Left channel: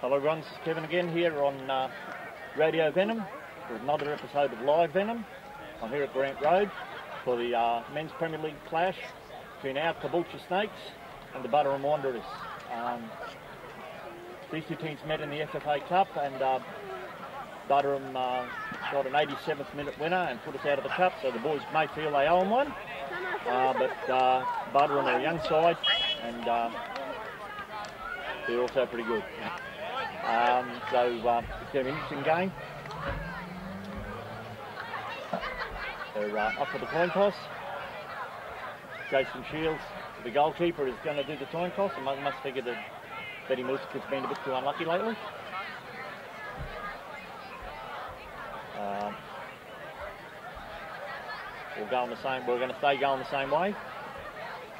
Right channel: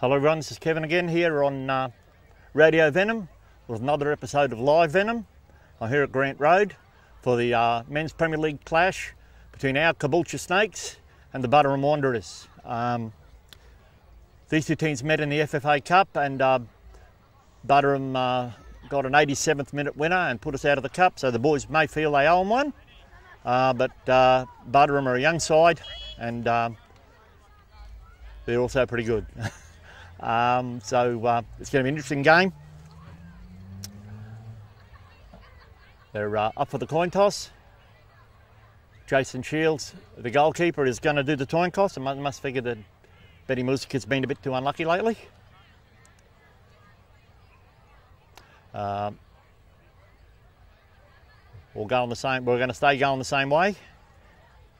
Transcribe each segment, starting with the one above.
Hello everyone, this is Kevin again here on Radio Venom with another episode of Live Venom. I'm here at Grant Road for the Men's Premier League clash between our Caboolture Snakes and the Buderim Wanderers. These two teams met in the FFA Cup and Buderim got an 87th minute winner and put us out of the cup, so the boys may feel they owe them one. But Buderim are a young side and they're also pretty good. So it's going to be an interesting game. They're up for the coin toss. Jason Shields, the goalkeeper, is going to do the coin toss. I must figure that Betty Music's been a bit too unlucky lately. We're going to stay going the same way,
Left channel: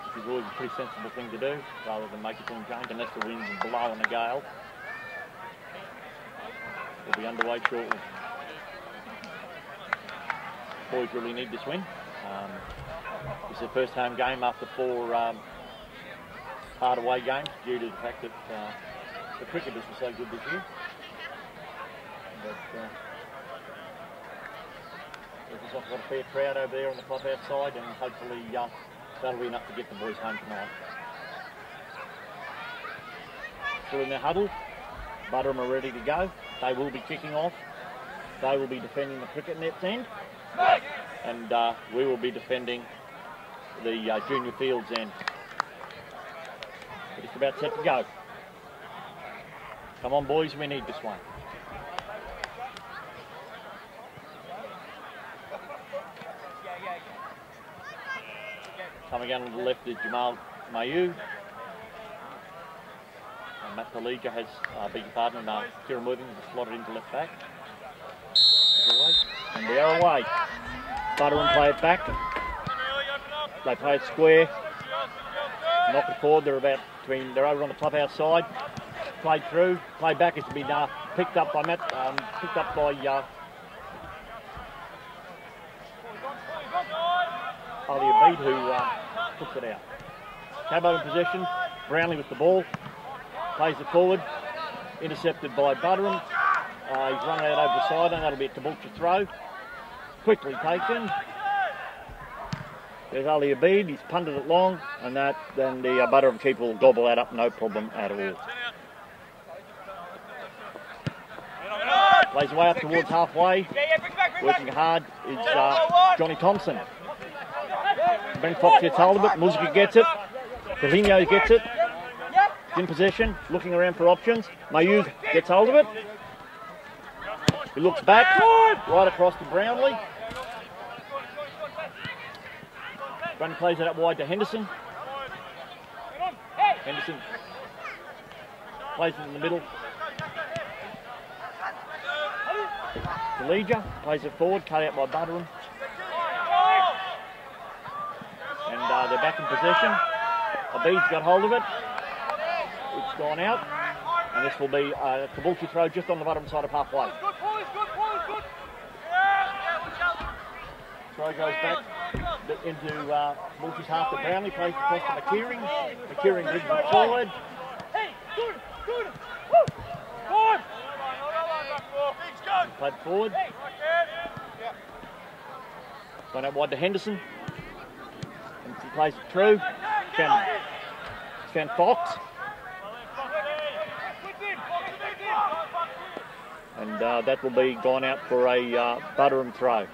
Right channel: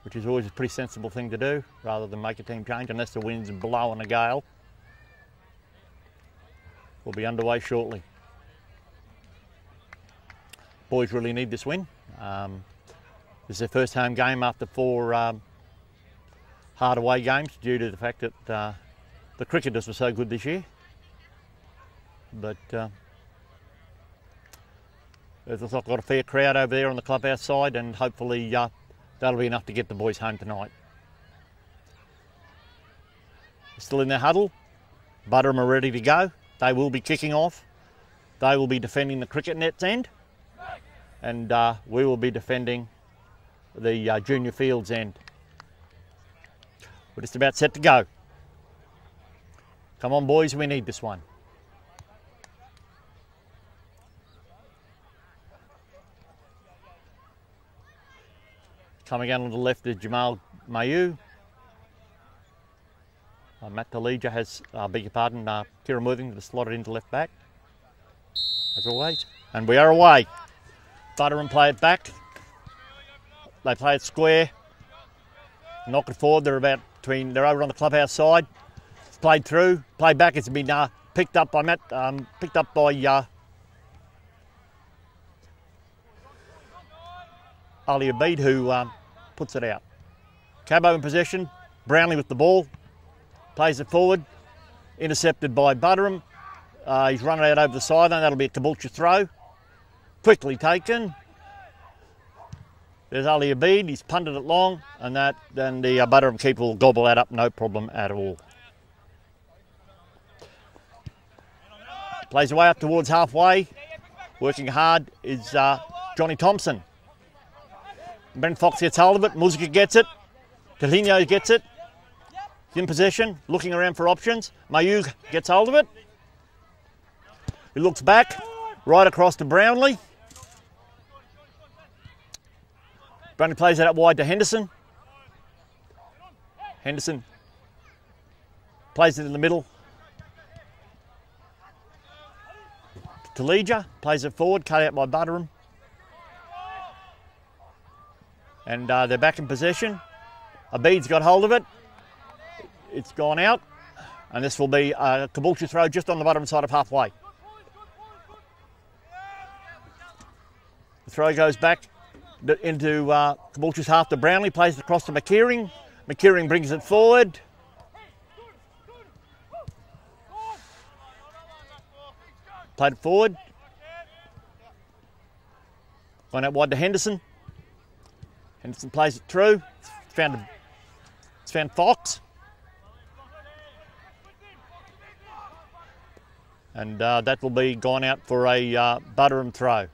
which is always a pretty sensible thing to do, rather than make a team change unless the wind's blowing a gale. We'll be underway shortly. Boys really need this win. This is their first home game after 4 hard away games due to the fact that the cricketers were so good this year. But it looks like I've got a fair crowd over there on the clubhouse side, and hopefully that'll be enough to get the boys home tonight. Still in their huddle. Buderim are ready to go. They will be kicking off. They will be defending the cricket net's end. And we will be defending the junior fields end. We're just about set to go. Come on, boys, we need this one. Coming out on the left is Jamal Mayu. Matt Talija has, beg your pardon, Kira moving to slot it into left back. As always. And we are away. Buderim play it back. They play it square. Knock it forward. They're over on the clubhouse side. It's played through. Played back. It's been picked up by Matt. Picked up by Ali Abid, who puts it out. Cabo in possession. Brownlee with the ball. Plays it forward, intercepted by Buderim. He's run out over the sideline. That'll be a Caboolture throw. Quickly taken. There's Ali Abid. He's punted it long, and then the Buderim keeper will gobble that up, no problem at all. Plays away up towards halfway. Working hard is Johnny Thompson. Ben Fox gets hold of it. Musica gets it. Cahino gets it. In possession, looking around for options. Mayu gets hold of it. He looks back, right across to Brownlee. Brownlee plays that up wide to Henderson. Henderson plays it in the middle. Talija plays it forward, cut out by Buderim. And they're back in possession. Abid's got hold of it. It's gone out, and this will be a Caboolture throw just on the bottom side of halfway. The throw goes back into Caboolture's half to Brownlee, plays it across to McKeering. McKeering brings it forward. Played it forward. Gone out wide to Henderson. Henderson plays it through. It's found Fox. And that will be gone out for a Buderim throw.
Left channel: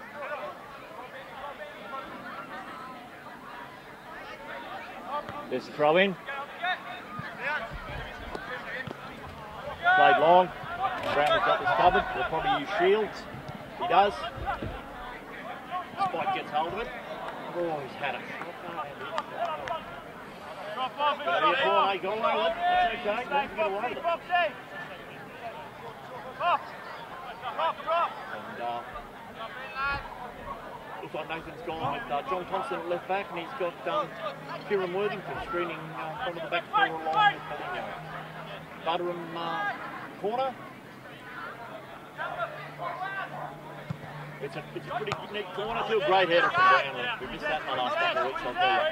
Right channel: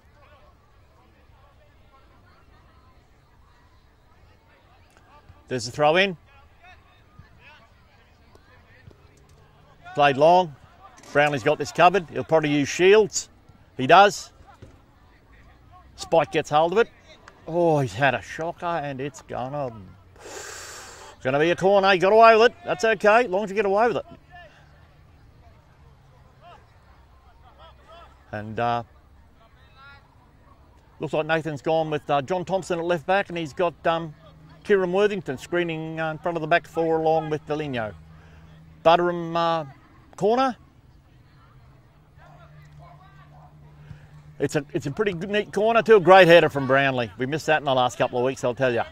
There's the throw in. Played long. Brownlee's got this covered. He'll probably use Shields. He does. Spike gets hold of it. Oh, he's had a shocker and it's going to be a corner. He got away with it. That's okay, as long as you get away with it. And looks like Nathan's gone with John Thompson at left back, and he's got Kieran Worthington screening in front of the back four along with Delino. Buderim corner. It's a pretty good, neat corner too. A great header from Brownlee. We missed that in the last couple of weeks, I'll tell you.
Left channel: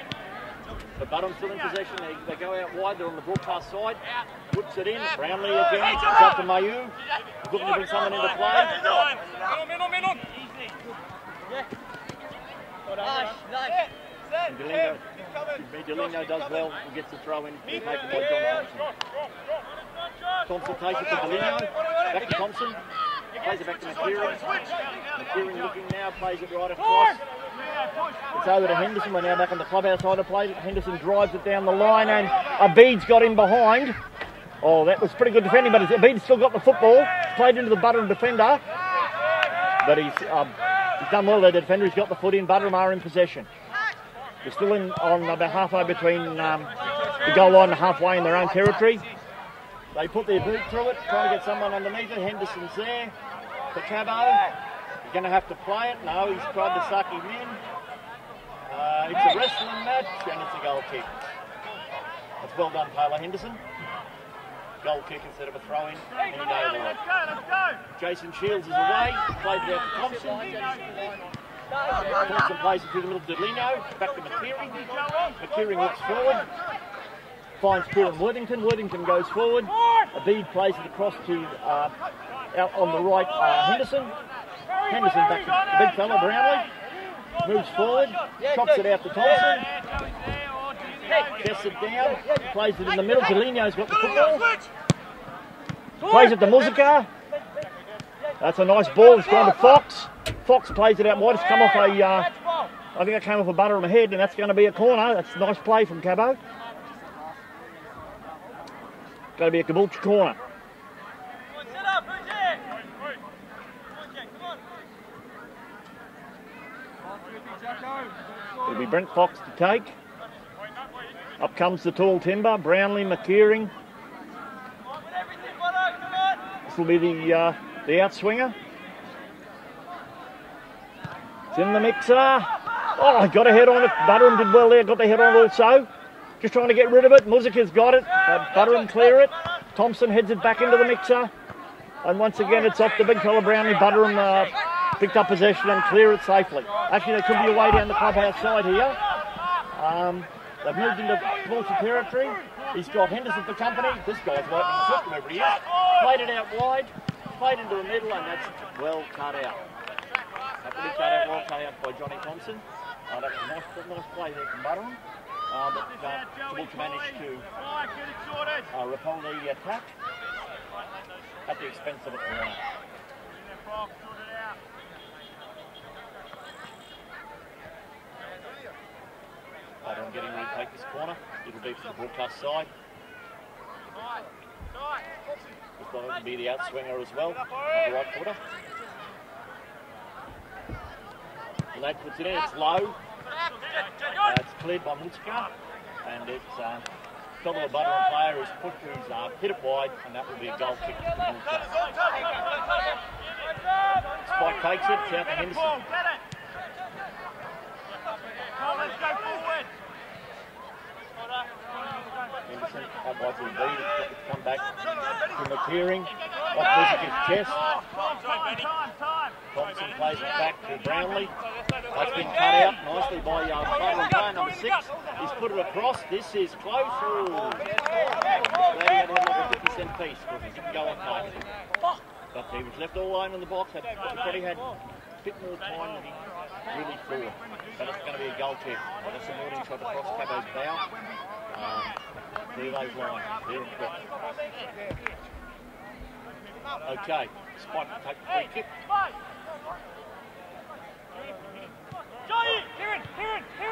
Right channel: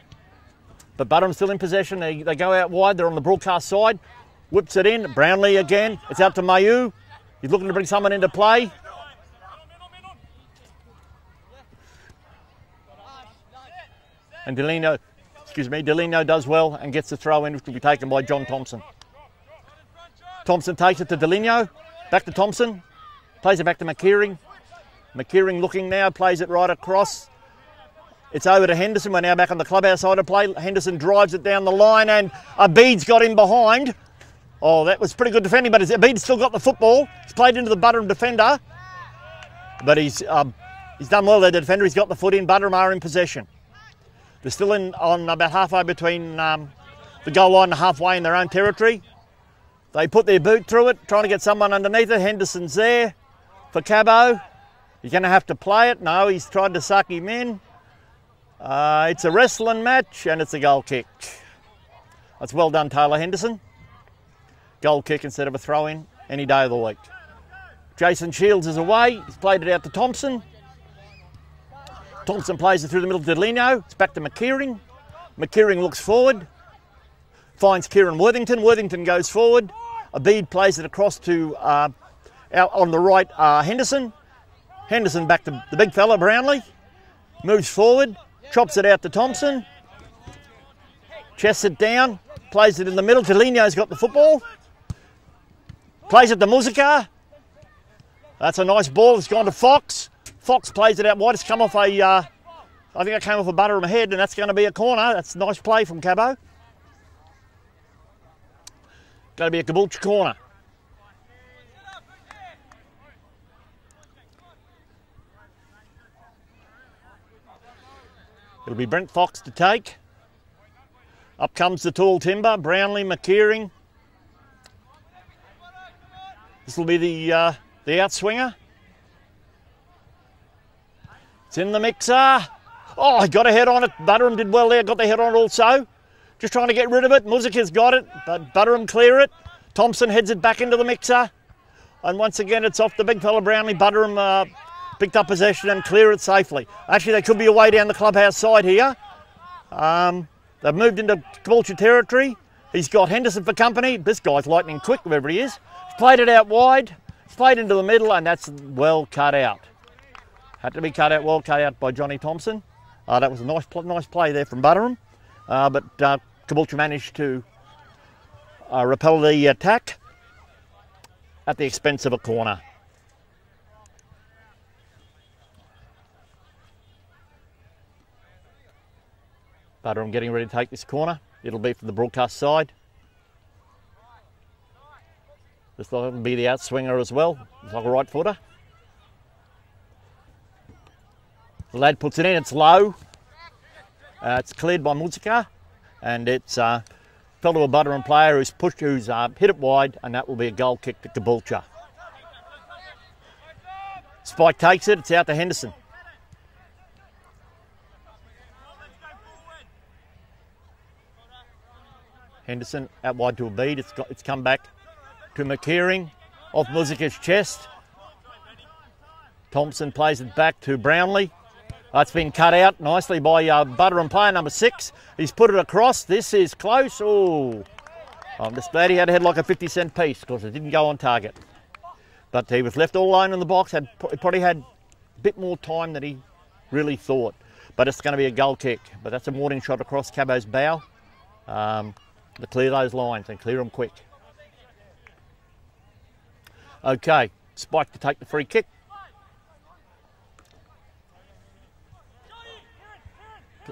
But Buderim still in possession. They go out wide. They're on the broadcast side. Whips it in. Brownlee again. It's out to Mayu. He's looking to bring someone into play. And Delino does well and gets the throw in to be taken by John Thompson. Thompson takes it to Delino. Back to Thompson. Plays it back to McKeering. McKeering looking now, plays it right across. It's over to Henderson. We're now back on the clubhouse side of play. Henderson drives it down the line and Abid's got him behind. Oh, that was pretty good defending, but Abid's still got the football. He's played into the Buderim defender. But he's done well there, the defender. He's got the foot in. Buderim are in possession. They're still on about halfway between the goal line and halfway in their own territory. They put their boot through it, trying to get someone underneath it. Henderson's there for Cabo. You're going to have to play it. No, he's tried to suck him in. It's a wrestling match and it's a goal kick. That's well done, Taylor Henderson. Goal kick instead of a throw-in any day of the week. Jason Shields is away. He's played it out to Thompson. Thompson plays it through the middle to Delino. It's back to McKeering. McKeering looks forward. Finds Kieran Worthington. Worthington goes forward. Abid plays it across to out on the right, Henderson. Henderson back to the big fella, Brownlee. Moves forward, chops it out to Thompson. Chests it down, plays it in the middle. Delino's got the football. Plays it to Musica. That's a nice ball. It's gone to Fox. Fox plays it out wide. It's come off I think it came off a Buderim head, and that's going to be a corner. That's a nice play from Cabo. Going to be a Caboolture corner. It'll be Brent Fox to take. Up comes the tall timber. Brownlee, McKeering. This will be the outswinger. It's in the mixer. Oh, I got a head on it. Buderim did well there. Got the head on it also. Just trying to get rid of it. Musica's got it. Buderim clear it. Thompson heads it back into the mixer. And once again, it's off the big fella Brownlee. Buderim picked up possession and clear it safely. Actually, they could be away down the clubhouse side here. They've moved into Caboolture territory. He's got Henderson for company. This guy's lightning quick, whoever he is. Played it out wide. Played into the middle, and that's well cut out. Had to be cut out, well cut out by Johnny Thompson. That was a nice play there from Buderim. But Caboolture managed to repel the attack at the expense of a corner. Buderim getting ready to take this corner. It'll be from the broadcast side. This will be the outswinger as well, like a right footer. The lad puts it in, it's low. It's cleared by Musica, and it's fell to a Buderim player who's hit it wide, and that will be a goal kick to Caboolture. Spike takes it, it's out to Henderson. Henderson out wide to Abid. It's come back to McKeering off Musica's chest. Thompson plays it back to Brownlee. That's been cut out nicely by Buderim player number 6. He's put it across. This is close. Oh, I'm just glad he had a head like a 50-cent piece because it didn't go on target. But he was left all alone in the box. He probably had a bit more time than he really thought. But it's going to be a goal kick. But that's a warning shot across Cabo's bow. To clear those lines and clear them quick. Okay, Spike to take the free kick.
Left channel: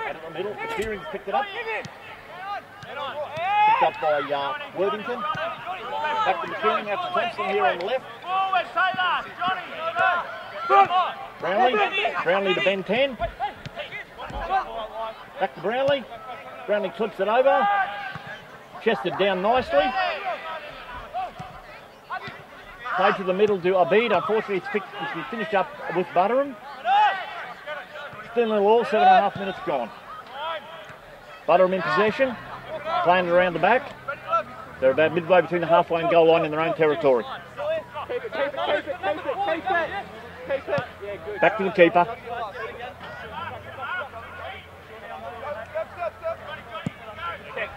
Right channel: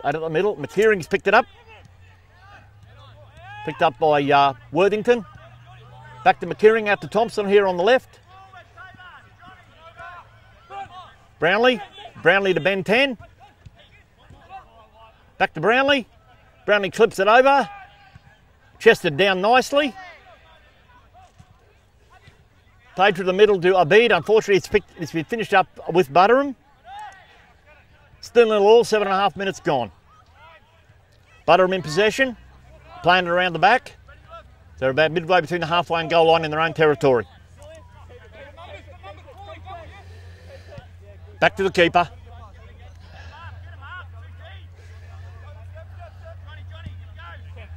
Out of the middle, McKeering's picked it up. Picked up by Worthington. Back to McKeering, out to Thompson here on the left. Brownlee to Ben 10. Back to Brownlee. Brownlee clips it over. Chested down nicely. Played to the middle to Abid. Unfortunately, it's been finished up with Buderim. Still nil all, 7.5 minutes gone. Buderim in possession. Playing it around the back. They're about midway between the halfway and goal line in their own territory. Back to the keeper.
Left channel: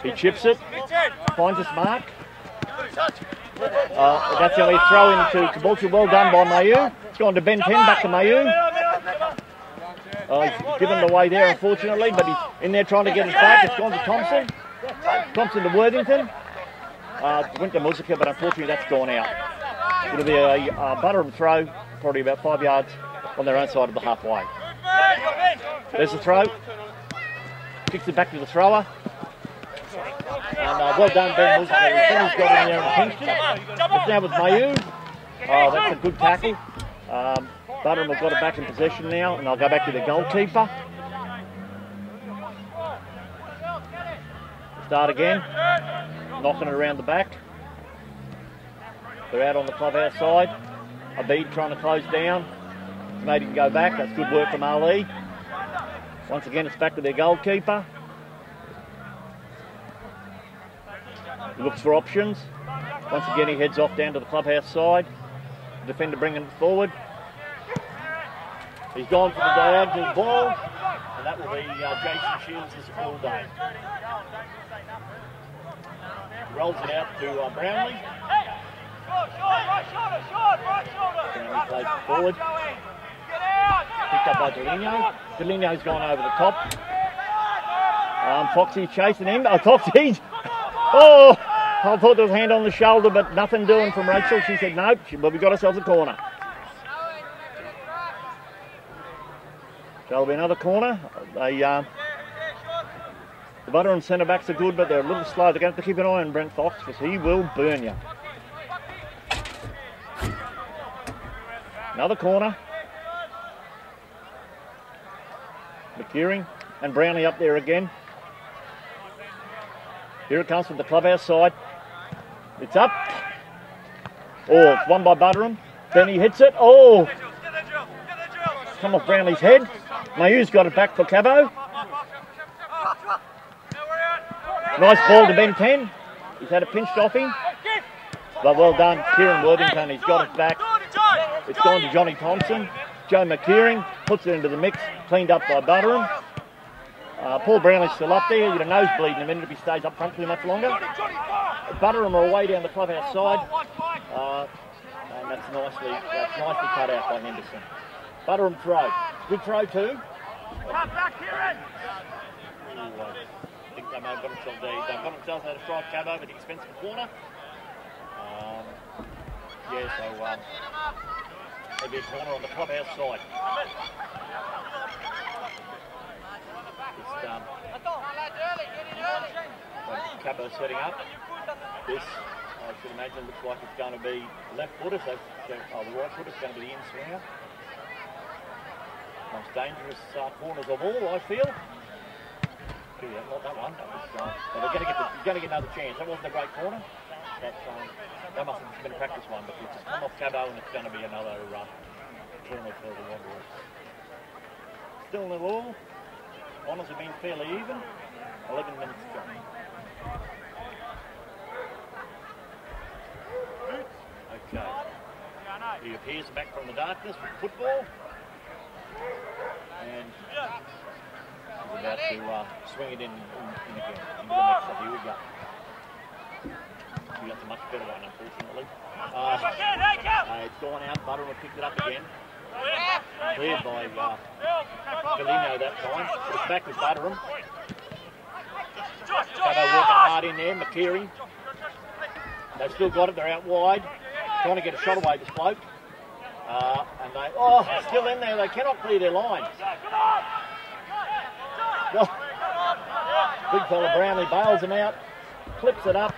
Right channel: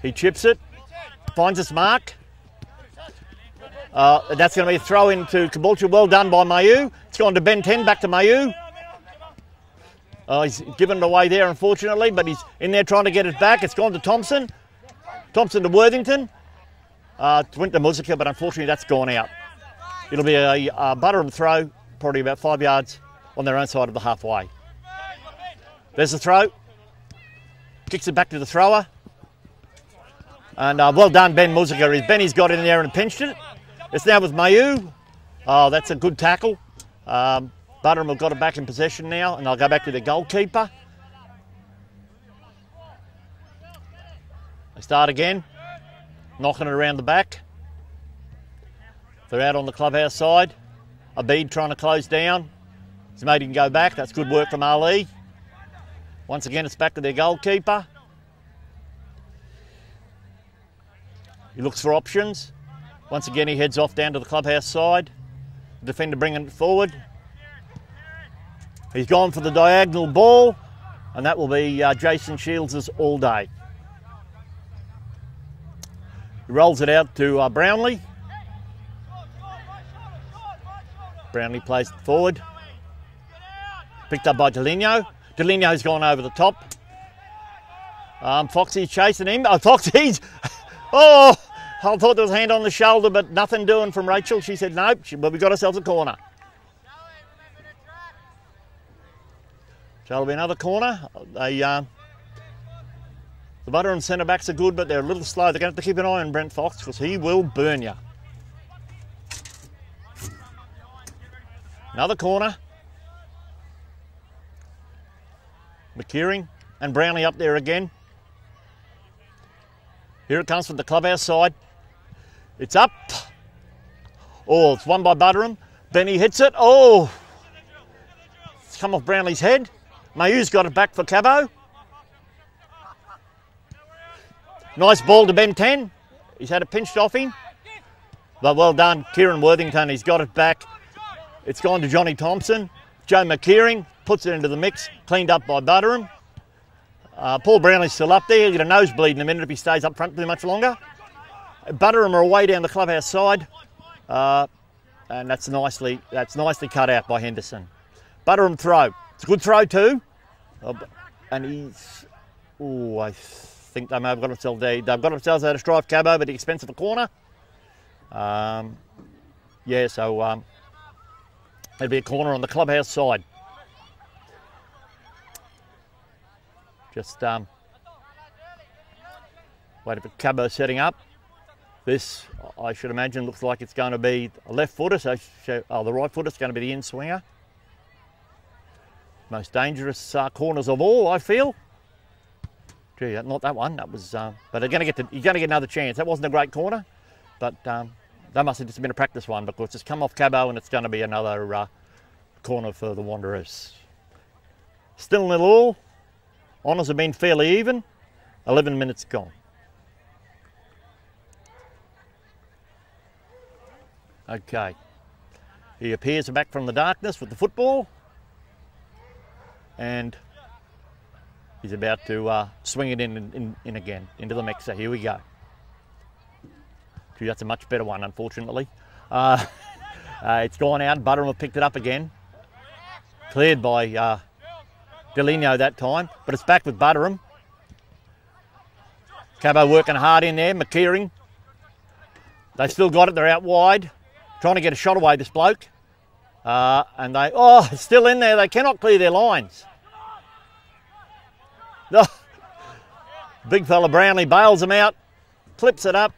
He chips it. Finds its mark. That's going to be a throw into Caboolture. Well done by Mayu. It's gone to Ben 10, back to Mayu. He's given it away there, unfortunately, but he's in there trying to get it back. It's gone to Thompson. Thompson to Worthington. Went to Musica, but unfortunately that's gone out. It'll be a Buderim throw, probably about 5 yards on their own side of the halfway. There's the throw. Kicks it back to the thrower. And well done, Ben Musica. Benny's got in there and pinched it. It's now with Mayu. Oh, that's a good tackle. Buderim have got it back in possession now, and they'll go back to the goalkeeper. Start again. Knocking it around the back. They're out on the clubhouse side. Abid trying to close down. It's made him go back. That's good work from Ali. Once again, it's back to their goalkeeper. He looks for options. Once again, he heads off down to the clubhouse side. Defender bringing it forward. He's gone for the diagonal ball, and that will be Jason Shields' all day. He rolls it out to Brownlee. Brownlee plays it forward. Picked up by Deligno. Deligno's gone over the top. Foxy's chasing him. Oh, Foxy's... Oh! I thought there was a hand on the shoulder, but nothing doing from Rachel. She said, nope, but we got ourselves a corner. So it'll be another corner. The Buderim centre backs are good, but they're a little slow. They're going to have to keep an eye on Brent Fox because he will burn you. Another corner. McKeering and Brownlee up there again. Here it comes from the clubhouse side. It's up. Oh, it's won by Buderim. Benny hits it. Oh! It's come off Brownlee's head. Mayu's got it back for Cabo. Nice ball to Ben 10. He's had it pinched off him. But well done, Kieran Worthington. He's got it back. It's gone to Johnny Thompson. Joe McKeering puts it into the mix, cleaned up by Buderim. Paul Brownlee's still up there. He'll get a nosebleed in a minute if he stays up front too much longer. Buderim are away down the clubhouse side. And that's nicely cut out by Henderson. Buderim throw. It's a good throw too. And he's... Ooh, I think they may have got themselves there. They've got themselves out of strife, Cabo, at the expense of a corner. Yeah, so there'll be a corner on the clubhouse side. Just wait a bit, Cabo setting up. This, I should imagine, looks like it's going to be a left footer. So, the right footer is going to be the in swinger. Most dangerous corners of all, I feel. Gee, not that one. That was, but you're going to get another chance. That wasn't a great corner, but that must have just been a practice one because it's come off Cabo and it's going to be another corner for the Wanderers. Still 0-0. Honours have been fairly even. 11 minutes gone. Okay. He appears back from the darkness with the football. And he's about to swing it in again, into the mix. So here we go. Gee, that's a much better one, unfortunately. It's gone out. Buderim have picked it up again. Cleared by Deligno that time, but it's back with Buderim. Cabo working hard in there. McKeering. They've still got it. They're out wide. Trying to get a shot away, this bloke. And they, still in there. They cannot clear their lines. Oh, big fella Brownlee bails them out. Clips it up.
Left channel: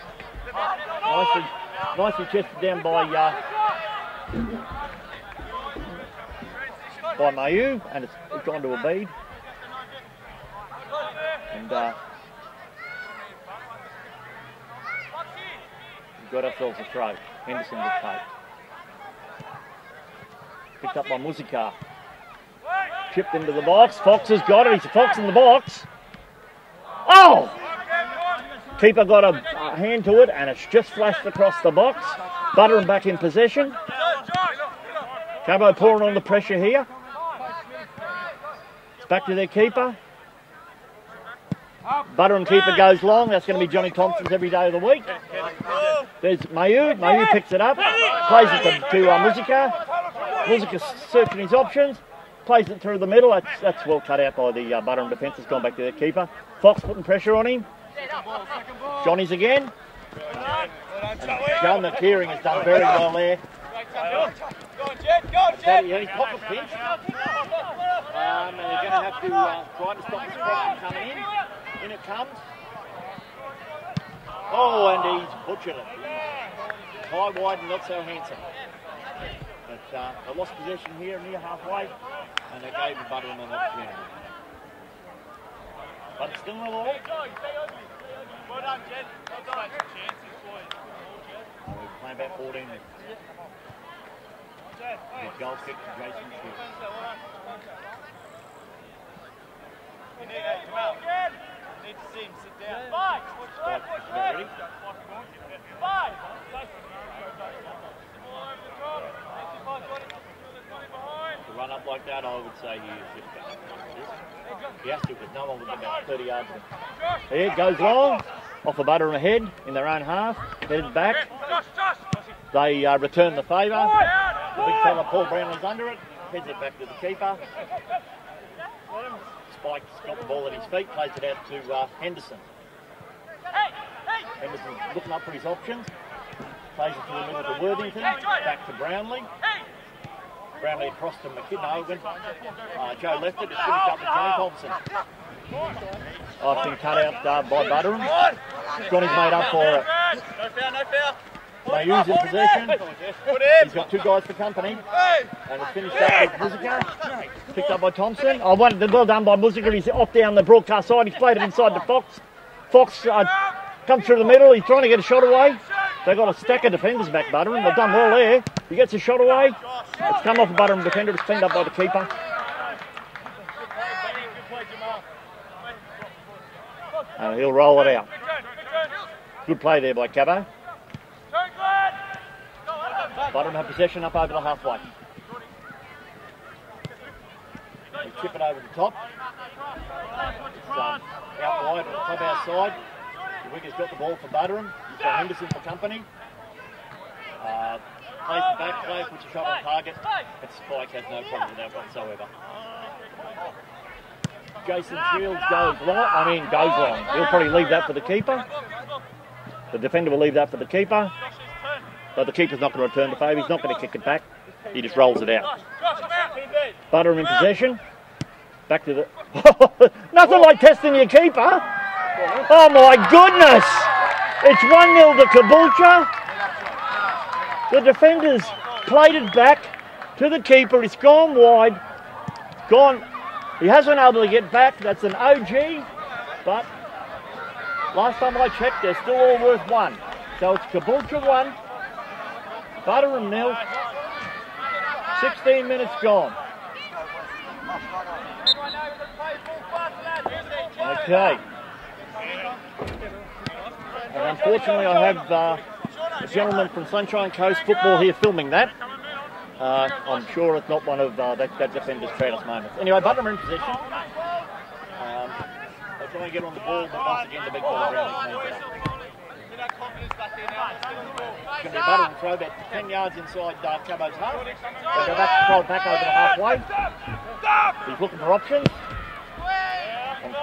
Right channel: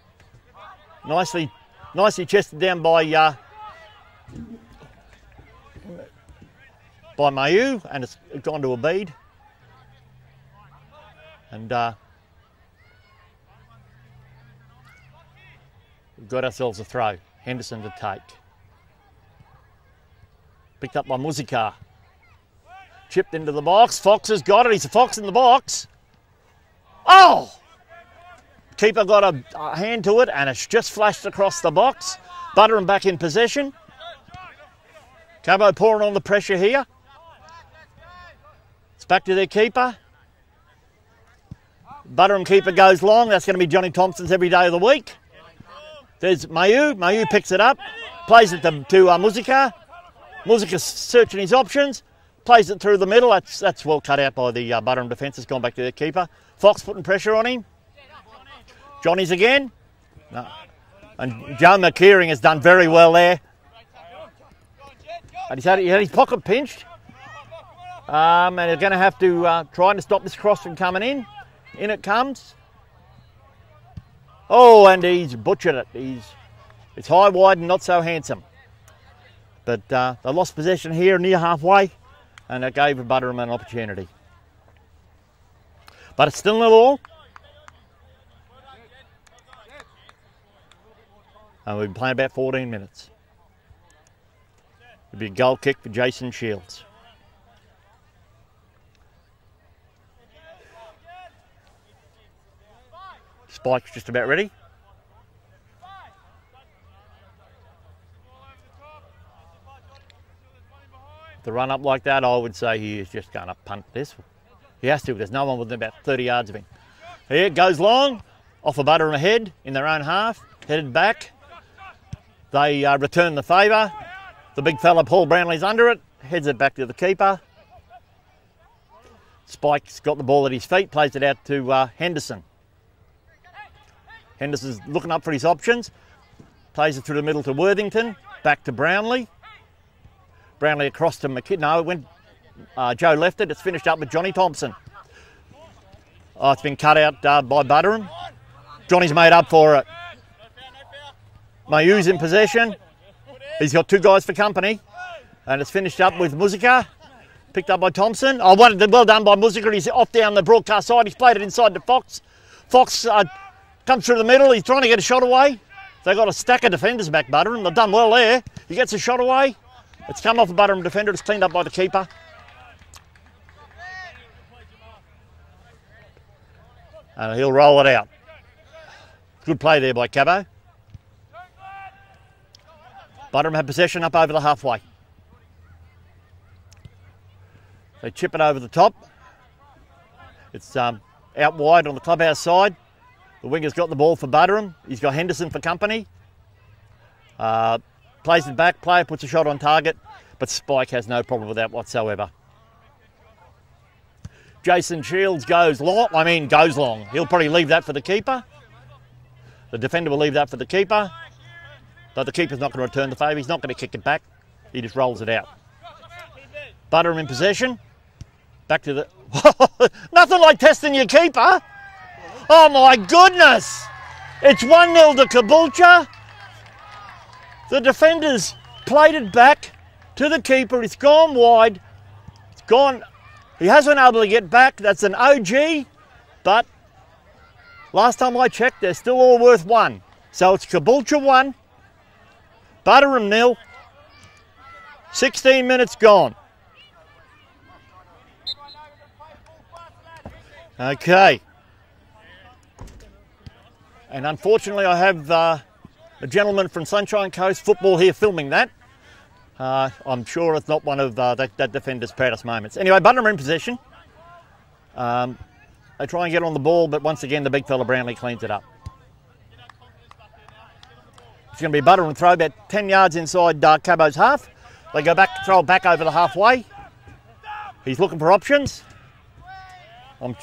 Nicely chested down by Mayu, and it's gone to Abid. And we've got ourselves a throw. Henderson will take. Picked up by Musica. Chipped into the box. Fox has got it. He's a Fox in the box. Oh! Keeper got a hand to it, and it's just flashed across the box. Buderim back in possession. Cabo pouring on the pressure here. It's back to their keeper. Buderim keeper goes long. That's going to be Johnny Thompson's every day of the week. There's Mayu. Mayu picks it up, plays it to Muzika. Muzika's searching his options, plays it through the middle. That's well cut out by the Buderim defence. Has gone back to the keeper. Fox putting pressure on him. Johnny's again. And Joe McKeering has done very well there. And he had his pocket pinched. And they're going to have to try to stop this cross from coming in. In it comes. Oh, and he's butchered it. It's high, wide, and not so handsome. But they lost possession here near halfway, and it gave Buderim an opportunity. But it's still 0-0. And we've been playing about 14 minutes. It'll be a goal kick for Jason Shields. Spike's just about ready. To run up like that, I would say he is just going to punt this. He has to, there's no one within about 30 yards of him. Here it goes long, off a Buderim ahead in their own half, headed back. They return the favour. The big fella, Paul Brownlee's under it, heads it back to the keeper. Spike's got the ball at his feet, plays it out to Henderson. Henderson's looking up for his options. Plays it through the middle to Worthington. Back to Brownlee. Brownlee across to McKidd. No, when Joe left it, it's finished up with Johnny Thompson. Oh, it's been cut out by Buderim. Johnny's made up for it. Mayu's in possession. He's got two guys for company. And it's finished up with Muzika. Picked up by Thompson. Oh, well done by Muzika. He's off down the broadcast side. He's played it inside to Fox. Fox comes through the middle. He's trying to get a shot away. They've got a stack of defenders back, Buderim. They've done well there. He gets a shot away. It's come off a Buderim defender. It's cleaned up by the keeper. And he'll roll it out. Good play there by Cabo. Buderim have possession up over the halfway. They chip it over the top. It's out wide on the clubhouse side. The winger's got the ball for Buderim. He's got Henderson for company. Plays it back, player puts a shot on target, but Spike has no problem with that whatsoever. Jason Shields goes long. He'll probably leave that for the keeper. The defender will leave that for the keeper. But the keeper's not going to return the favour. He's not going to kick it back. He just rolls it out. Buderim in possession. Back to the... Nothing like testing your keeper. Oh my goodness! It's 1-0 to Caboolture. The defenders played it back to the keeper. It's gone wide. It's gone. He hasn't been able to get back. That's an OG. But last time I checked, they're still all worth 1. So it's Caboolture 1, Buderim 0. 16 minutes gone. Okay. And unfortunately, I have a gentleman from Sunshine Coast Football here filming that. I'm sure it's not one of that defender's proudest moments. Anyway, Buderim in possession. They try and get on the ball, but once again, the big fella Brownlee cleans it up. It's going to be a Buderim throw about 10 yards inside Cabo's half. They go back, throw it back over the halfway. He's looking for options.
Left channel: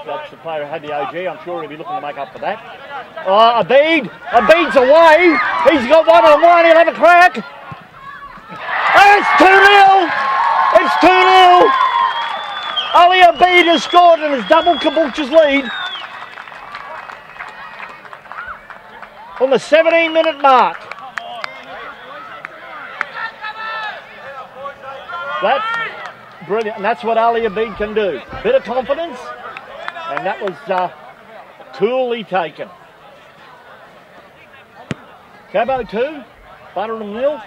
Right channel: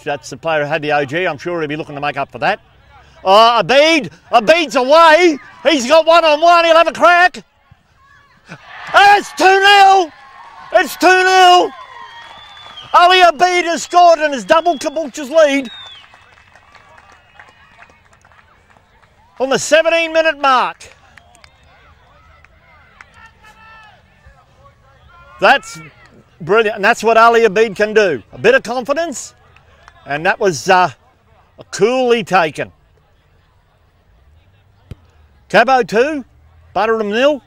That's the player who had the OG. I'm sure he'll be looking to make up for that. Oh, Abid! Abid's away! He's got one-on-one, he'll have a crack! And it's 2-0! It's 2-0! Ali Abid has scored and has doubled Caboolture's lead. On the 17-minute mark. That's brilliant, and that's what Ali Abid can do. A bit of confidence, and that was coolly taken. Cabo 2, Buderim 0.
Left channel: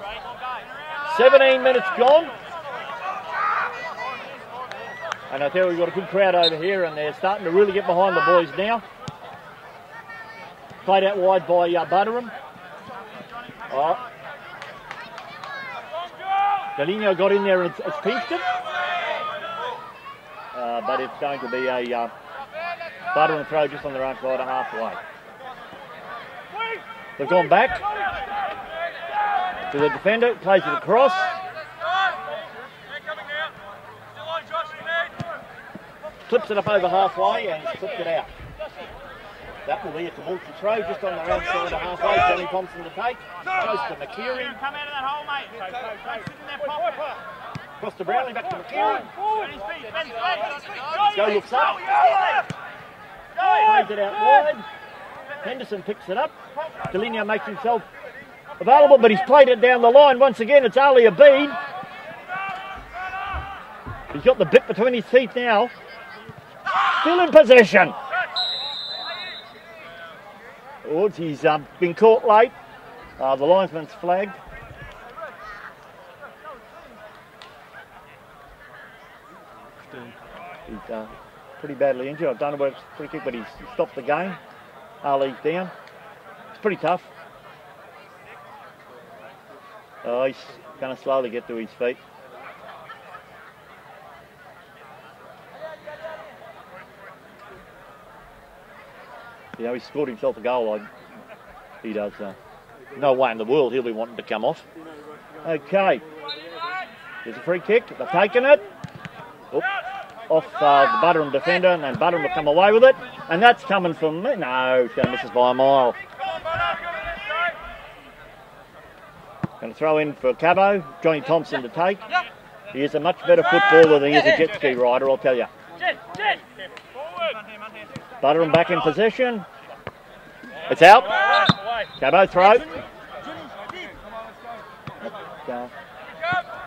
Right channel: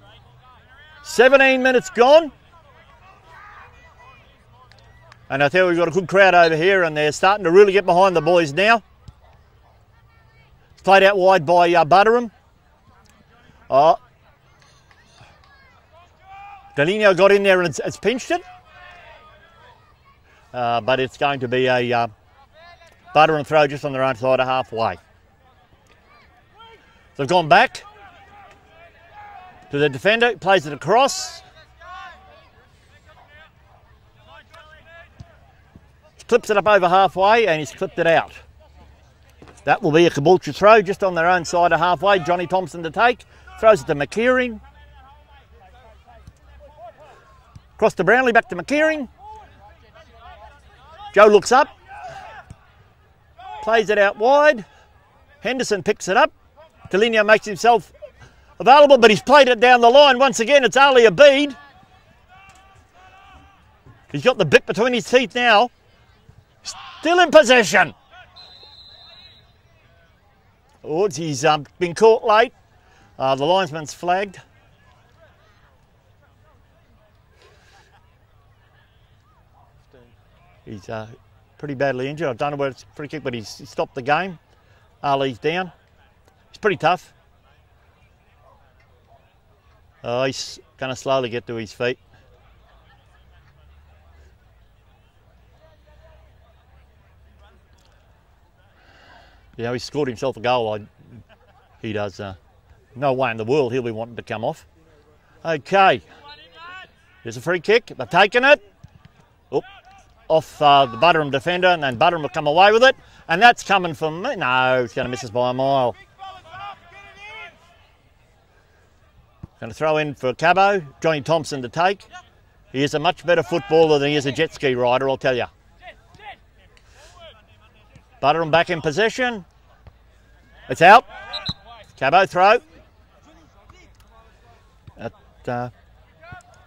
17 minutes gone. And I tell you, we've got a good crowd over here, and they're starting to really get behind the boys now. Played out wide by Buderim. Oh. Delino got in there and it's pinched it. But it's going to be a Buderim throw just on their own side of halfway. They've gone back. to the defender, plays it across. Clips it up over halfway and he's clipped it out. That will be a Caboolture throw just on their own side of halfway. Johnny Thompson to take. Throws it to McKeering. Across to Brownlee, back to McKeering. Joe looks up. Plays it out wide. Henderson picks it up. Delineo makes himself available, but he's played it down the line. Once again, it's Ali Abid. He's got the bit between his teeth now. Still in possession. Woods, he's been caught late. The linesman's flagged. He's pretty badly injured. I don't know whether it's a free kick, but he's stopped the game. Ali's down. It's pretty tough. He's going to slowly get to his feet. You know, he scored himself a goal. He does. No way in the world he'll be wanting to come off. Okay. Here's a free kick. They're taking it. Oop. Off the Buderim defender, and then Buderim will come away with it. And that's coming from... No, he's going to miss us by a mile. Going to throw in for Cabo. Johnny Thompson to take. He is a much better footballer than he is a jet ski rider, I'll tell you. Buderim back in possession. It's out. Cabo throw.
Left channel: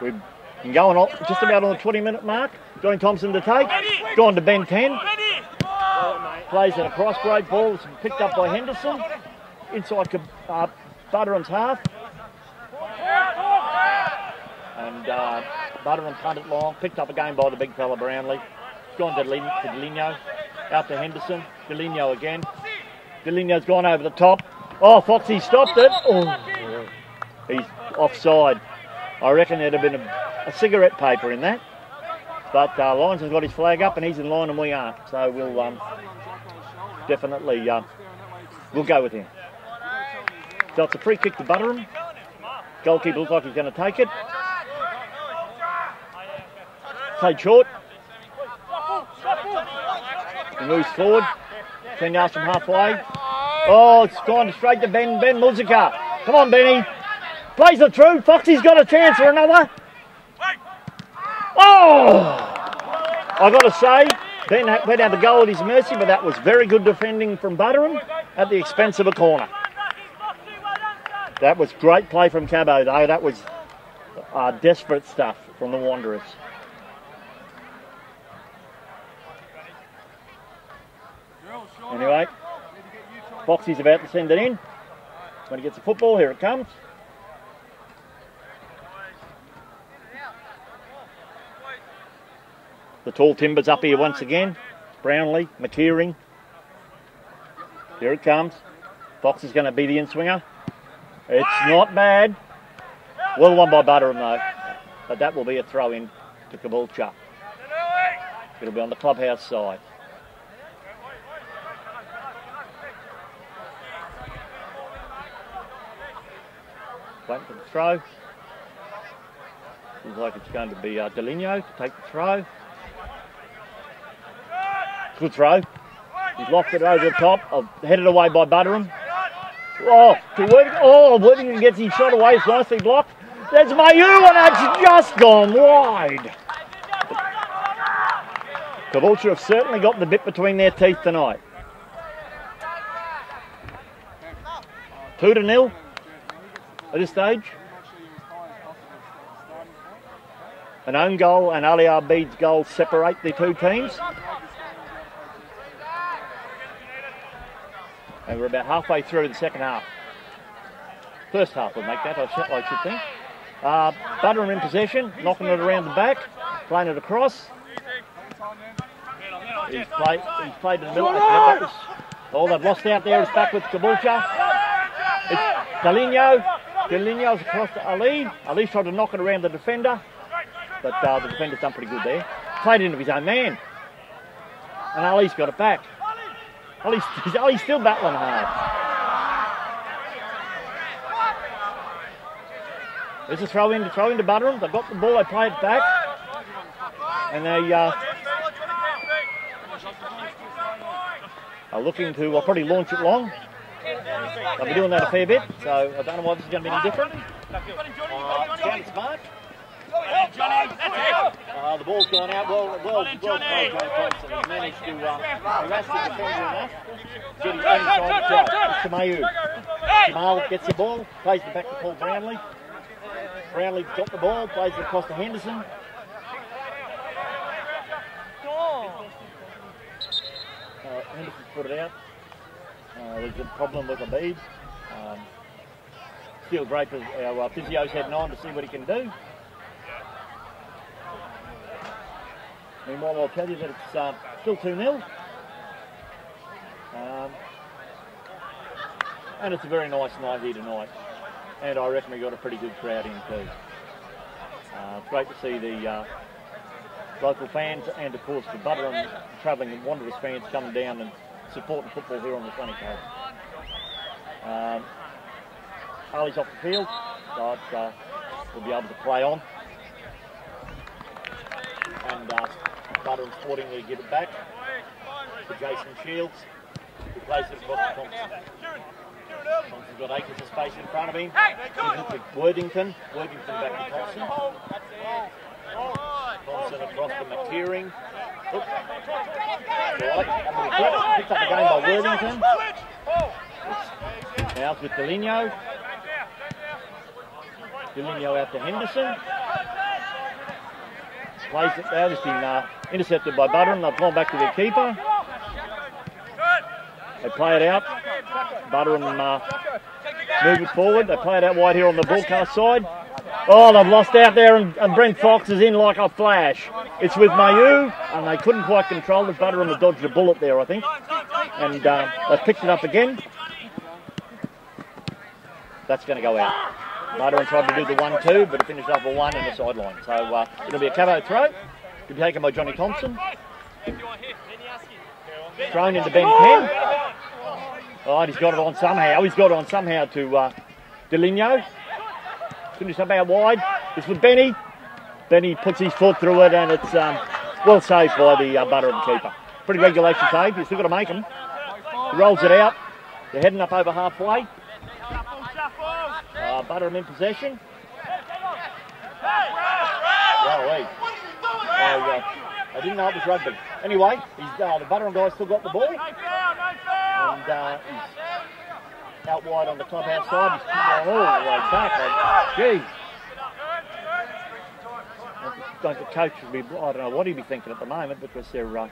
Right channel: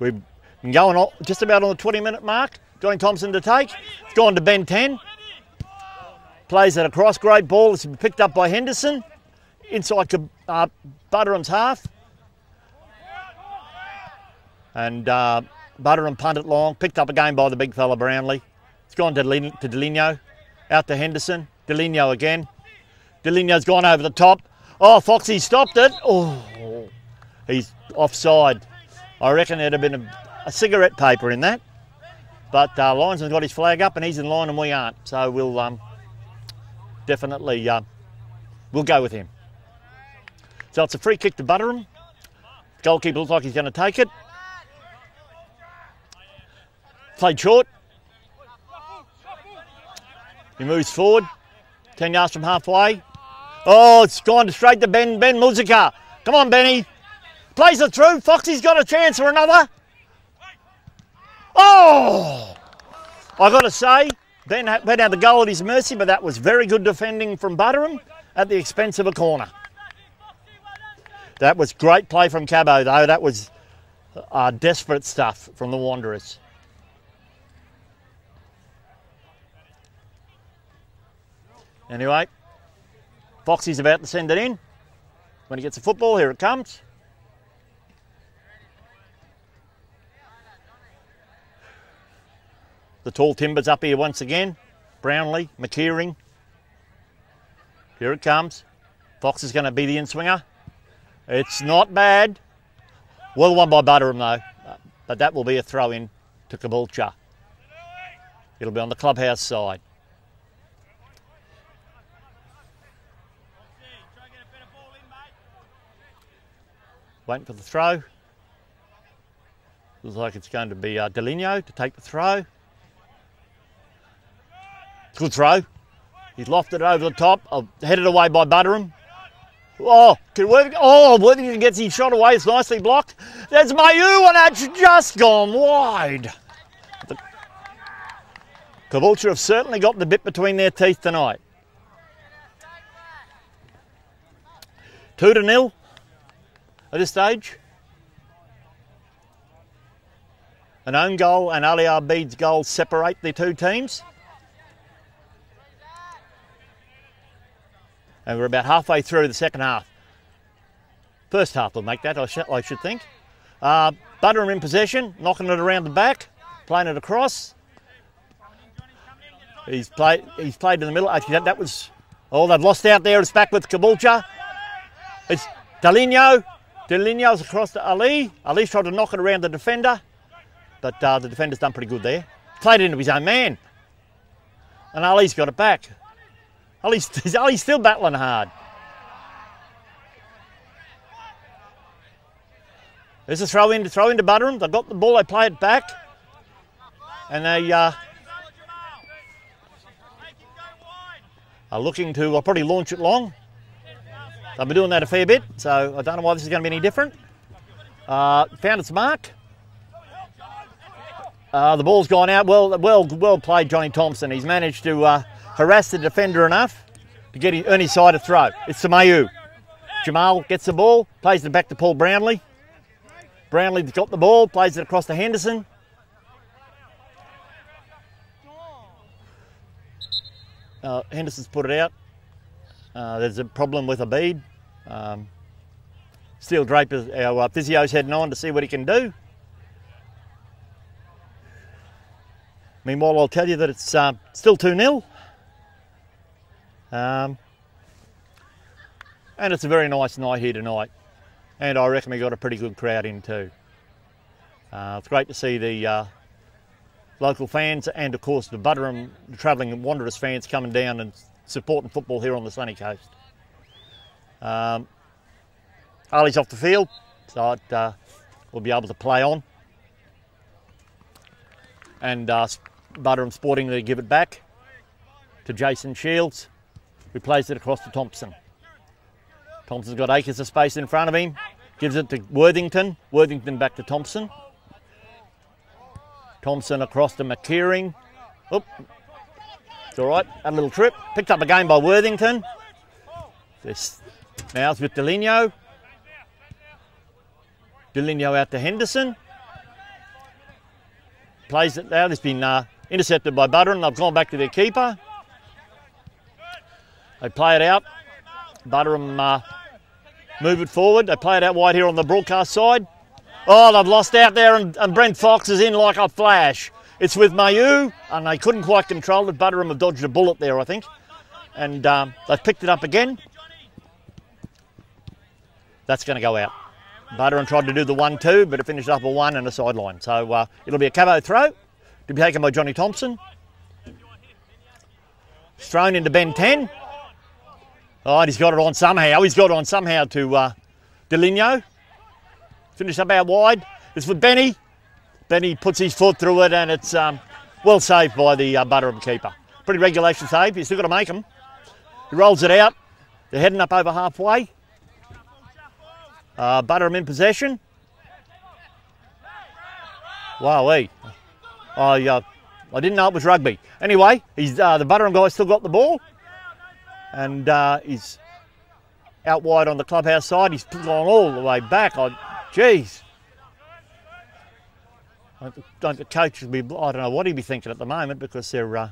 We've been going on just about on the 20-minute mark. Johnny Thompson to take. It's gone to Ben 10. Plays it across. Great ball. It's been picked up by Henderson. Inside Buderim's half. And Buderim punted long. Picked up again by the big fella Brownlee. It's gone to Delineo. Out to Henderson. Delineo again. Delineo's gone over the top. Oh, Foxy stopped it. Oh, he's offside. I reckon there'd have been a cigarette paper in that. But Linesman's got his flag up and he's in line and we aren't. So we'll definitely we'll go with him. So it's a free kick to Buderim. Goalkeeper looks like he's going to take it. Played short. He moves forward. 10 yards from halfway. Oh, it's gone straight to Ben Muzica. Come on, Benny. Plays it through. Foxy's got a chance for another. Oh! I've got to say, Ben had the goal at his mercy, but that was very good defending from Buderim at the expense of a corner. That was great play from Cabo, though. That was desperate stuff from the Wanderers. Anyway, Foxy's about to send it in. When he gets the football, here it comes. The tall timbers up here once again. Brownlee, McKeering. Here it comes. Fox is going to be the in-swinger. It's not bad. Well won by Buderim though. But that will be a throw-in to Caboolture. It'll be on the clubhouse side. Waiting for the throw. Looks like it's going to be Delineo to take the throw. Good throw. He's lofted it over the top. Headed away by Buderim. Oh, Worthington gets his shot away. It's nicely blocked. There's Mayu, and that's just gone wide. Caboolture have certainly got the bit between their teeth tonight. 2-0 at this stage. An own goal and Ali Abid's goal separate the two teams. And we're about halfway through the second half. First half will make that, I should think. Buderim in possession, knocking it around the back, playing it across. He's played in the middle. I think that was... Oh, they've lost out there. It's back with Caboolture. It's Delineo. Delineo's across to Ali. Ali's tried to knock it around the defender, but the defender's done pretty good there. Played it into his own man. And Ali's got it back. Ali's still battling hard. There's a throw into Buderim. They got the ball, they play it back. And they are looking to probably launch it long. They'll be doing that a fair bit, so I don't know why this is going to be any different. Found its mark. The ball's gone out. Well played, Johnny Thompson. He's managed to harass the defender enough to get earn his side of throw. It's to Mayu. Jamal gets the ball, plays it back to Paul Brownlee. Brownlee's got the ball, plays it across to Henderson. Henderson's put it out. There's a problem with a bead. Steel Draper, our physio's heading on to see what he can do. Meanwhile, I'll tell you that it's still 2-0. And it's a very nice night here tonight. And I reckon we got a pretty good crowd in too. It's great to see the local fans and, of course, the Buderim travelling Wanderers fans coming down and supporting football here on the sunny coast. Ali's off the field, so we'll be able to play on. And Buderim Sporting to give it back to Jason Shields, who plays it across to Thompson. Thompson's got acres of space in front of him, gives it to Worthington. Worthington back to Thompson. Thompson across to McKeering. Oop. It's all right, a little trip. Picked up again by Worthington. Now it's with Deligno. Deligno out to Henderson. Plays it now. It's been intercepted by Buderim. They've gone back to their keeper. They play it out. Buderim move it forward. They play it out wide here on the broadcast side. Oh, they've lost out there, and Brent Fox is in like a flash. It's with Mayu, and they couldn't quite control it. Buderim have dodged a bullet there, I think. And they've picked it up again. That's going to go out. Buderim tried to do the 1-2, but it finished up a 1 and a sideline. So it'll be a Cabo throw to be taken by Johnny Thompson. Thrown into Ben 10. Oh, he's got it on somehow. He's got it on somehow to Deligno. Finished up out wide. It's for Benny. Benny puts his foot through it, and it's well saved by the Buderim keeper. Pretty regulation save. He's still got to make them. He rolls it out. They're heading up over halfway. Buderim in possession. Wowee. I didn't know it was rugby. Anyway, the Buderim guy's still got the ball. And he's out wide on the clubhouse side. He's gone all the way back. Jeez. The coach will be, I don't know what he'd be thinking at the moment, because they're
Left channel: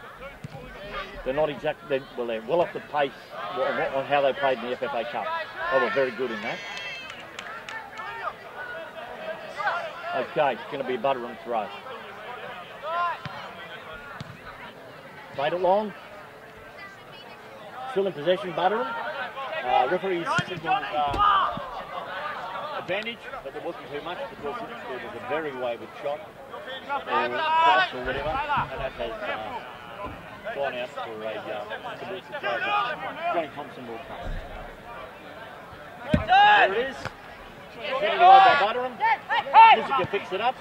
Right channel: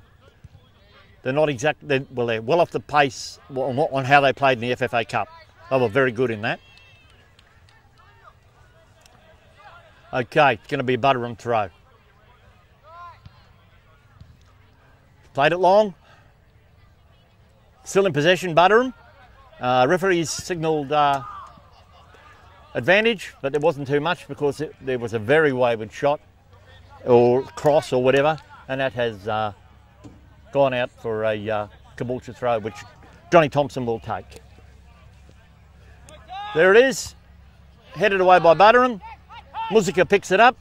not exactly, they're well off the pace on how they played in the FFA Cup. They were very good in that. Okay, it's going to be a Buderim throw. Played it long. Still in possession, Buderim. Referees signalled advantage, but there wasn't too much, because there was a very wayward shot or cross or whatever, and that has gone out for a Caboolture throw, which Johnny Thompson will take. There it is, headed away by Buderim. Musica picks it up.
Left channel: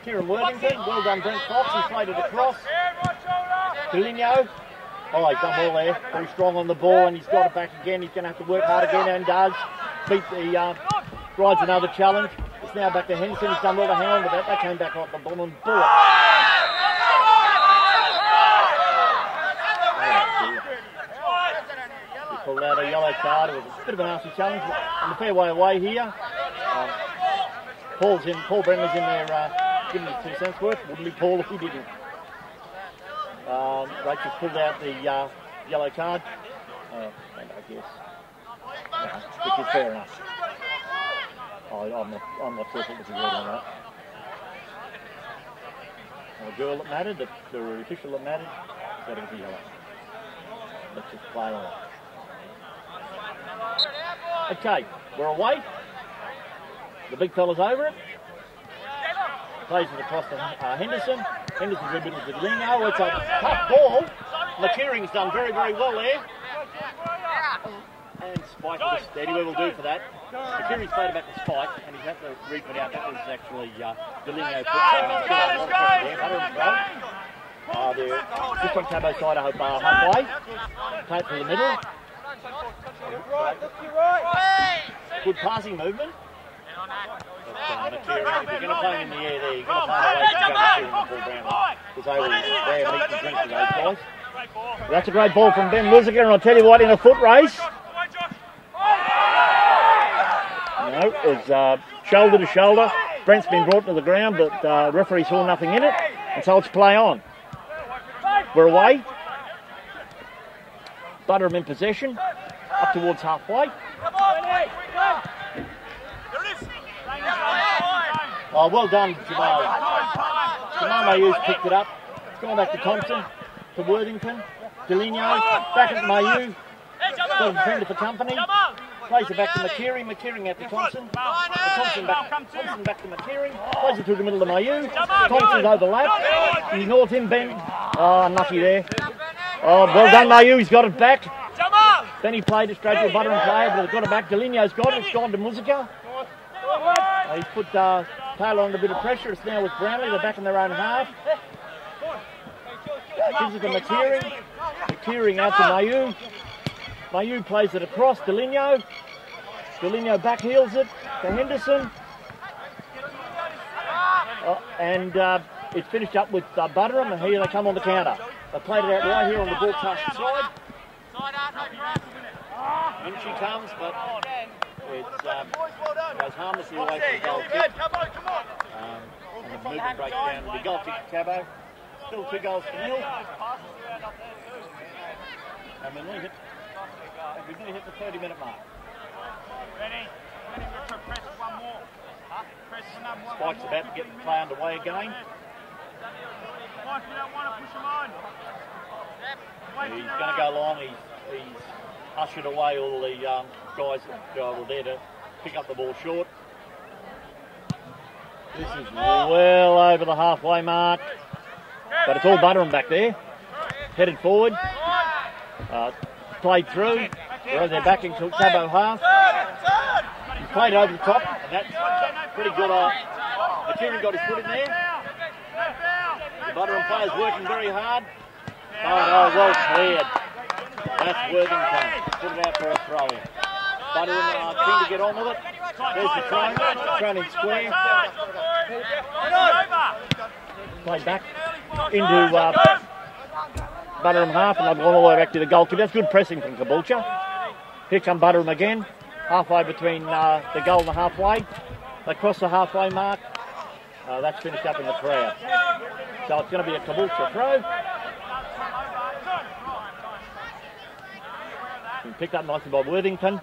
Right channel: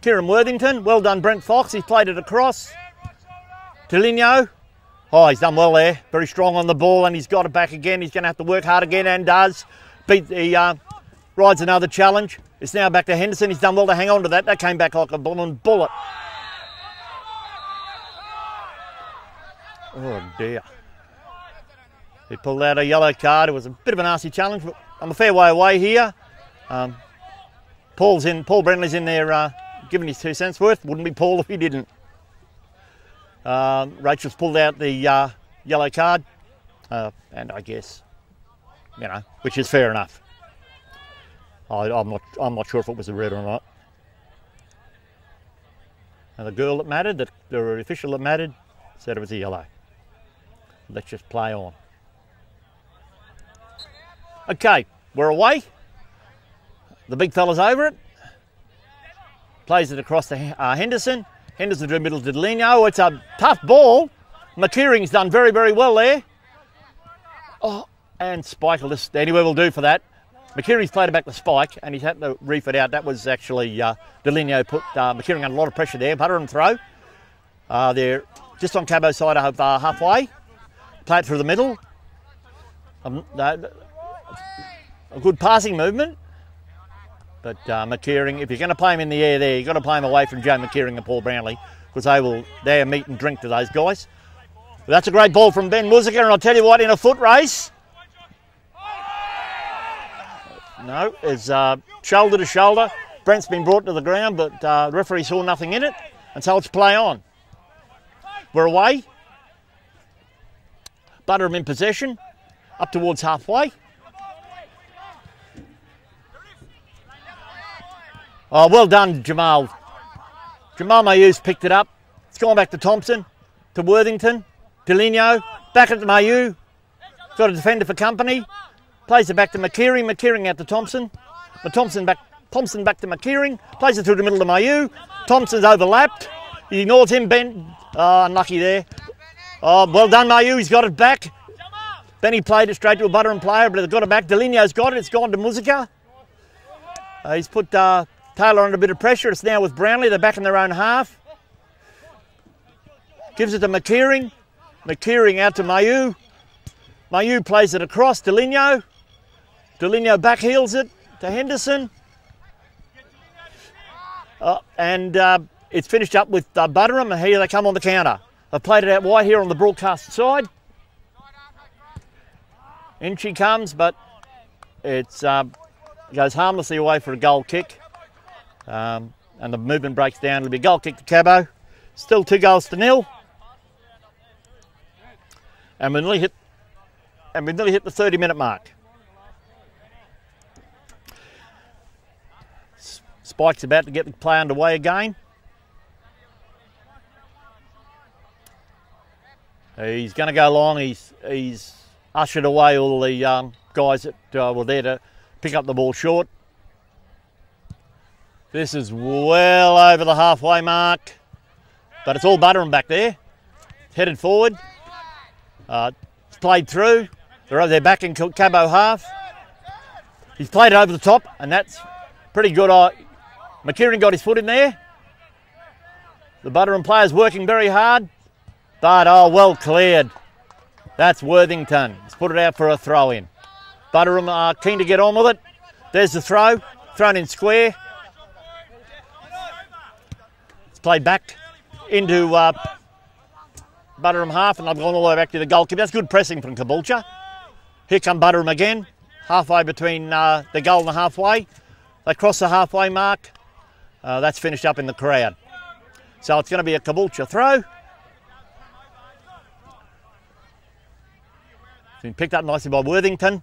Kieran Worthington, well done Brent Fox, he's played it across. Deligno. Oh, he's done well there. Very strong on the ball, and he's got it back again. He's going to have to work hard again, and does. Rides another challenge. It's now back to Henderson. He's done well to hang on to that. That came back like a blooming bullet. Oh, dear. He pulled out a yellow card. It was a bit of a nasty challenge on the fair way away here. Paul Brentley's in there giving his 2 cents worth. Wouldn't be Paul if he didn't. Rachel's pulled out the yellow card, and I guess, which is fair enough. I'm not sure if it was a red or not. And the girl that mattered, the official that mattered, said it was a yellow. Let's just play on. Okay, we're away. The big fella's over it. Plays it across to Henderson. Henderson to the middle to Deligno. It's a tough ball. McKeering's done very, very well there. Oh, and Spike will just, anywhere will do for that. McKeering's played it back to Spike, and he's had to reef it out. That was actually Delineo put McKeering under a lot of pressure there. Buderim throw. They're just on Cabo's side of halfway. Play it through the middle. A good passing movement. But McKeering, if you're going to play him in the air there, you've got to play him away from Joe McKeering and Paul Brownlee, because they're meat and drink to those guys. But that's a great ball from Ben Muzica, and I'll tell you what, in a foot race, no, it's shoulder to shoulder. Brent's been brought to the ground, but referee saw nothing in it, and so it's play on. We're away. Buderim in possession, up towards halfway. Oh, well done, Jamal. Jamal Mayu's picked it up. It's gone back to Thompson, to Worthington, Delineo, back at Mayu. Got a defender for company. Plays it back to McKeering. McKeering out to Thompson. Thompson back to McKeering. Plays it through the middle to Mayu. Thompson's overlapped. He ignores him, Ben. Oh, unlucky there. Oh, well done, Mayu. He's got it back. Benny played it straight to a Buderim player, but they've got it back. Delineo's got it. It's gone to Muzica. He's put Taylor under a bit of pressure. It's now with Brownlee. They're back in their own half. Gives it to McKeering. McKeering out to Mayu. Mayu plays it across. Delineo. Delineo backheels it to Henderson. And it's finished up with Buderim, and here they come on the counter. They've played it out wide here on the broadcast side. In she comes, but it's goes harmlessly away for a goal kick. And the movement breaks down. It'll be a goal kick to Cabo. Still 2-0. And we nearly hit the 30-minute mark. Spike's about to get the play underway again. He's going to go long. He's ushered away all the guys that were there to pick up the ball short. This is well over the halfway mark, but it's all Buderim back there. Headed forward. Played through. They're back in Cabo half. He's played it over the top, and that's pretty good. McKeering got his foot in there. The Buderim player's working very hard, but well cleared. That's Worthington. He's put it out for a throw in. Buderim are keen to get on with it. There's the throw, thrown in square. It's played back into Buderim half, and they've gone all the way back to the goal kick. That's good pressing from Caboolture. Here come Buderim again, halfway between the goal and the halfway. They cross the halfway mark. That's finished up in the crowd. So it's going to be a Caboolture throw. Been picked up nicely by Worthington.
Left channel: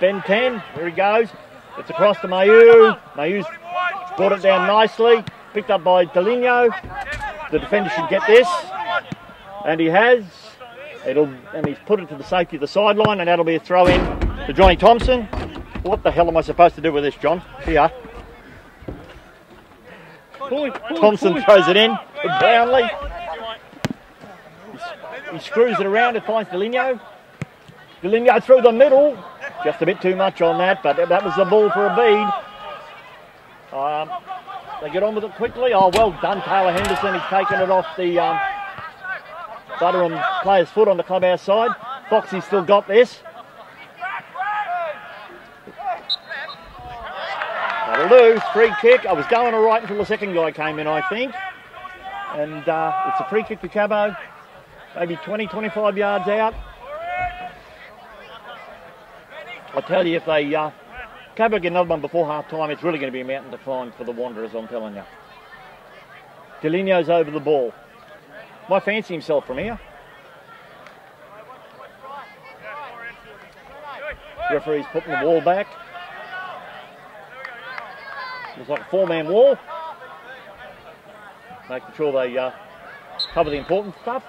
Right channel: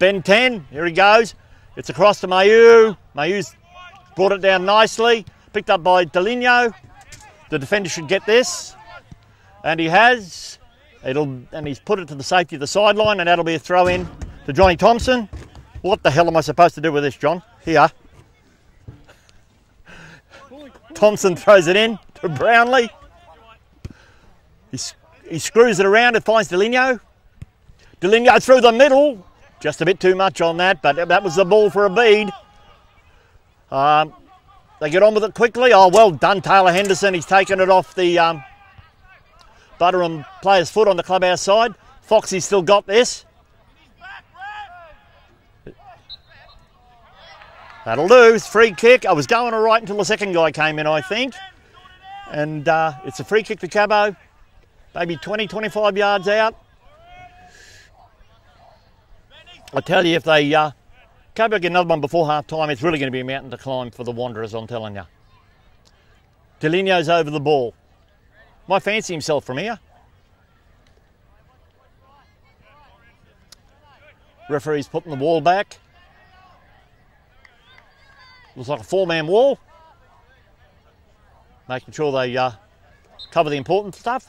Ben 10, here he goes. It's across to Mayu. Mayu's brought it down nicely. Picked up by Delineo. The defender should get this. And he has. And he's put it to the safety of the sideline, and that'll be a throw in to Johnny Thompson. What the hell am I supposed to do with this, John? Here. Thompson throws it in to Brownlee. He screws it around and finds Delineo. Delineo through the middle. Just a bit too much on that, but that was the ball for a bead. They get on with it quickly. Oh, well done, Taylor Henderson. He's taken it off the Buderim player's foot on the clubhouse side. Foxy's still got this. That'll lose. Free kick. I was going all right until the second guy came in, I think. And it's a free kick to Cabo. Maybe 20, 25 yards out. I tell you, if they Cabo get another one before half-time, it's really going to be a mountain to climb for the Wanderers, I'm telling you. Delineo's over the ball. Might fancy himself from here. Referee's putting the wall back. Looks like a four-man wall. Making sure they cover the important stuff.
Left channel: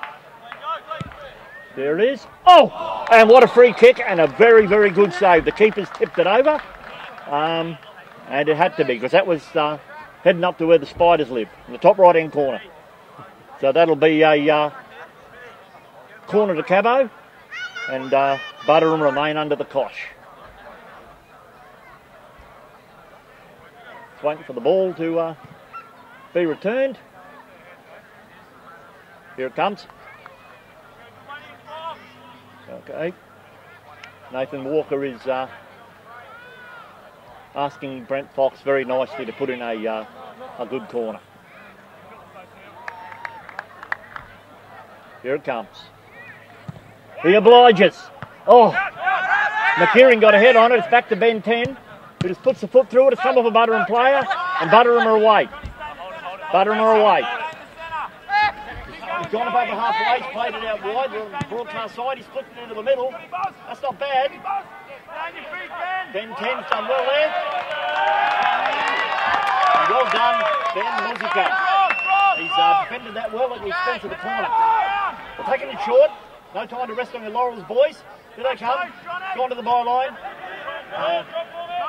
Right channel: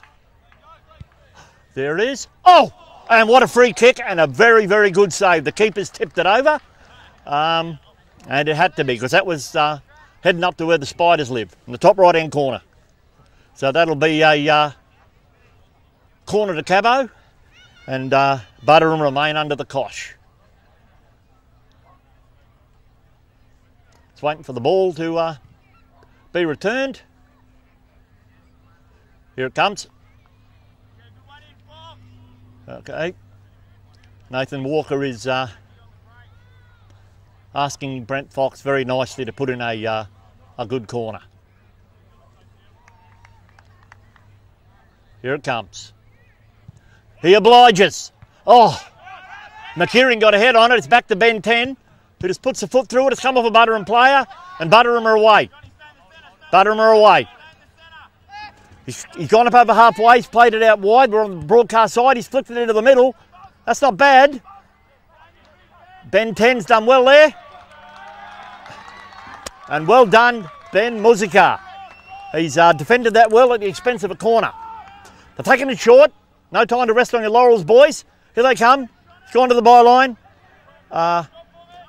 There it is. Oh, and what a free kick and a very, very good save. The keeper's tipped it over. And it had to be, because that was heading up to where the Spiders live, in the top right-hand corner. So that'll be a corner to Cabo, and Buderim remain under the cosh. It's waiting for the ball to be returned. Here it comes. Okay. Nathan Walker is asking Brent Fox very nicely to put in a good corner. Here it comes. He obliges. Oh, McKeering got a head on it. It's back to Ben 10, who just puts a foot through it. It's come off a Buderim player, and Buderim are away. Buderim are away. He's gone up over halfway. He's played it out wide. We're on the broadcast side. He's flicked it into the middle. That's not bad. Ben 10's done well there. And well done, Ben Muzika. He's defended that well at the expense of a corner. They're taking it short. No time to rest on your laurels, boys. Here they come. It's gone to the byline.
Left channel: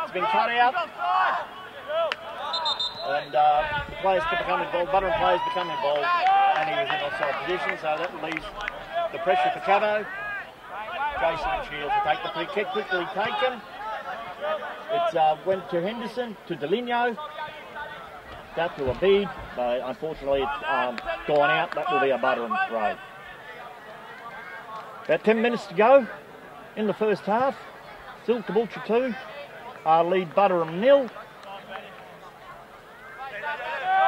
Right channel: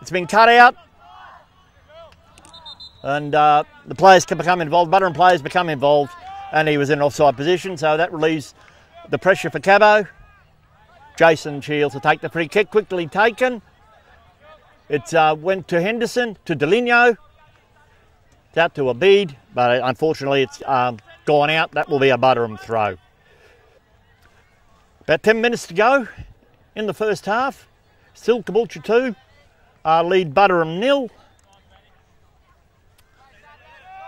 It's been cut out. And the players can become involved. Buderim players become involved. And he was in offside position, so that relieves the pressure for Cabo. Jason Shields to take the free kick, quickly taken. It went to Henderson, to Deligno. Out to Abid, but unfortunately it's gone out. That will be a Buderim throw. About 10 minutes to go in the first half. Still Caboolture 2, lead Buderim 0.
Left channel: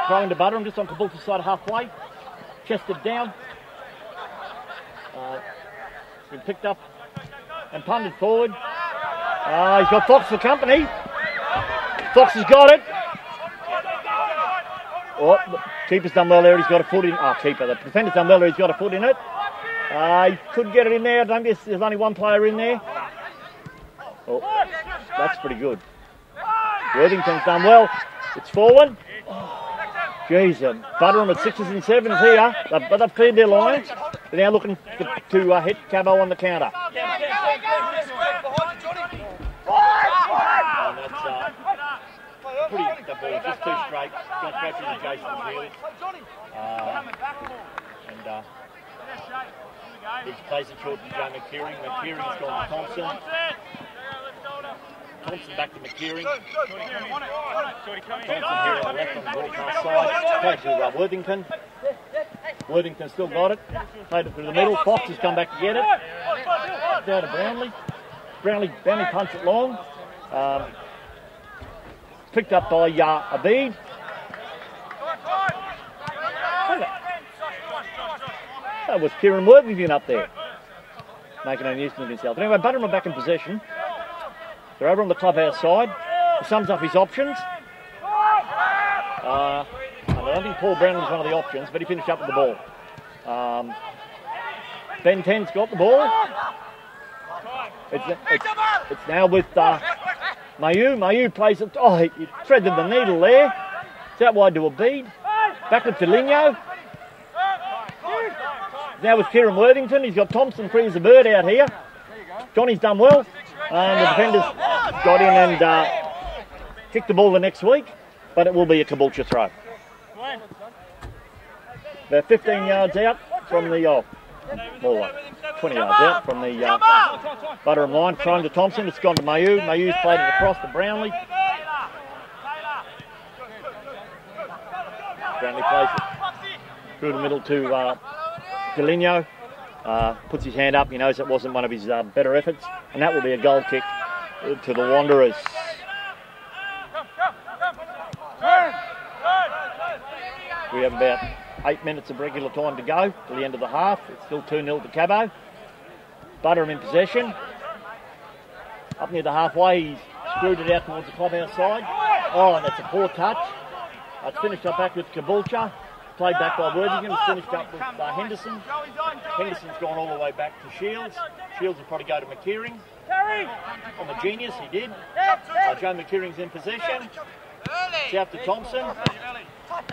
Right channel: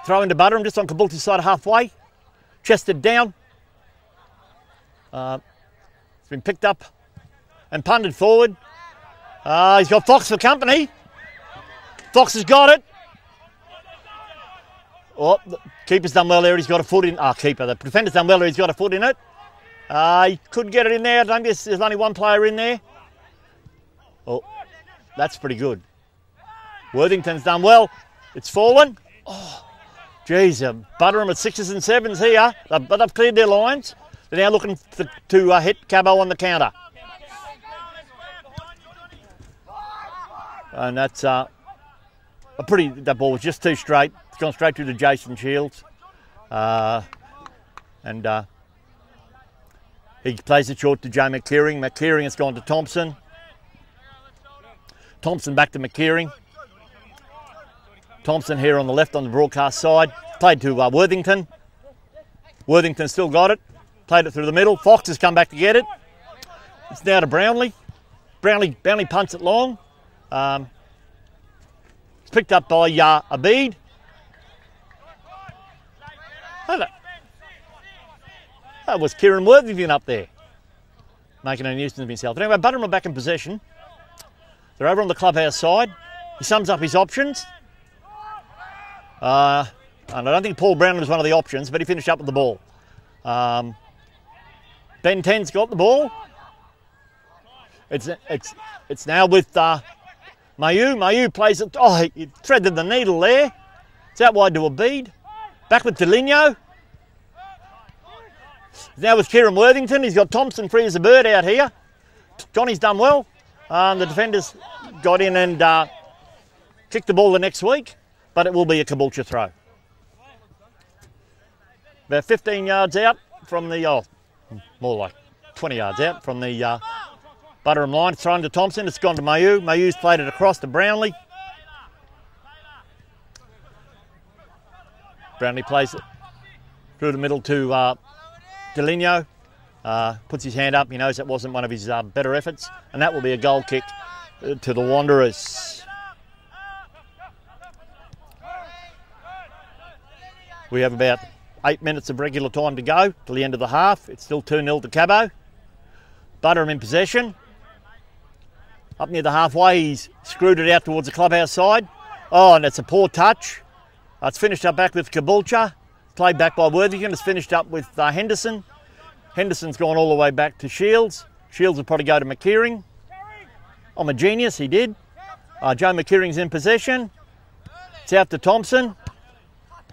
Throw into Buderim just on Caboolture's side halfway. Chested down. It's been picked up and punted forward. He's got Fox for company. Fox has got it. Oh, the keeper's done well there. He's got a foot in. Oh, keeper. The defender's done well there. He's got a foot in it. He couldn't get it in there. I don't guess there's only one player in there. Oh, that's pretty good. Worthington's done well. It's fallen. Oh, geez, Buderim at 6s and 7s here. But they've cleared their lines. They're now looking to hit Cabo on the counter. And that's that ball was just too straight. It's gone straight through to Jason Shields. He plays it short to Joe McKeering. McKeering has gone to Thompson. Thompson back to McKeering. Thompson here on the left on the broadcast side. Played to Worthington. Worthington still got it. Played it through the middle. Fox has come back to get it. It's now to Brownlee. Brownlee punts it long. It's picked up by Abid. That was Kieran Worthington up there, making a nuisance of himself. Anyway, Buderim are back in possession. They're over on the clubhouse side. He sums up his options. And I don't think Paul Brownlee was one of the options, but he finished up with the ball. Ben 10's got the ball. It's now with Mayu. Mayu plays it. Oh, he threaded the needle there. It's out wide to Abid. Back with Deligno. Now with Kieran Worthington. He's got Thompson free as a bird out here. Johnny's done well. And the defenders got in and kicked the ball the next week. But it will be a Caboolture throw. About 15 yards out from the, more like 20 yards out from the Buderim line. Thrown to Thompson. It's gone to Mayu. Mayu's played it across to Brownlee. Brownlee plays it through the middle to Deligno. Puts his hand up. He knows it wasn't one of his better efforts. And that will be a goal kick to the Wanderers. We have about 8 minutes of regular time to go till the end of the half. It's still 2-0 to Cabo. Buderim in possession. Up near the halfway, he's screwed it out towards the clubhouse side. Oh, and it's a poor touch. It's finished up back with Caboolture. Played back by Worthington. It's finished up with Henderson. Henderson's gone all the way back to Shields. Shields will probably go to McKeering. I'm a genius, he did. Joe McKeering's in possession. It's out to Thompson.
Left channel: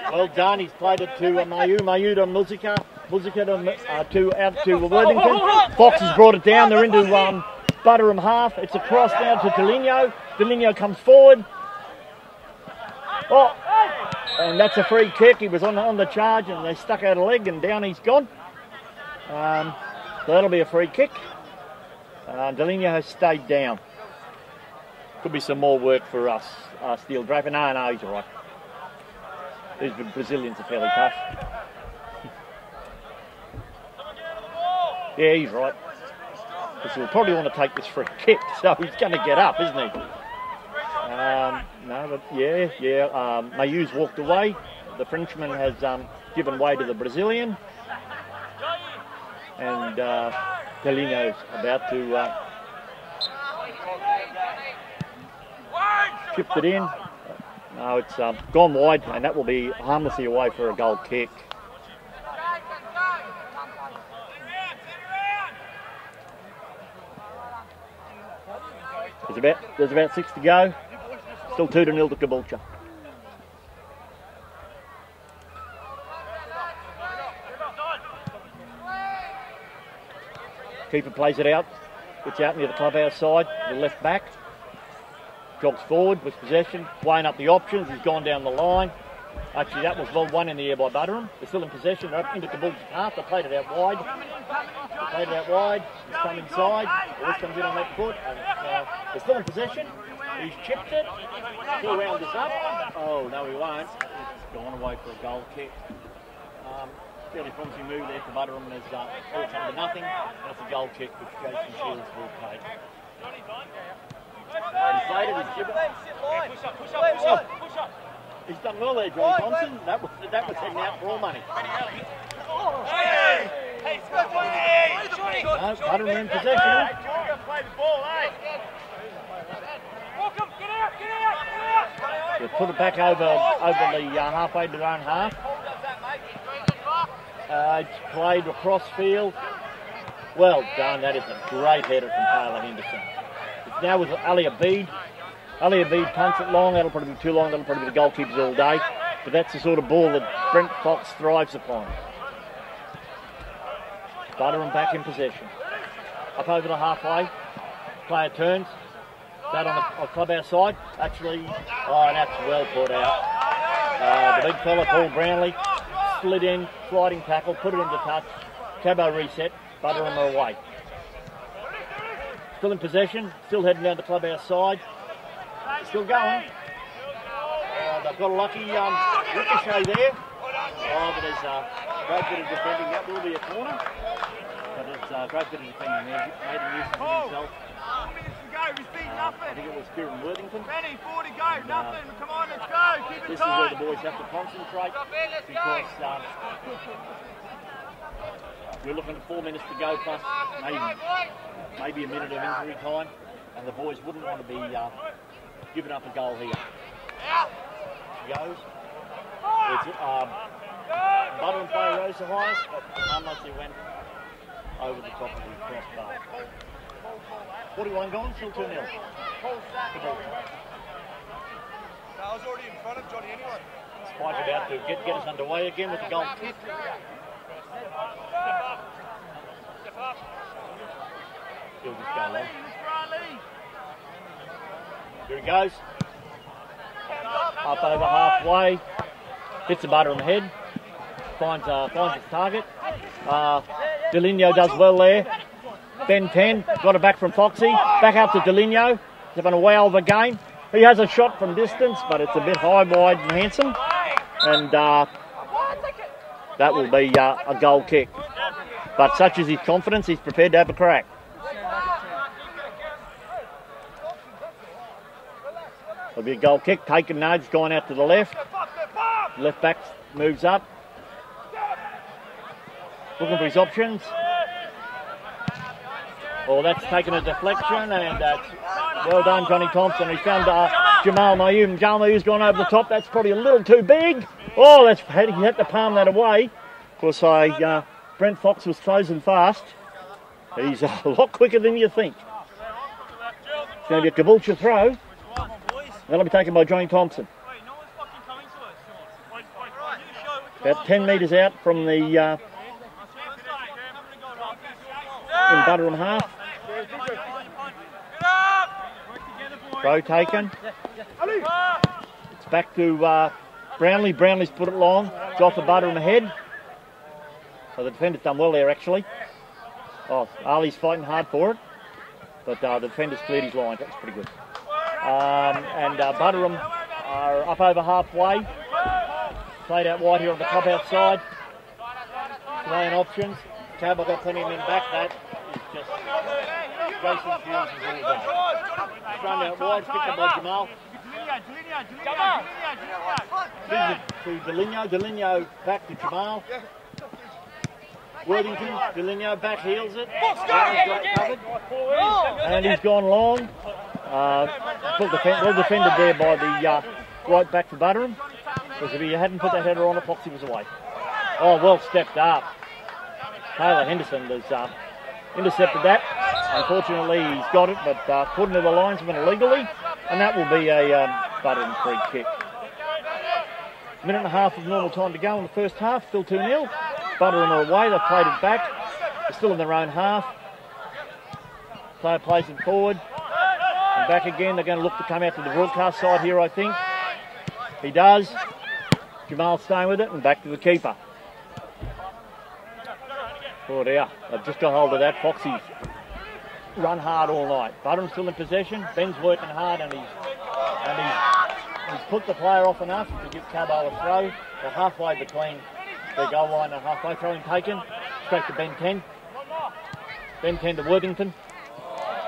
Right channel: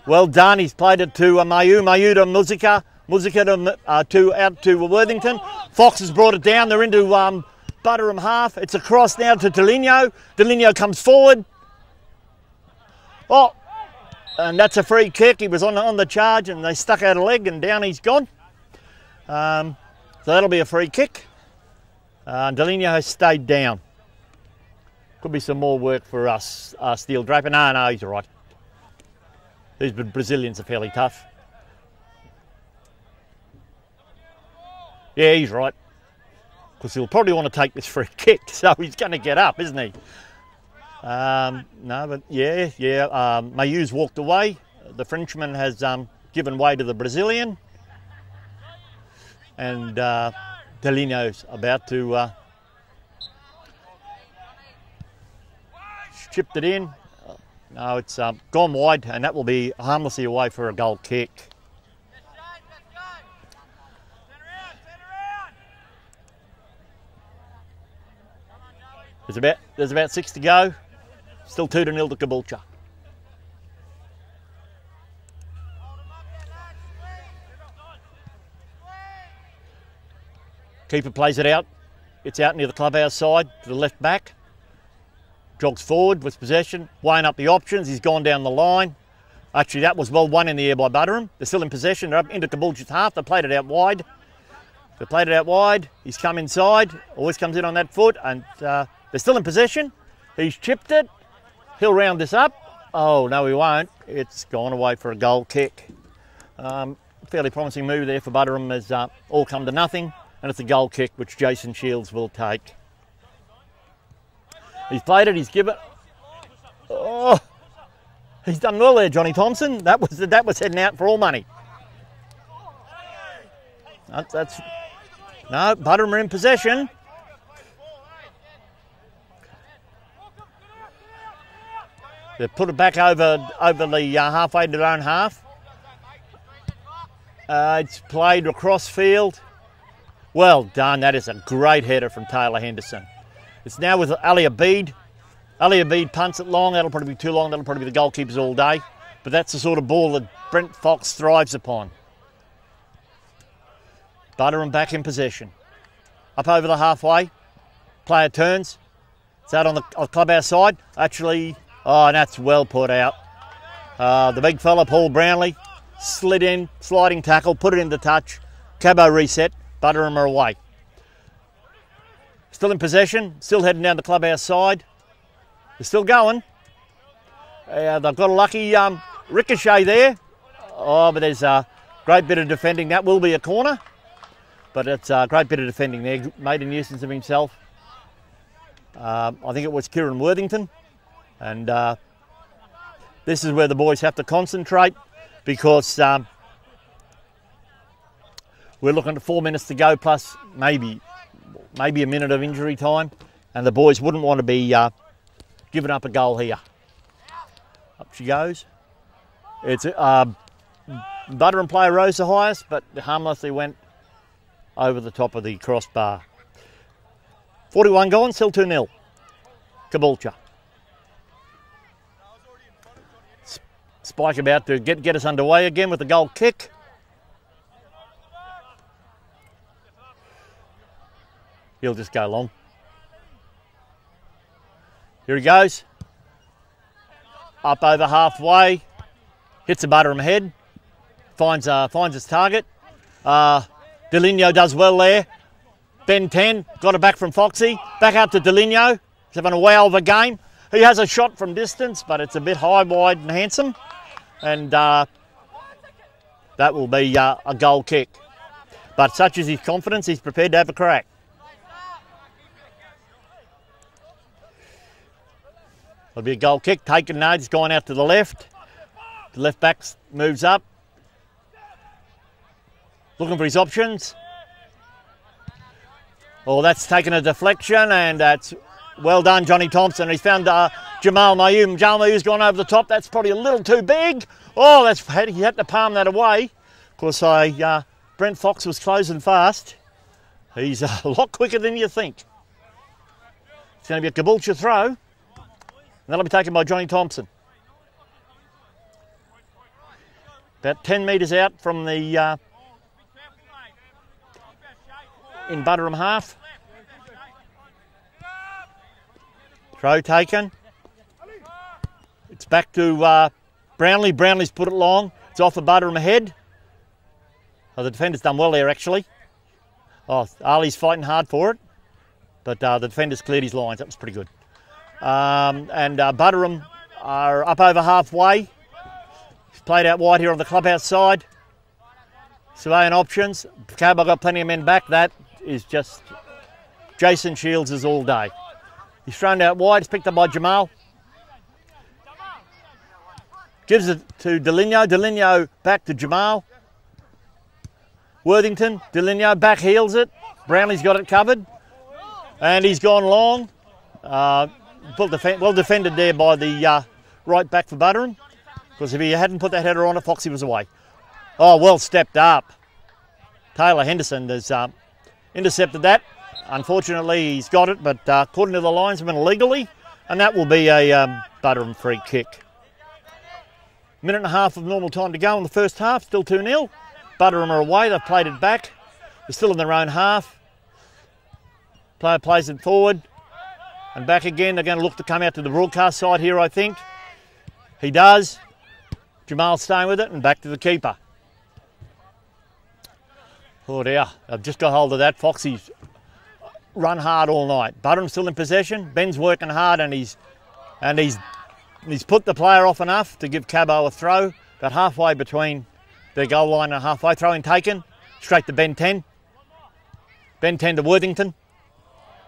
Well done. He's played it to Mayu. Mayu to Muzika. Muzika out to Worthington. Fox has brought it down. They're into Buderim half. It's across now to Deligno. Deligno comes forward. Oh, and that's a free kick. He was on the charge and they stuck out a leg and down he's gone. So that'll be a free kick. Deligno has stayed down. Could be some more work for us, Steel Draper. No, he's all right. These Brazilians are fairly tough. Yeah, he's right. Because he'll probably want to take this free kick, so he's going to get up, isn't he? No, but yeah. Mayu's walked away. The Frenchman has given way to the Brazilian. And Delino's about to chipped it in. No, it's gone wide, and that will be harmlessly away for a goal kick. There's about 6 to go. Still 2-0 to Caboolture. Keeper plays it out. It's out near the clubhouse side to the left back. Jogs forward with possession, weighing up the options. He's gone down the line. Actually, that was well won in the air by Buderim. They're still in possession. They're up into Caboolture's half. They played it out wide. He's come inside. Always comes in on that foot. And they're still in possession. He's chipped it. He'll round this up. Oh, no, he won't. It's gone away for a goal kick. Fairly promising move there for Buderim has all come to nothing. And it's a goal kick, which Jason Shields will take. He's played it, he's given it. Oh, he's done well there, Johnny Thompson. That was heading out for all money. No, Buderim are in possession. They put it back over the halfway to their own half. It's played across field. Well done. That is a great header from Taylor Henderson. It's now with Ali Abid. Ali Abid punts it long. That'll probably be too long. That'll probably be the goalkeepers all day. But that's the sort of ball that Brent Fox thrives upon. Buderim back in possession. Up over the halfway. Player turns. It's out on the clubhouse side. Actually, oh, that's well put out. The big fella, Paul Brownlee, slid in, sliding tackle, put it into touch. Cabo reset. Buderim are away. Still in possession, still heading down the clubhouse side. They're still going. They've got a lucky ricochet there. Oh, but there's a great bit of defending. That will be a corner. But it's a great bit of defending there. Made a nuisance of himself. I think it was Kieran Worthington. And this is where the boys have to concentrate because we're looking at 4 minutes to go plus maybe a minute of injury time, and the boys wouldn't want to be giving up a goal here. Up she goes. It's Buderim player rose the highest, but harmlessly went over the top of the crossbar. 41 gone, still 2-0. Caboolture. Spike about to get us underway again with the goal kick. He'll just go long. Here he goes. Up over halfway. Hits the Buderim head. Finds his target. Delino does well there. Ben 10 got it back from Foxy. Back up to Delino. He's having a wow of a game. He has a shot from distance, but it's a bit high, wide and handsome. And that will be a goal kick. But such is his confidence, he's prepared to have a crack. There'll be a goal kick. Taken now, he's gone out to the left. The left back moves up. Looking for his options. Well, that's taken a deflection, and that's well done, Johnny Thompson. He's found Jamal Mayoum. Jamal Mayou's gone over the top. That's probably a little too big. Oh, he had to palm that away. Of course, Brent Fox was closing fast. He's a lot quicker than you think. It's going to be a Caboolture throw. That'll be taken by Johnny Thompson. About 10 metres out from the in Buderim half. Throw taken. It's back to Brownlee. Brownlee's put it long. It's off the Buderim head. Oh, the defender's done well there, actually. Oh, Ali's fighting hard for it. But the defender's cleared his lines. That was pretty good. And Buderim are up over halfway. It's played out wide here on the clubhouse side. Surveying options. Cabot got plenty of men back. That is just Jason Shields is all day. He's thrown out wide. It's picked up by Jamal. Gives it to Delinho. Delinho back to Jamal. Worthington. Delinho back heels it. Brownley's got it covered. And he's gone long. Well defended there by the right back for Buderim. Because if he hadn't put that header on it, Foxy was away. Oh, well stepped up. Taylor Henderson has intercepted that. Unfortunately, he's got it, but put into the linesman illegally. And that will be a Buderim free kick. Minute and a half of normal time to go in the first half. Still 2-0. Buderim are away. They've played it back. They're still in their own half. Player plays it forward. And back again. They're going to look to come out to the broadcast side here, I think. He does. Jamal staying with it and back to the keeper. Oh dear, they've just got hold of that. Foxy's run hard all night. Buderim still in possession. Ben's working hard and he's put the player off enough to give Cabo a throw. About halfway between their goal line and halfway. Throwing taken. Straight to Ben 10. Ben 10 to Worthington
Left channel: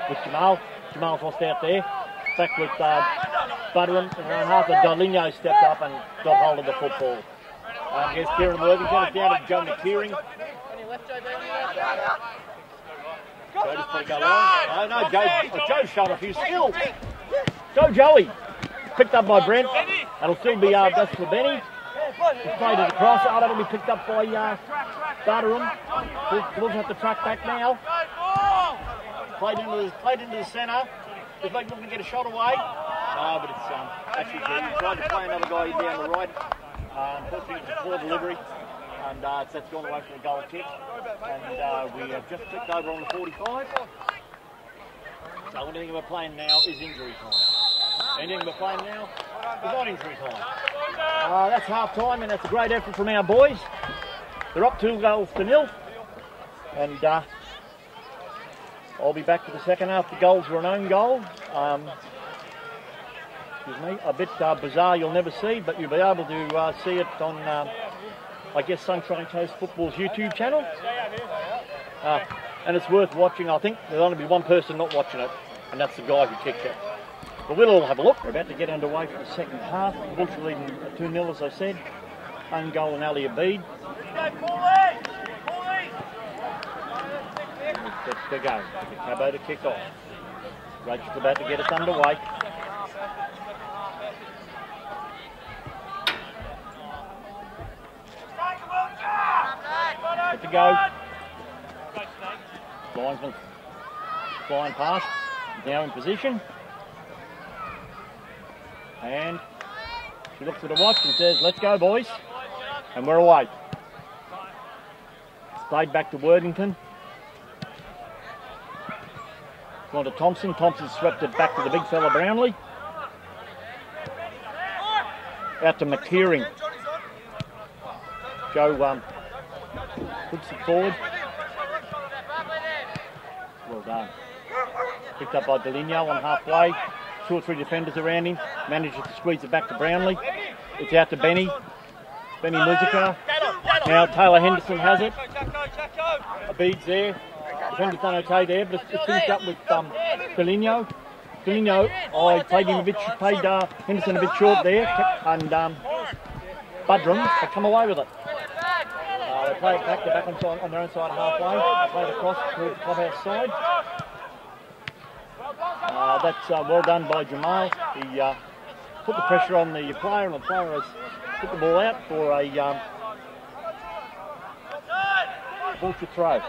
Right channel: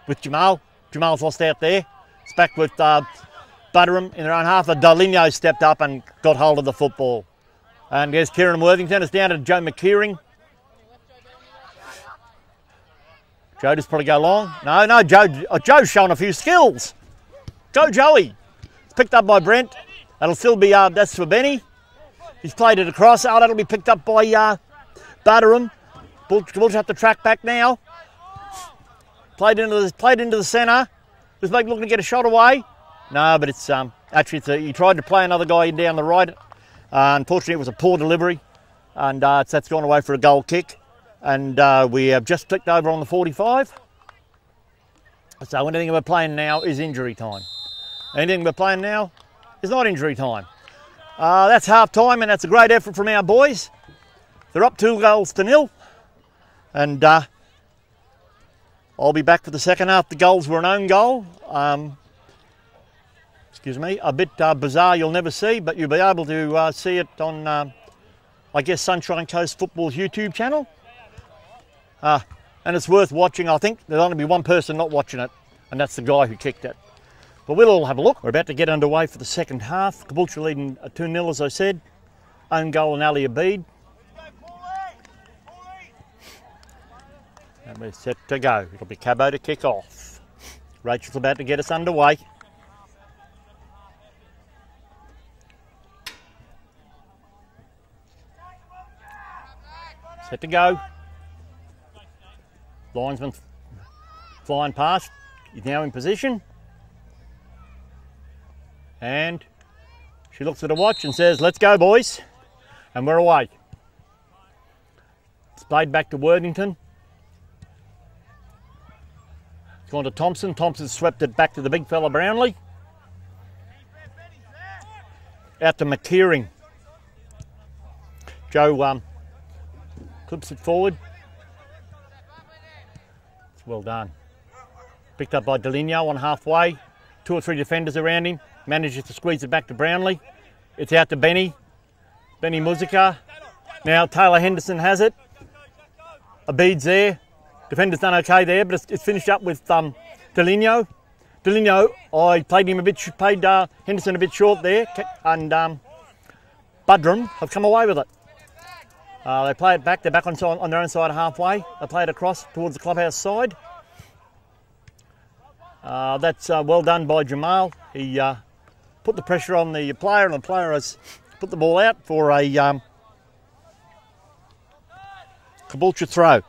with Jamal. Jamal's lost out there. It's back with Buderim in their own half. Delinho stepped up and got hold of the football. And there's Kieran Worthington. It's down to Joe McKeering. Joe just probably go long. No, Joe's showing a few skills. Joey. It's picked up by Brent. That'll still be, that's for Benny. He's played it across. Oh, that'll be picked up by Buderim. Caboolture have to track back now. Played into the centre. Just looking to get a shot away. No, but it's actually he tried to play another guy down the right. Unfortunately, it was a poor delivery, and that's gone away for a goal kick. And we have just clicked over on the 45. So anything we're playing now is injury time. Anything we're playing now is not injury time. That's half time, and that's a great effort from our boys. They're up 2-0. And I'll be back for the second half. The goals were an own goal. Excuse me, a bit bizarre you'll never see, but you'll be able to see it on, I guess, Sunshine Coast Football's YouTube channel. And it's worth watching. I think there'll only be one person not watching it, and that's the guy who kicked it. But we'll all have a look. We're about to get underway for the second half. Caboolture leading 2-0, as I said. Own goal and Ali Abid. We're set to go with the Cabo to kick off. Rachel's about to get us underway. Set to go. Linesman flying past. He's now in position. And she looks at her watch and says, "Let's go, boys." And we're away. It's played back to Worthington. It's gone to Thompson. Thompson swept it back to the big fella Brownlee. Out to McKeering. Joe puts it forward. Well done. Picked up by Delinho on halfway. 2 or 3 defenders around him. Manages to squeeze it back to Brownlee. It's out to Benny. Benny Muzika. Now Taylor Henderson has it. Abid's there. Defender's done okay there, but it's finished up with Delinho. Delinho, I played Henderson a bit short there, and Buderim have come away with it. They play it back. They're back on their own side halfway. They play it across towards the clubhouse side. That's well done by Jamal. He put the pressure on the player, and the player has put the ball out for a Caboolture throw.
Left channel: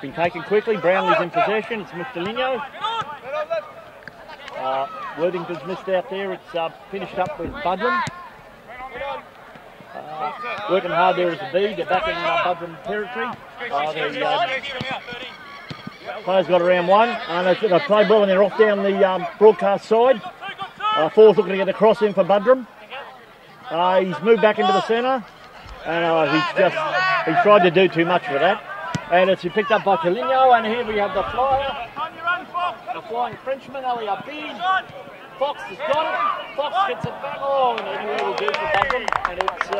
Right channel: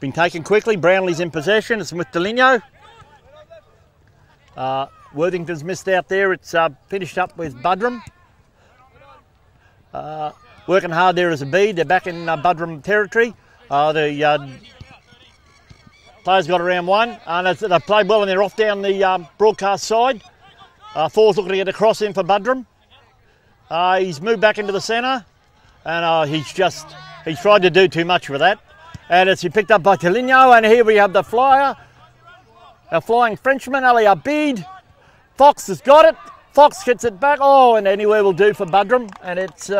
Been taken quickly. Brownlee's in possession. It's with Delinho. Worthington's missed out there. It's finished up with Buderim. Working hard there as a bead. They're back in Buderim territory. The players got around one. They played well and they're off down the broadcast side. Four's looking to get a cross in for Buderim. He's moved back into the centre. And he's tried to do too much with that. And it's been picked up by Delinho. And here we have the flyer. Our flying Frenchman, Ali Abid. Fox has got it. Fox gets it back. Oh, and anywhere will do for Buderim. And it's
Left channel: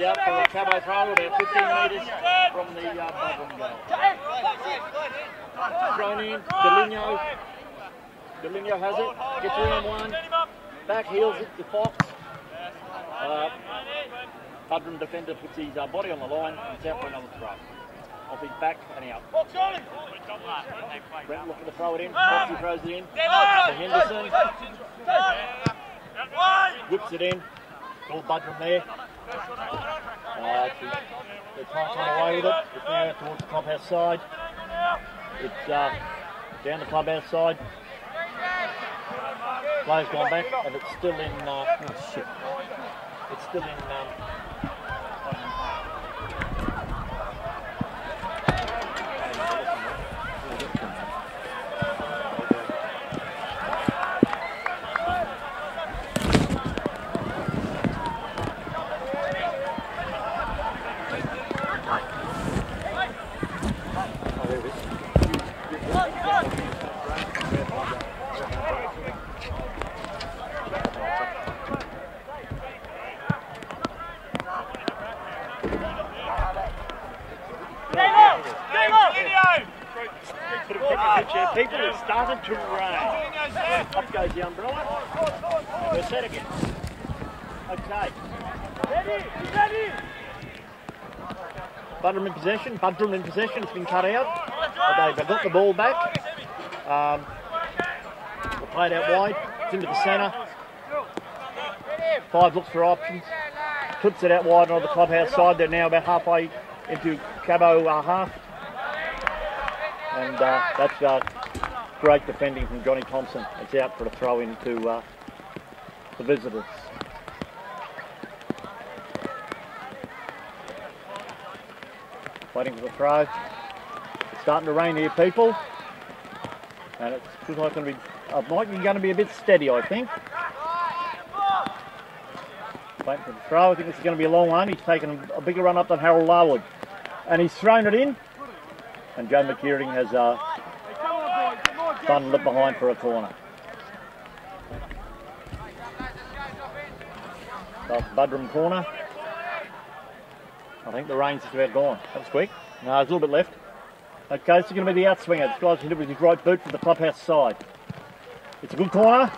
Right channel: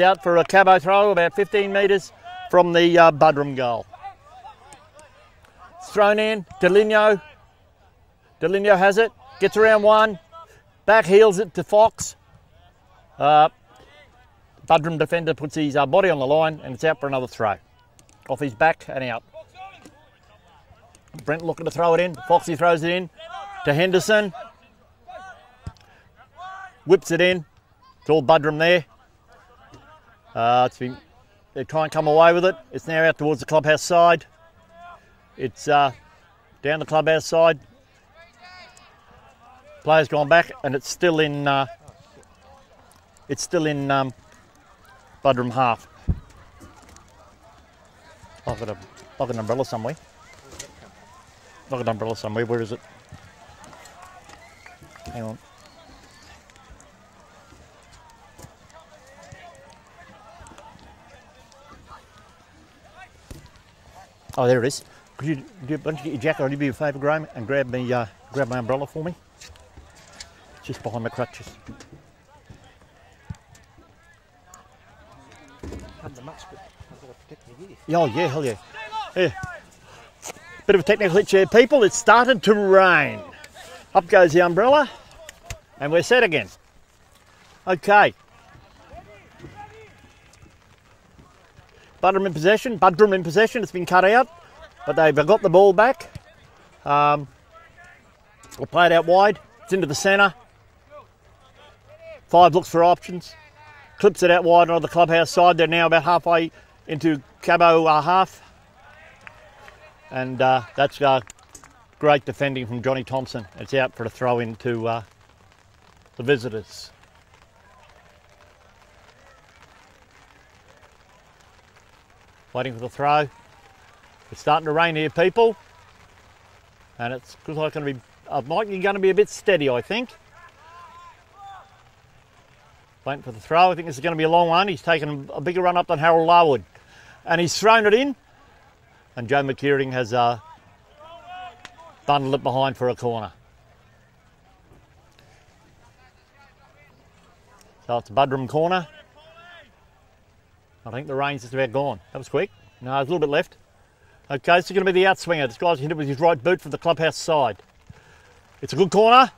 out for a Cabo throw about 15 metres from the Buderim goal. It's thrown in. Deligno. Deligno has it. Gets around one. Back heels it to Fox. Buderim defender puts his body on the line and it's out for another throw. Off his back and out. Brent looking to throw it in. Foxy throws it in to Henderson. Whips it in. It's all Buderim there. They can't come away with it. It's now out towards the clubhouse side. It's down the clubhouse side. Player's gone back and it's still in. It's still in Buderim half. I've got an umbrella somewhere. I've got an umbrella somewhere. Where is it? Oh, there it is. Jack, I'll give you a favour, Graham, and grab my umbrella for me. Just behind my crutches. Oh, yeah, hell yeah. Yeah. Bit of a technical hitch here, people. It started to rain. Up goes the umbrella, and we're set again. Okay. Buderim in possession. Buderim in possession. It's been cut out, but they've got the ball back. We'll play it out wide. It's into the centre. Five looks for options. Clips it out wide on the clubhouse side. They're now about halfway into Cabo half. And that's great defending from Johnny Thompson. It's out for a throw into the visitors. Waiting for the throw. It's starting to rain here, people. And it's not going to be, likely going to be a bit steady, I think. Waiting for the throw. I think this is going to be a long one. He's taken a bigger run up than Harold Larwood. And he's thrown it in. And Joe McKeering has bundled it behind for a corner. So it's Buderim corner. I think the rain's just about gone. That was quick. No, there's a little bit left. Okay, this is going to be the outswinger. This guy's hit it with his right boot from the clubhouse side. It's a good corner.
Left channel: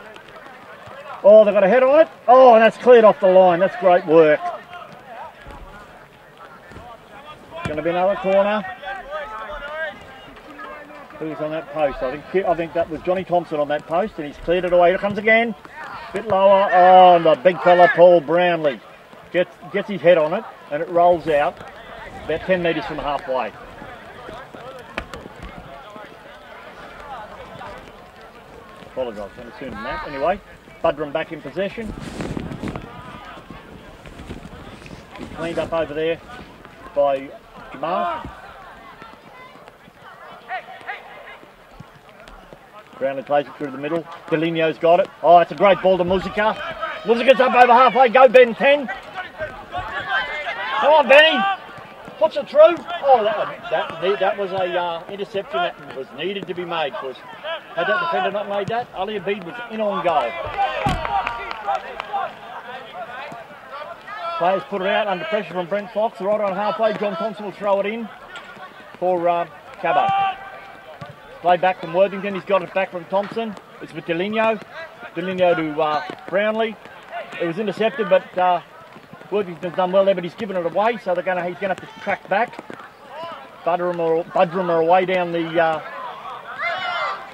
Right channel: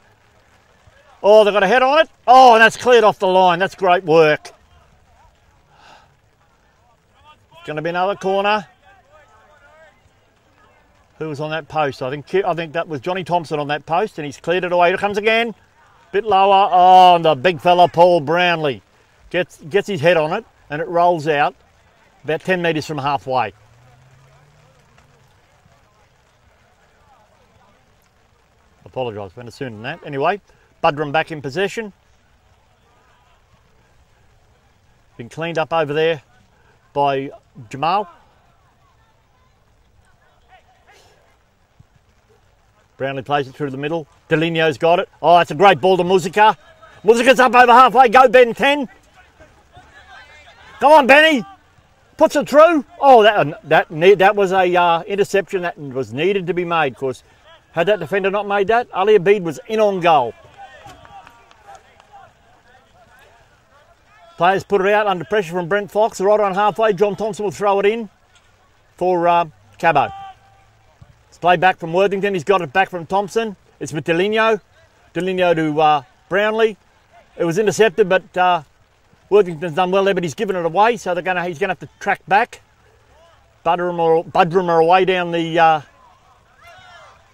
Oh, they've got a head on it. Oh, and that's cleared off the line. That's great work. Going to be another corner. Who was on that post? I think that was Johnny Thompson on that post, and he's cleared it away. Here it comes again. Bit lower. Oh, and the big fella Paul Brownlee gets his head on it, and it rolls out about 10 metres from halfway. Apologise, going to sooner than that. Anyway, Buderim back in possession. Been cleaned up over there by Jamal. Brownlee plays it through the middle. Deligno's got it. Oh, that's a great ball to Musica. Musica's up over halfway. Go, Ben 10. Come on, Benny. Puts it through. Oh, that was a interception that was needed to be made, because had that defender not made that, Ali Abid was in on goal. Players put it out under pressure from Brent Fox. Right on halfway, John Thompson will throw it in for Cabo. It's played back from Worthington. He's got it back from Thompson. It's with Deligno. Deligno to Brownlee. It was intercepted, but Worthington's done well there, but he's given it away, so he's going to have to track back. Buderim are away down the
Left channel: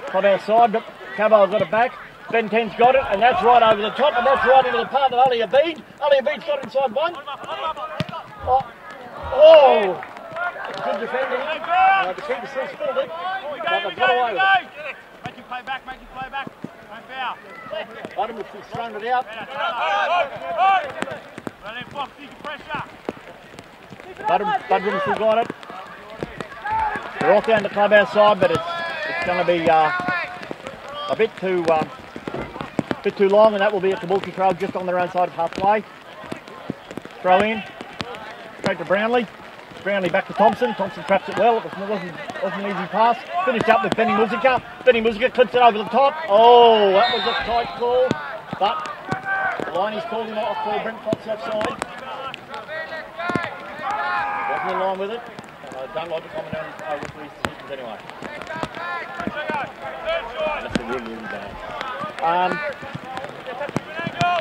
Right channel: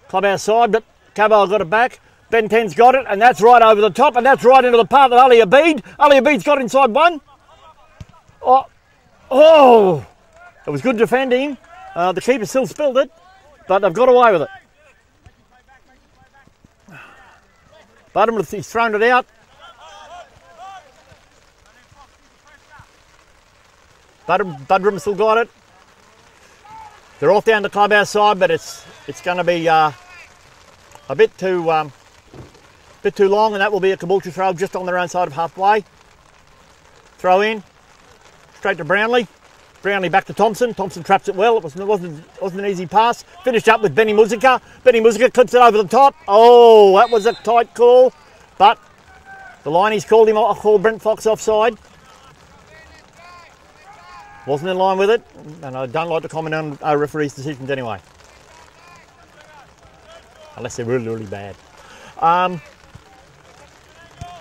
clubhouse side, but Cabo's got it back. Ben 10's got it, and that's right over the top, and that's right into the path of Ali Abid. Ali Abid's got inside one. Oh, it was good defending. The keeper still spilled it, but they've got away with it. Buderim has thrown it out. Buderim still got it. They're off down the clubhouse side, but it's going to be a bit too long, and that will be a Caboolture throw just on their own side of halfway. Throw in, straight to Brownlee. Brownlee back to Thompson. Thompson traps it well. It wasn't an easy pass. Finished up with Benny Musica. Benny Musica clips it over the top. Oh, that was a tight call. But the line's called him off, called Brent Fox offside. Wasn't in line with it. And I don't like to comment on our referees' decisions anyway. Unless they're really, really bad.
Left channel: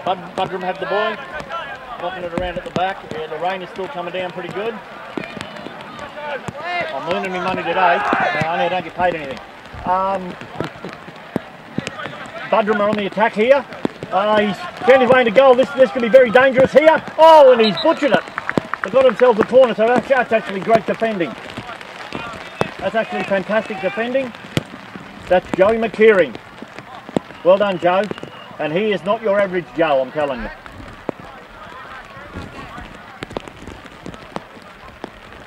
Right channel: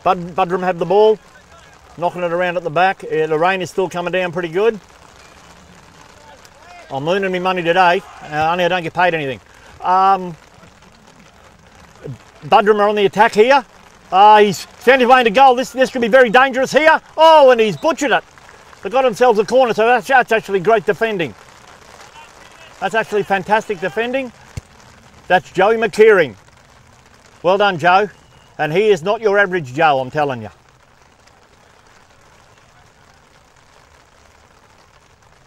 Buderim have the ball. Knocking it around at the back. Yeah, the rain is still coming down pretty good. I'm earning me money today. Only I don't get paid anything. Buderim are on the attack here. He's found his way into goal. This could be very dangerous here. Oh, and he's butchered it. They've got themselves a corner, so that's actually great defending. That's actually fantastic defending. That's Joey McKeering. Well done, Joe. And he is not your average Joe, I'm telling you.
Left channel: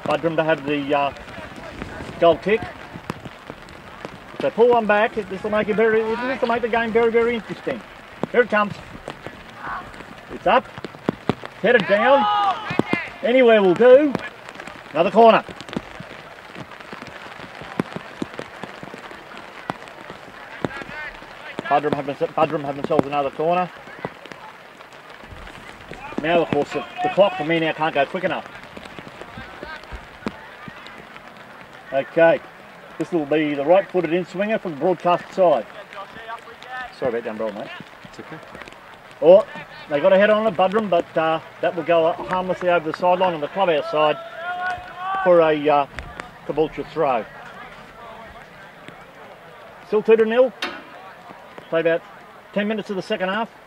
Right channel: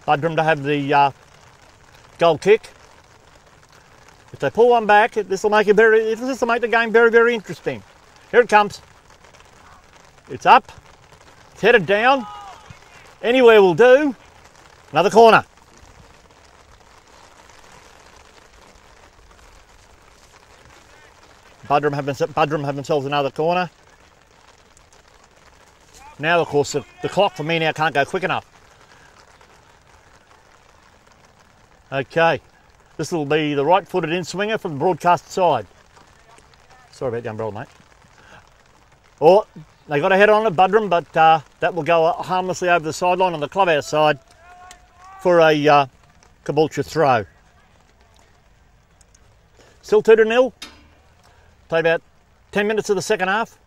Buderim to have the goal kick. If they pull one back, this will make the game very, very interesting. Here it comes. It's up. It's headed down. Anywhere will do. Another corner. Buderim have themselves another corner. Now, of course, the clock for me now can't go quick enough. Okay, this will be the right-footed in-swinger from the broadcast side. Sorry about the umbrella, mate. It's okay. Oh, they got a head on it, Buderim, but that will go harmlessly over the sideline on the clubhouse side for a Caboolture throw. Still 2-0. Play about 10 minutes of the second half.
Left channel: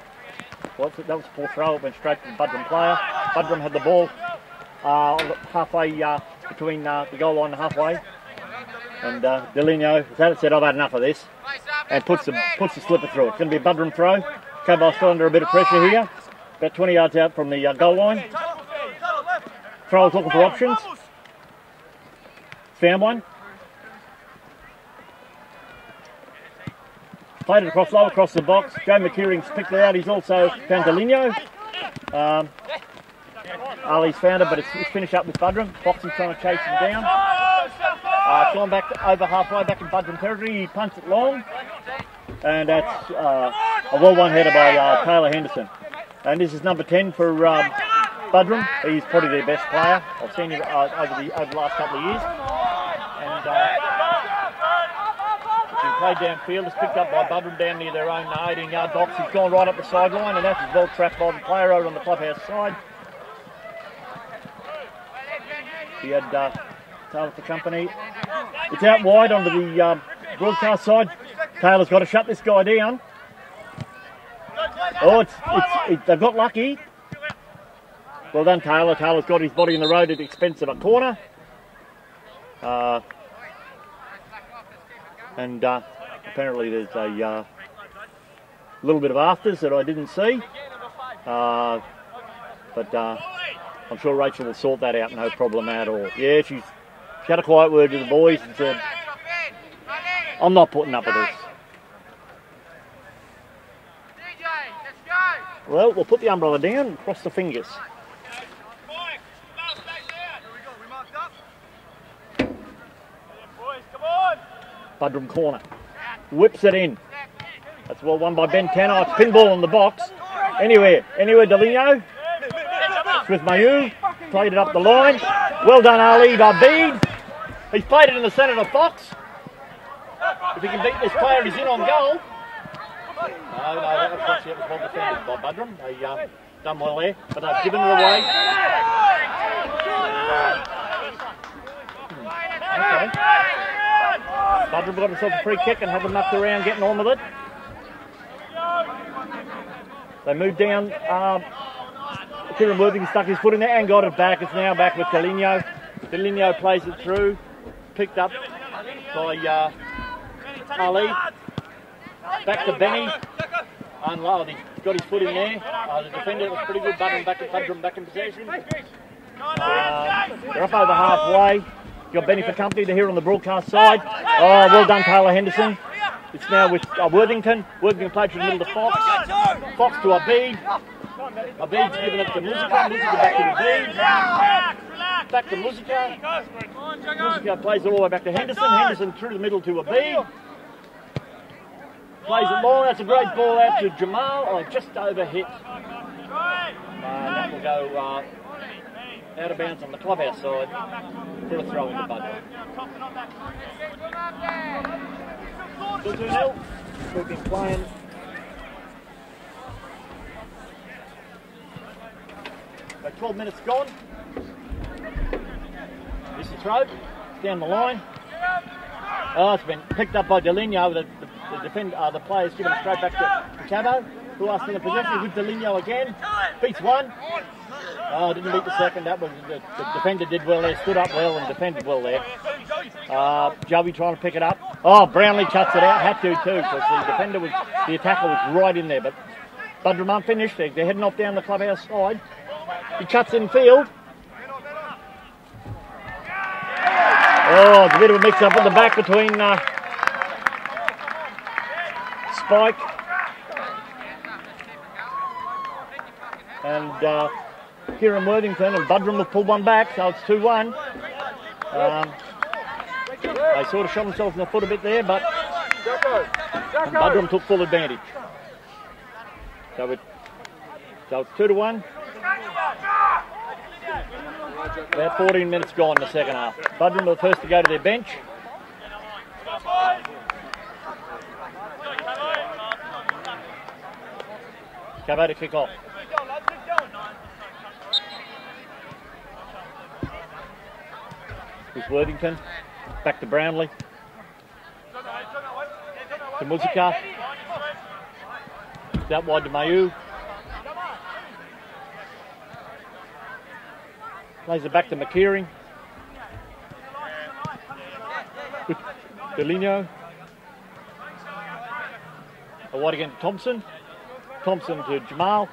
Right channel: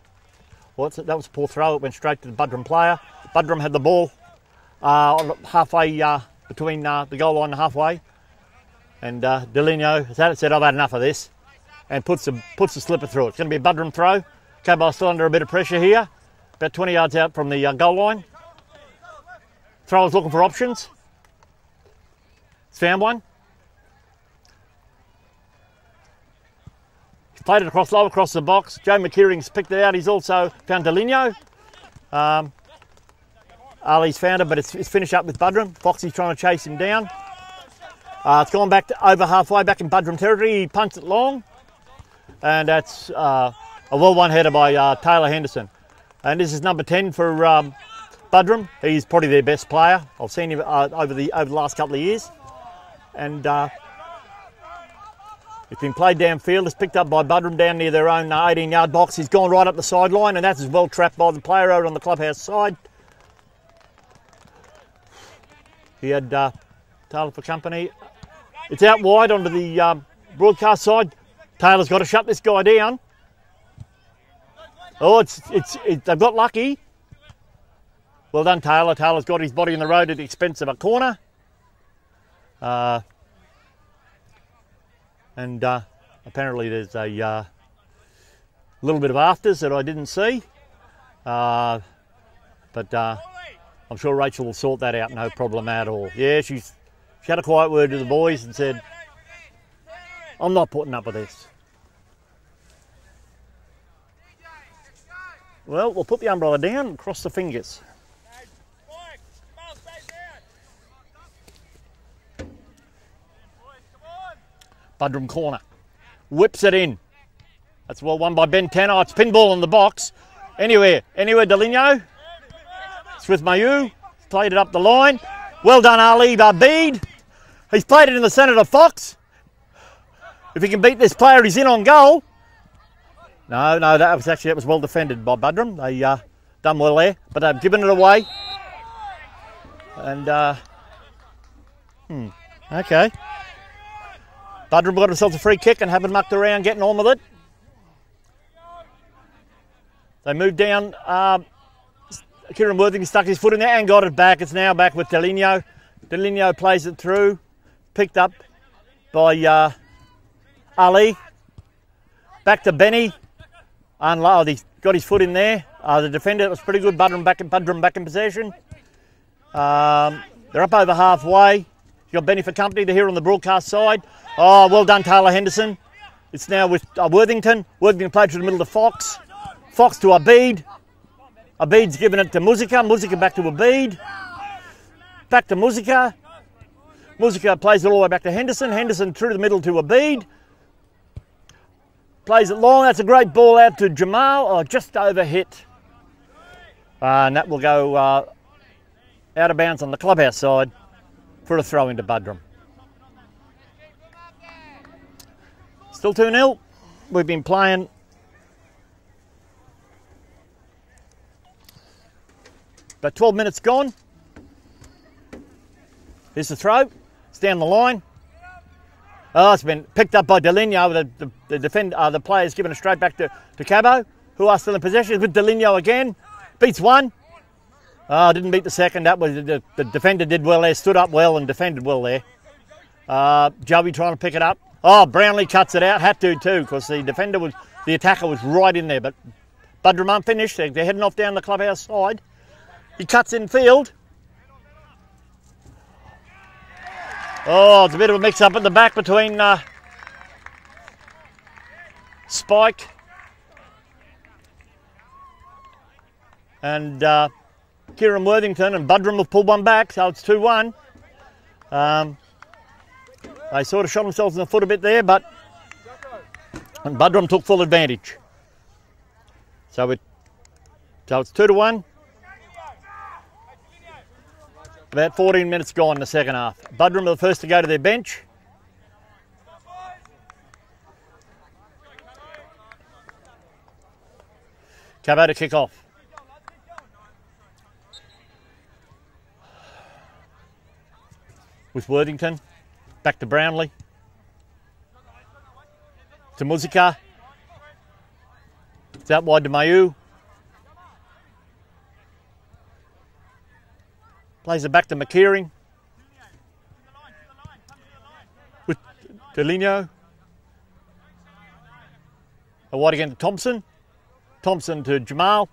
Well, that was a poor throw. It went straight to the Buderim player. Buderim had the ball on halfway between the goal line and halfway. And Deligno has had it, said, I've had enough of this. And puts the slipper through it. It's going to be a Buderim throw. Caboolture still under a bit of pressure here. About 20 yards out from the goal line. Thrower's looking for options. He's found one. He's played it low across the box. Joe McKeering's picked it out. He's also found Deligno. Ali's found it, but it's finished up with Buderim. Foxy's trying to chase him down. It's gone back to over halfway back in Buderim territory. He punts it long. And that's a well-won header by Taylor Henderson. And this is number 10 for Buderim. He's probably their best player. I've seen him over the last couple of years. And it's been played downfield. It's picked up by Buderim down near their own 18-yard box. He's gone right up the sideline, and that's as well trapped by the player out on the clubhouse side. He had Taylor for company. It's out wide onto the broadcast side. Taylor's got to shut this guy down. Oh, they've got lucky. Well done, Taylor. Taylor's got his body in the road at the expense of a corner. And apparently there's a little bit of afters that I didn't see. But I'm sure Rachel will sort that out, no problem at all. Yeah, she had a quiet word to the boys and said, I'm not putting up with this. Well, we'll put the umbrella down and cross the fingers. Buderim corner. Whips it in. That's well won by Ben Tanner. It's pinball in the box. Anywhere, Deligno. With Mayu, played it up the line. Well done, Ali Abid. He's played it in the centre to Fox. If he can beat this player, he's in on goal. No, that was well defended by Buderim. They done well there, but they've given it away. And okay, Buderim got himself a free kick and haven't mucked around getting on with it. They moved down. Kieran Worthing stuck his foot in there and got it back. It's now back with Deligno. Deligno plays it through. Picked up by Ali. Back to Benny. Unload. He's got his foot in there. The defender, that was pretty good. Buderim back in possession. They're up over halfway. Got Benny for company to here on the broadcast side. Oh, well done, Taylor Henderson. It's now with Worthington. Worthington played through the middle to Fox. Fox to Abid. Abid's giving it to Musica. Musica back to Abid. Back to Musica. Musica plays it all the way back to Henderson. Henderson through the middle to Abid. Plays it long. That's a great ball out to Jamal. Oh, just over hit. And that will go out of bounds on the clubhouse side for a throw into Buderim. Still 2-0. We've been playing about 12 minutes gone. Here's the throw. It's down the line. Oh, it's been picked up by Delinho. The player's given it straight back to Cabo, who are still in possession with Delinho again. Beats one. Oh, didn't beat the second. That was the defender did well there, stood up well and defended well there. Joey trying to pick it up. Oh, Brownlee cuts it out. Had to too, because the attacker was right in there. But Buderim aren't finished. They're heading off down the clubhouse side. He cuts in field. Oh, it's a bit of a mix-up at the back between Spike and Kieran Worthington, and Buderim have pulled one back, so it's 2-1. They sort of shot themselves in the foot a bit there, but Buderim took full advantage. So it's 2-1. About 14 minutes gone in the second half. Buderim are the first to go to their bench. Cabo to kick off. With Worthington. Back to Brownlee. To Musica. It's out wide to Mayu. Plays it back to McKeering. With Delinho. Wide again to Thompson. Thompson to Jamal.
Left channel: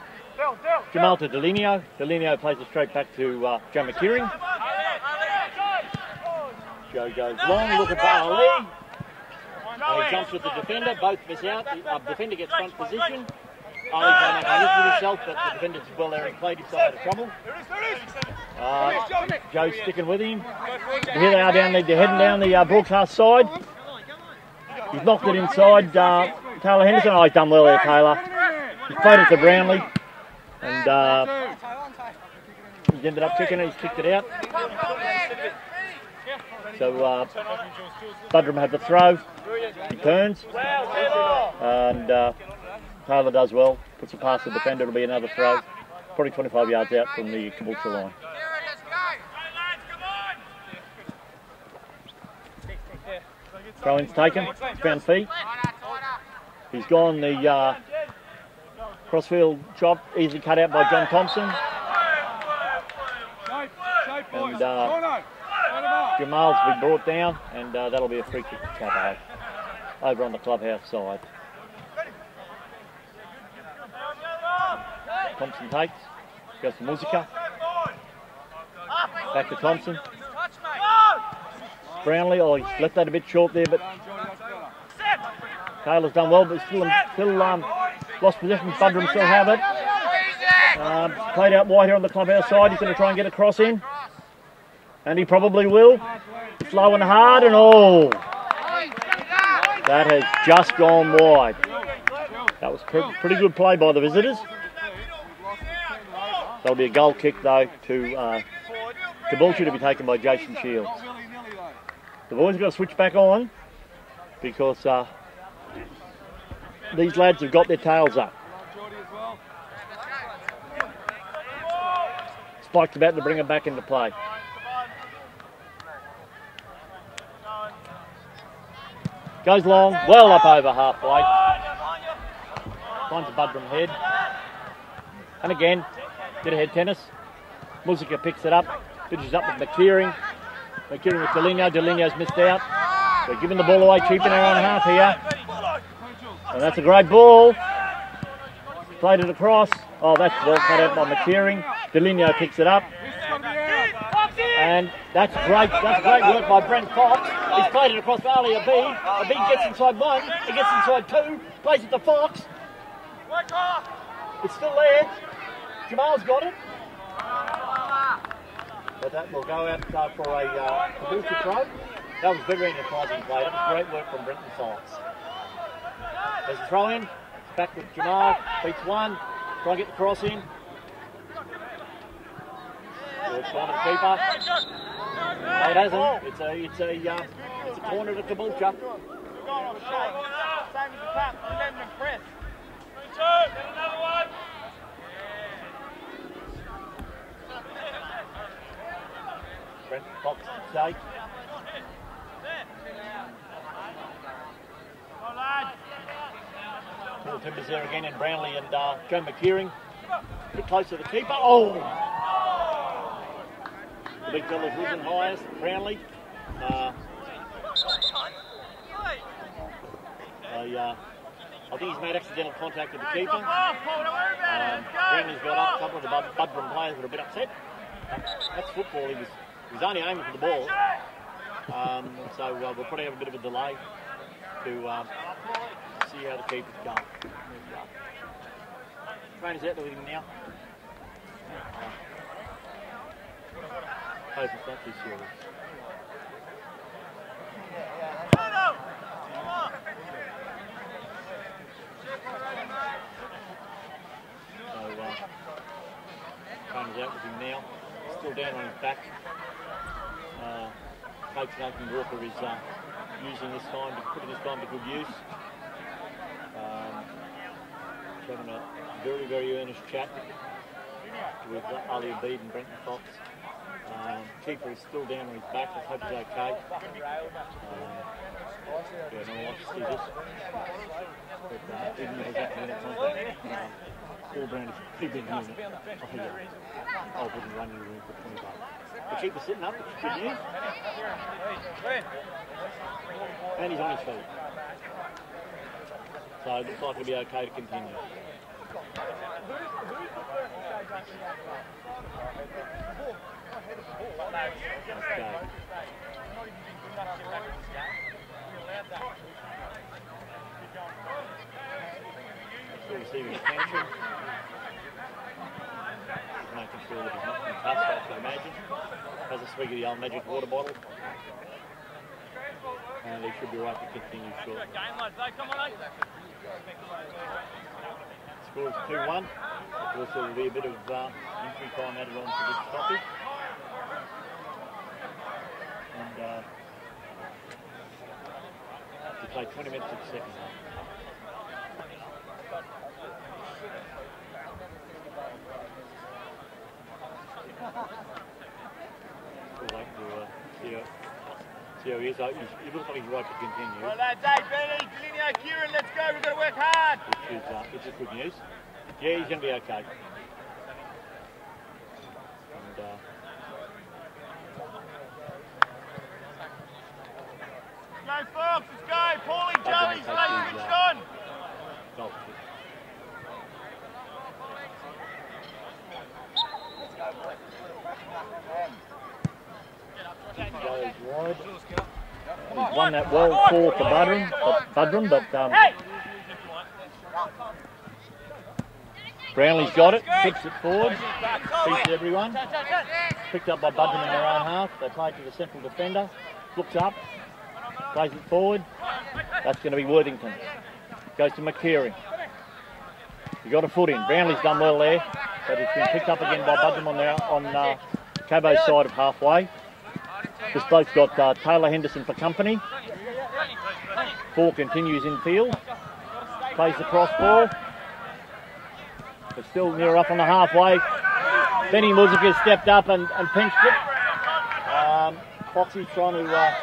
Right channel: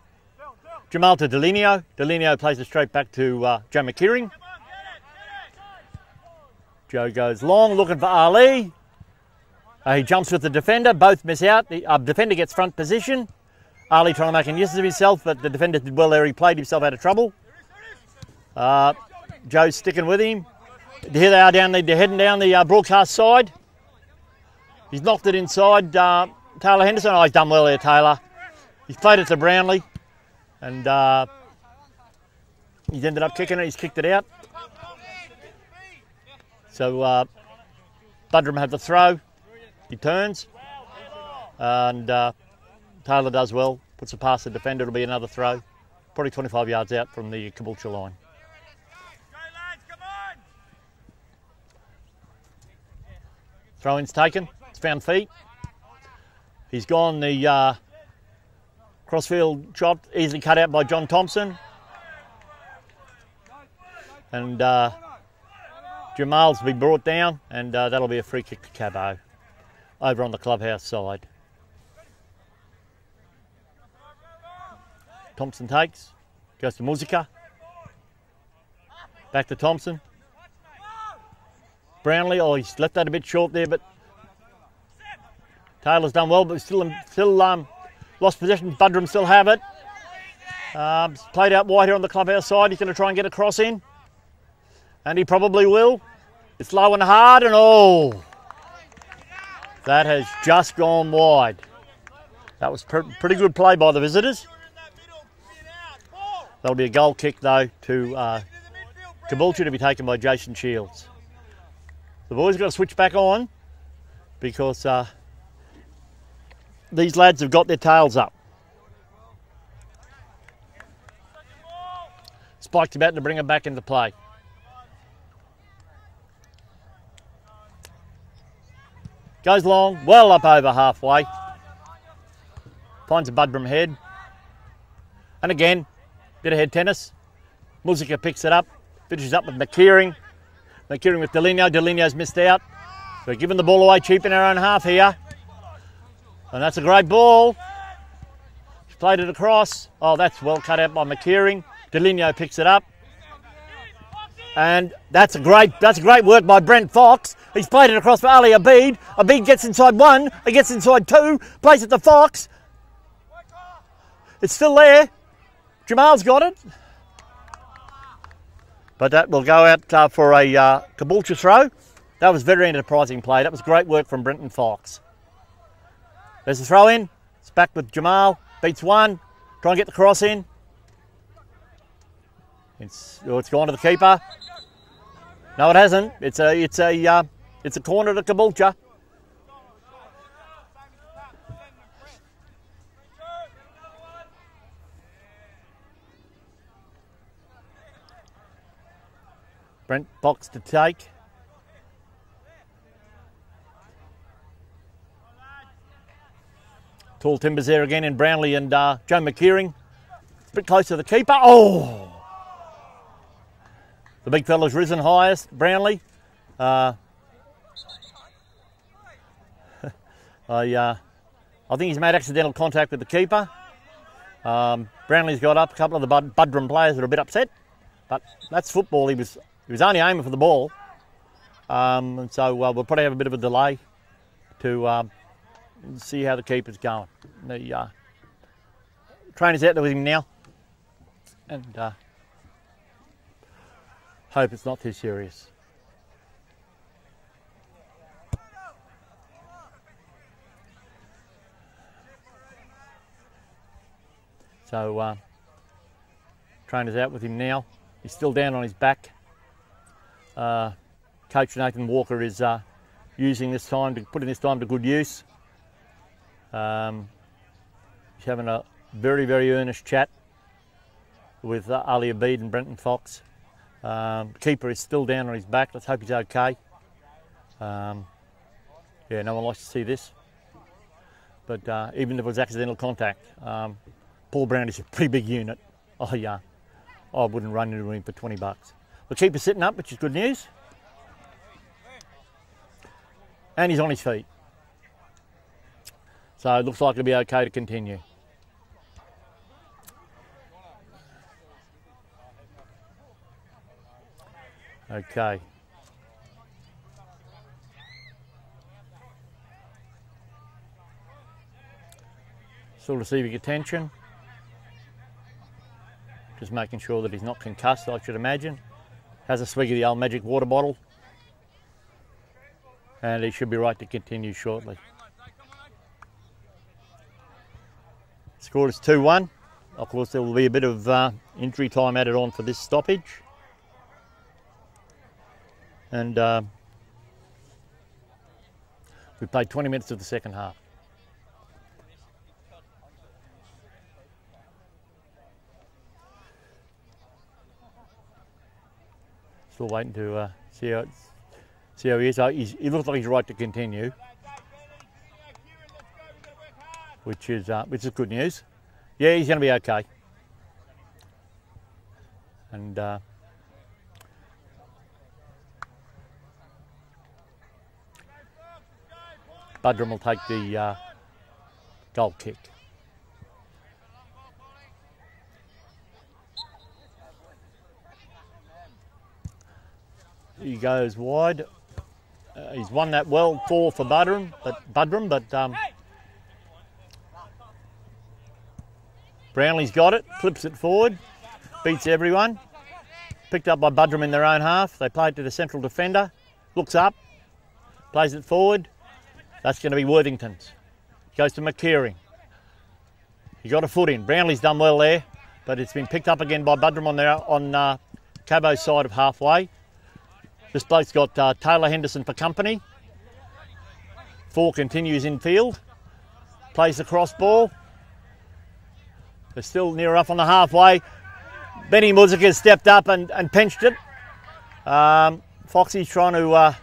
Jamal to Delinho. Delinho plays it straight back to Joe McKeering. Joe goes long, looking for Ali. He jumps with the defender. Both miss out. The defender gets front position. Ali trying to make an use of himself, but the defender did well there. He played himself out of trouble. Joe's sticking with him. Here they are down there, they're heading down the broadcast side. He's knocked it inside Taylor Henderson. Oh, he's done well there, Taylor. He's played it to Brownlee. And he's ended up kicking it. He's kicked it out. So Buderim have the throw. He turns. And Taylor does well. Puts it past the defender. It'll be another throw. Probably 25 yards out from the Caboolture line. Throw-in's taken. It's found feet. He's gone the crossfield shot, easily cut out by John Thompson. And Jamal's been brought down, and that'll be a free kick to Cabo over on the clubhouse side. Thompson takes, goes to Musica. Back to Thompson. Brownlee, oh, he's left that a bit short there, but Taylor's done well, but still lost possession. Buderim still have it. Played out wide here on the clubhouse side. He's going to try and get a cross in, and he probably will. It's low and hard, and oh, that has just gone wide. That was pretty good play by the visitors. That'll be a goal kick though to Caboolture, to be taken by Jason Shields. The boys have got to switch back on because these lads have got their tails up. Spike's about to bring it back into play. Goes long, well up over halfway. Finds a Buderim head. And again, bit of head tennis. Musica picks it up, finishes up with McKeering. McKeering with Delinho. Delinho's missed out. We're giving the ball away cheap in our own half here. And that's a great ball. Played it across. Oh, that's well cut out by McKeering. Delinho picks it up. And that's great work by Brent Fox. He's played it across for Ali Abid. Abid gets inside one. He gets inside two. Plays it to Fox. It's still there. Jamal's got it. But that will go out for a Caboolture throw. That was very enterprising play. That was great work from Brenton Fox. There's the throw in. It's back with Jamal. Beats one. Try and get the cross in. It's gone to the keeper. No, it hasn't. It's a corner to Caboolture. Brent Fox to take. Tall timbers there again in Brownlee and Joe McKeering. A bit close to the keeper. Oh! The big fella's risen highest, Brownlee. I think he's made accidental contact with the keeper. Brownlee's got up. A couple of the Buderim players are a bit upset. But that's football. He was only aiming for the ball. And so we'll probably have a bit of a delay to see how the keeper's going. The trainer's out there with him now. And hope it's not too serious. So trainer's out with him now. He's still down on his back. Coach Nathan Walker is putting this time to good use. He's having a very, very earnest chat with Ali Abid and Brenton Fox. Keeper is still down on his back. Let's hope he's okay. Yeah, no one likes to see this. But even if it was accidental contact, Paul Brown is a pretty big unit. Oh yeah, I wouldn't run into him for 20 bucks. The keeper's sitting up, which is good news. And he's on his feet. So it looks like it'll be okay to continue. Okay. Still receiving attention. Just making sure that he's not concussed, I should imagine. Has a swig of the old magic water bottle. And he should be right to continue shortly. Score is 2-1. Of course, there will be a bit of injury time added on for this stoppage. And we played 20 minutes of the second half. Still waiting to see how he is. He looks like he's right to continue. Which is good news. Yeah, he's going to be okay. And Buderim will take the goal kick. He goes wide. He's won that well for Buderim, but Brownlee's got it, flips it forward, beats everyone. Picked up by Buderim in their own half. They play it to the central defender, looks up, plays it forward. That's going to be Worthington's. Goes to McKeering. He got a foot in. Brownlee's done well there, but it's been picked up again by Buderim on Cabo's side of halfway. This bloke's got Taylor Henderson for company. 4 continues in field. Plays the cross ball. They're still near enough on the halfway. Benny Muzika stepped up and pinched it. Foxy's trying to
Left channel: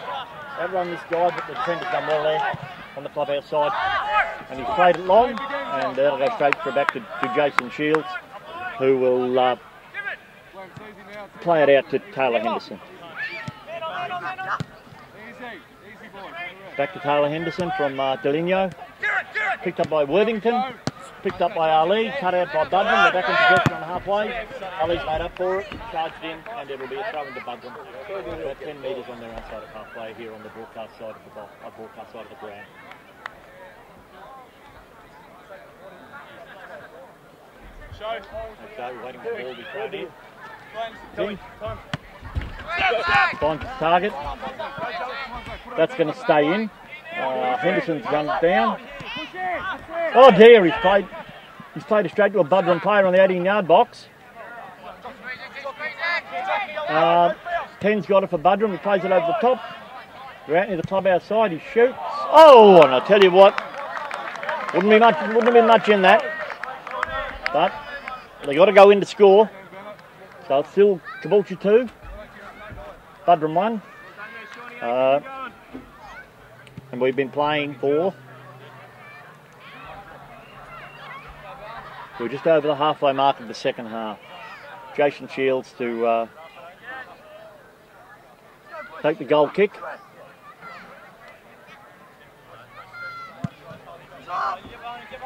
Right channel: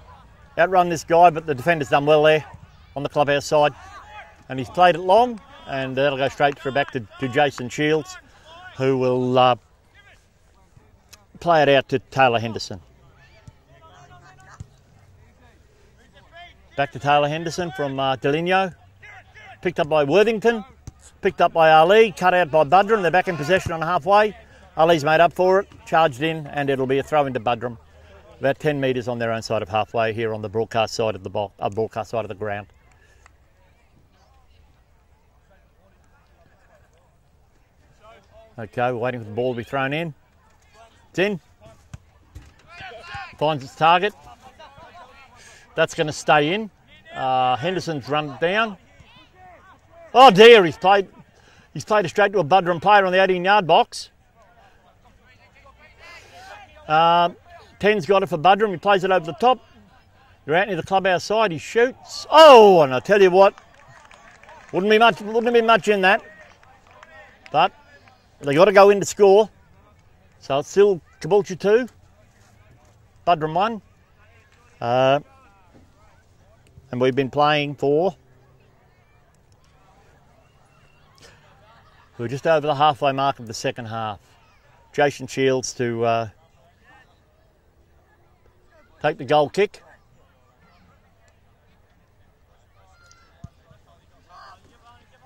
outrun this guy, but the defender's done well there on the clubhouse side. And he's played it long, and that'll go straight back to Jason Shields, who will play it out to Taylor Henderson. Back to Taylor Henderson from Deligno. Picked up by Worthington. Picked up by Ali. Cut out by Buderim. They're back in possession on halfway. Ali's made up for it. Charged in, and it'll be a throw into Buderim. About 10 metres on their own side of halfway here on the broadcast side of the broadcast side of the ground. Okay, we're waiting for the ball to be thrown in. It's in. finds his target. That's going to stay in. Henderson's run it down. Oh dear, he's played it straight to a Buderim player on the 18-yard box. 10's got it for Buderim. He plays it over the top. They're out near the clubhouse side. He shoots. Oh, and I tell you what, wouldn't be much in that. But they got to go in to score. So it's still Caboolture 2, Buderim 1. And we've been playing for, we're just over the halfway mark of the second half. Jason Shields to take the goal kick.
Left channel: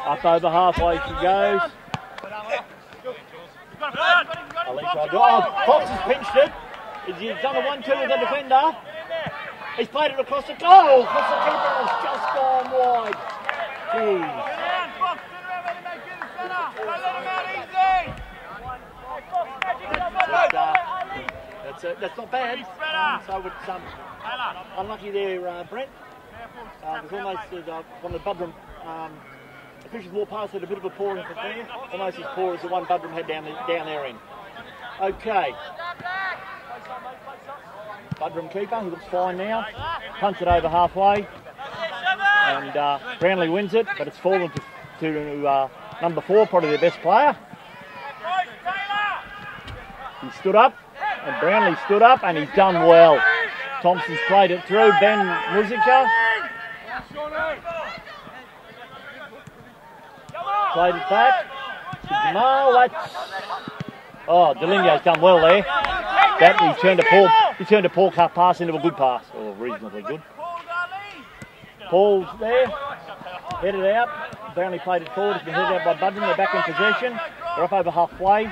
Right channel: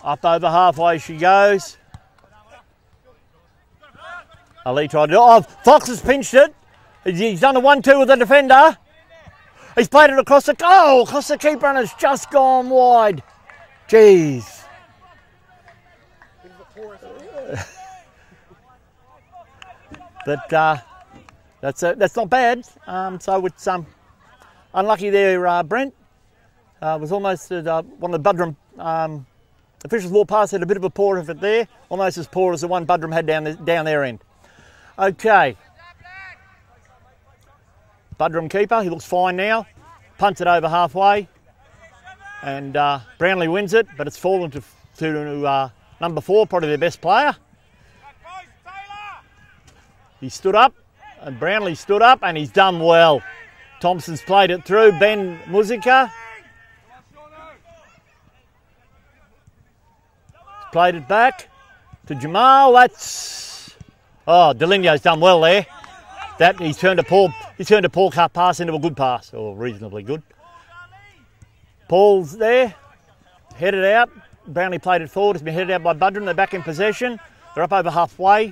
Up over halfway she goes. Ali tried to do. Oh, Fox has pinched it. He's done a 1-2 with the defender. He's played it across the goal. Across the keeper and it's just gone wide. Jeez. That's not bad. So it's unlucky there, Brent. Was almost one of the Buderim officials walked past, had a bit of a pour of it there, almost as poor as the one Buderim had down their end. Okay. Buderim keeper, he looks fine now. Punts it over halfway, and Brownlee wins it, but it's fallen to number 4, probably their best player. He stood up, and Brownlee stood up, and he's done well. Thompson's played it through. Ben Musica played it back to Jamal. Delinio's done well there. He's turned a Paul cut pass into a good pass, or reasonably good. Paul's there, headed out. Brownlee played it forward. It's been headed out by Buderim. They're back in possession. They're up over halfway.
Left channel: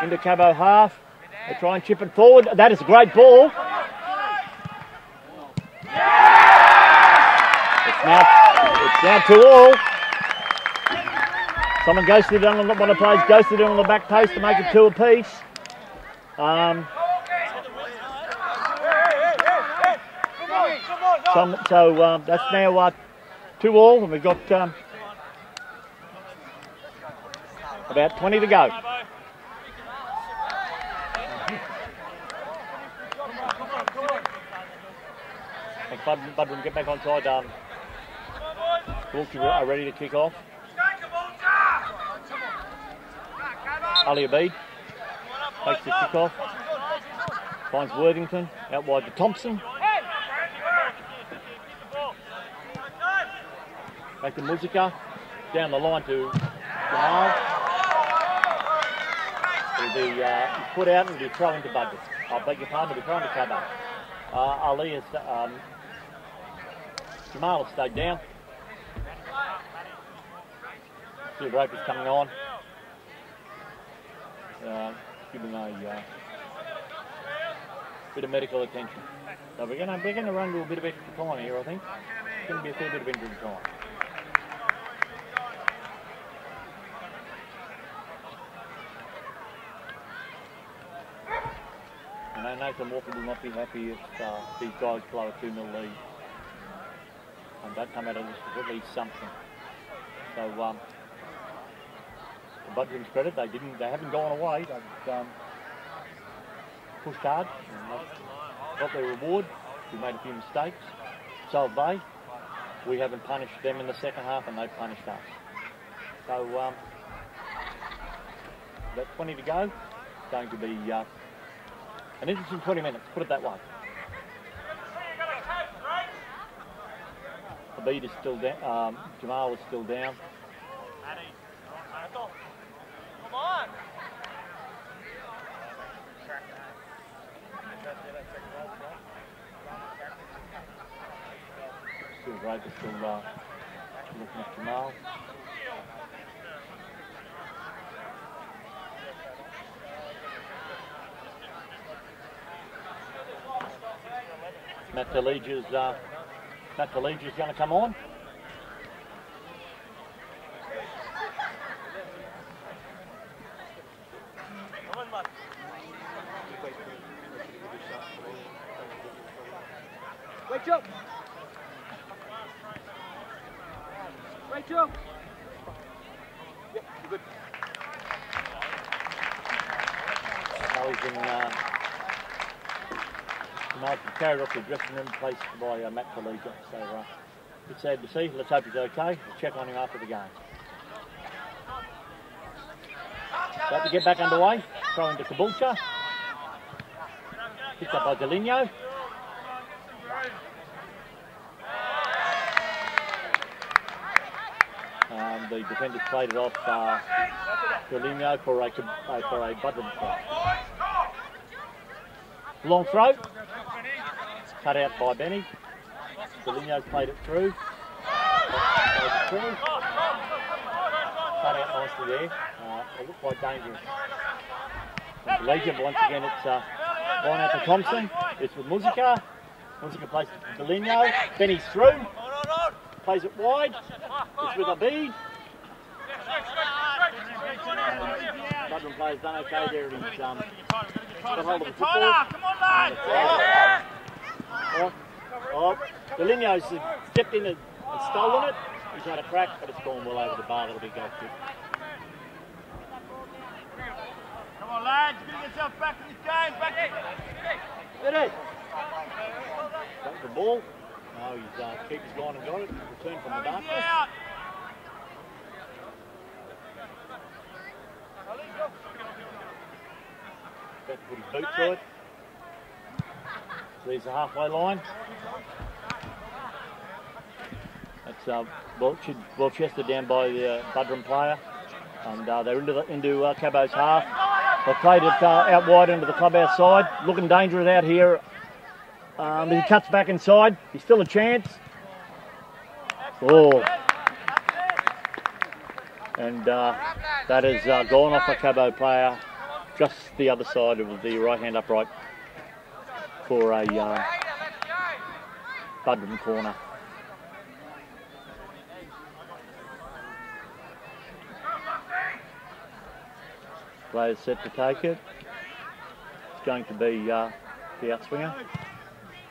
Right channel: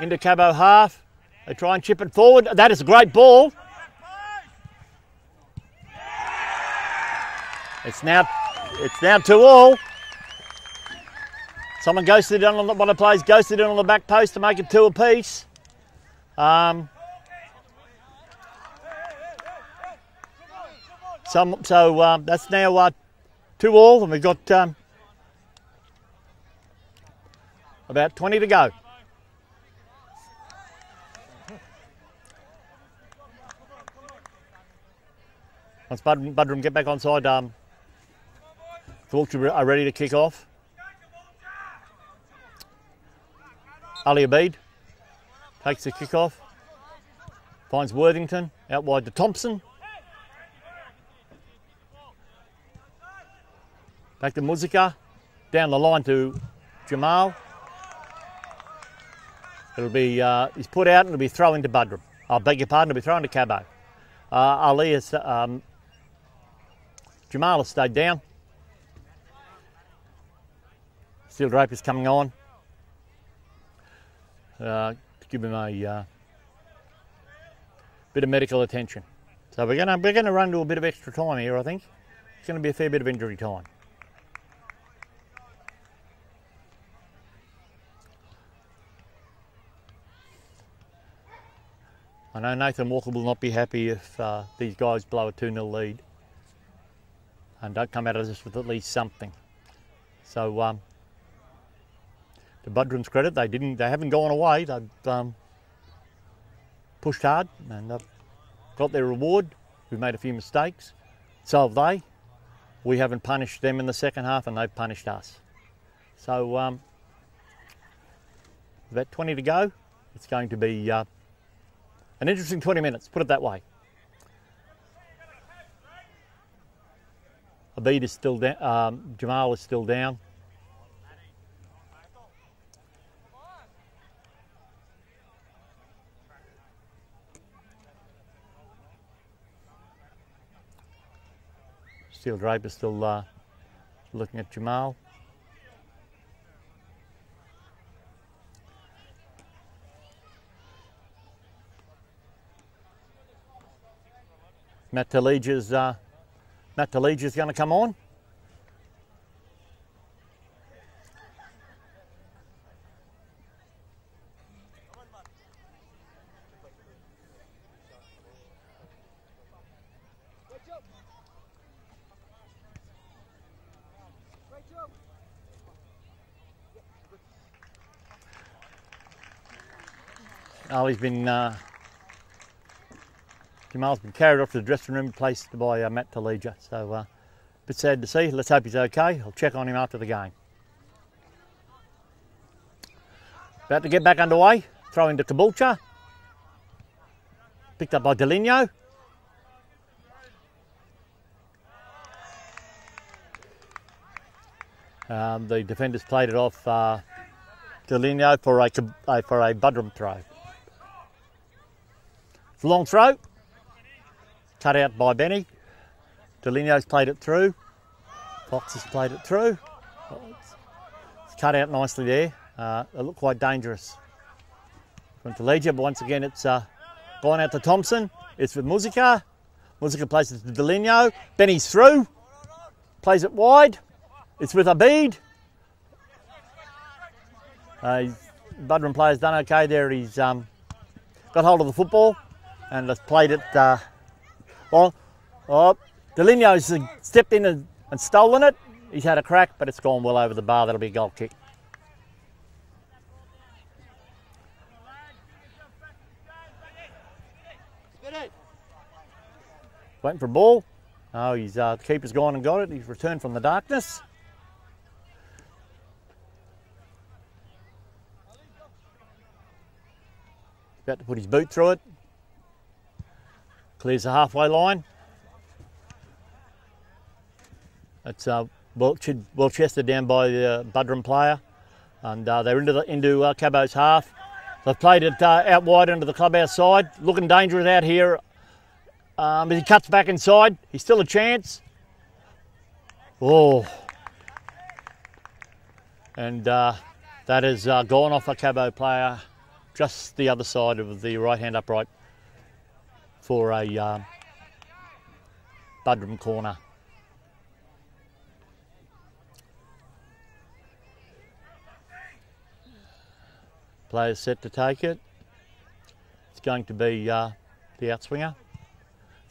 Into Cabo half. They try and chip it forward. That is a great ball. It's now 2-2. Someone ghosted it on one of the players, ghosted it on the back post to make it 2 apiece. So that's now 2-2, and we've got about 20 to go. Once Buderim get back on side, Caboolture are ready to kick off. Ali Abid takes the kick off, finds Worthington out wide to Thompson. Back to Musica, down the line to Jamal. It'll be he's put out and it'll be thrown into Buderim. I beg your pardon, it'll be thrown to Cabo. Ali has Jamal has stayed down. Steel Drape is coming on. Give him a bit of medical attention. So we're gonna run to a bit of extra time here. I think it's going to be a fair bit of injury time. I know Nathan Walker will not be happy if these guys blow a 2-0 lead and don't come out of this with at least something. So to Buderim's credit, they haven't gone away. They've pushed hard and they've got their reward. We've made a few mistakes. So have they. We haven't punished them in the second half and they've punished us. So about 20 to go. It's going to be an interesting 20 minutes, put it that way. Abid is still down, Jamal is still down. Steel Drape is still looking at Jamal. Matt Taleja's going to come on. Oh, he's been carried off to the dressing room, placed by Matt Talija. So a bit sad to see. Let's hope he's okay. I'll check on him after the game. About to get back underway. Throw into Caboolture. Picked up by Deligno. The defenders played it off Deligno for a Buderim throw. It's a long throw. Cut out by Benny. Deligno's played it through. Fox has played it through. It's cut out nicely there. It looked quite dangerous. Went to Legia, but once again it's gone out to Thompson. It's with Musica. Musica plays it to Deligno. Benny's through. Plays it wide. It's with Abid. Buderim player's done okay there. He's got hold of the football and has played it. Deligno's stepped in and stolen it. He's had a crack, but it's gone well over the bar. That'll be a goal kick. Come on, lads, get yourself back in this game. Waiting for a ball. Oh, his keeper's gone and got it. He's returned from the darkness. About to put his boot through it. Clears the halfway line. That's well chested down by the Buderim player. And they're into Cabo's half. They've played it out wide into the clubhouse side. Looking dangerous out here. But he cuts back inside. He's still a chance. Oh. And that has gone off a Cabo player just the other side of the right-hand upright for a Buderim corner. Players set to take it. It's going to be the outswinger.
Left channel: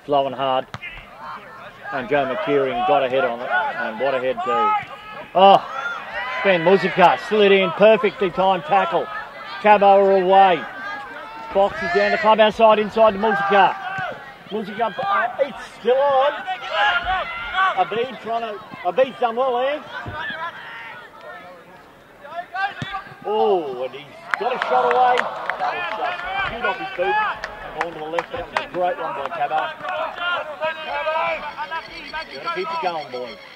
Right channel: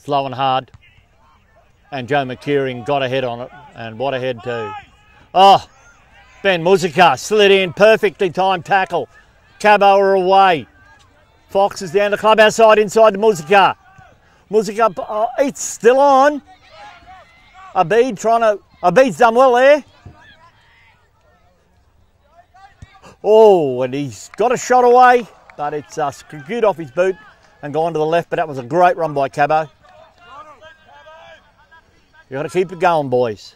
Slow and hard. And Joe McKeering got ahead on it. And what a head too. Oh, Ben Musica slid in. Perfectly timed tackle. Cabo are away. Fox is down the clubhouse side inside to Musica. Musica, it's still on. Abid's done well there. Oh, and he's got a shot away, but it's skewed off his boot and gone to the left, but that was a great run by Cabo. You've got to keep it going, boys.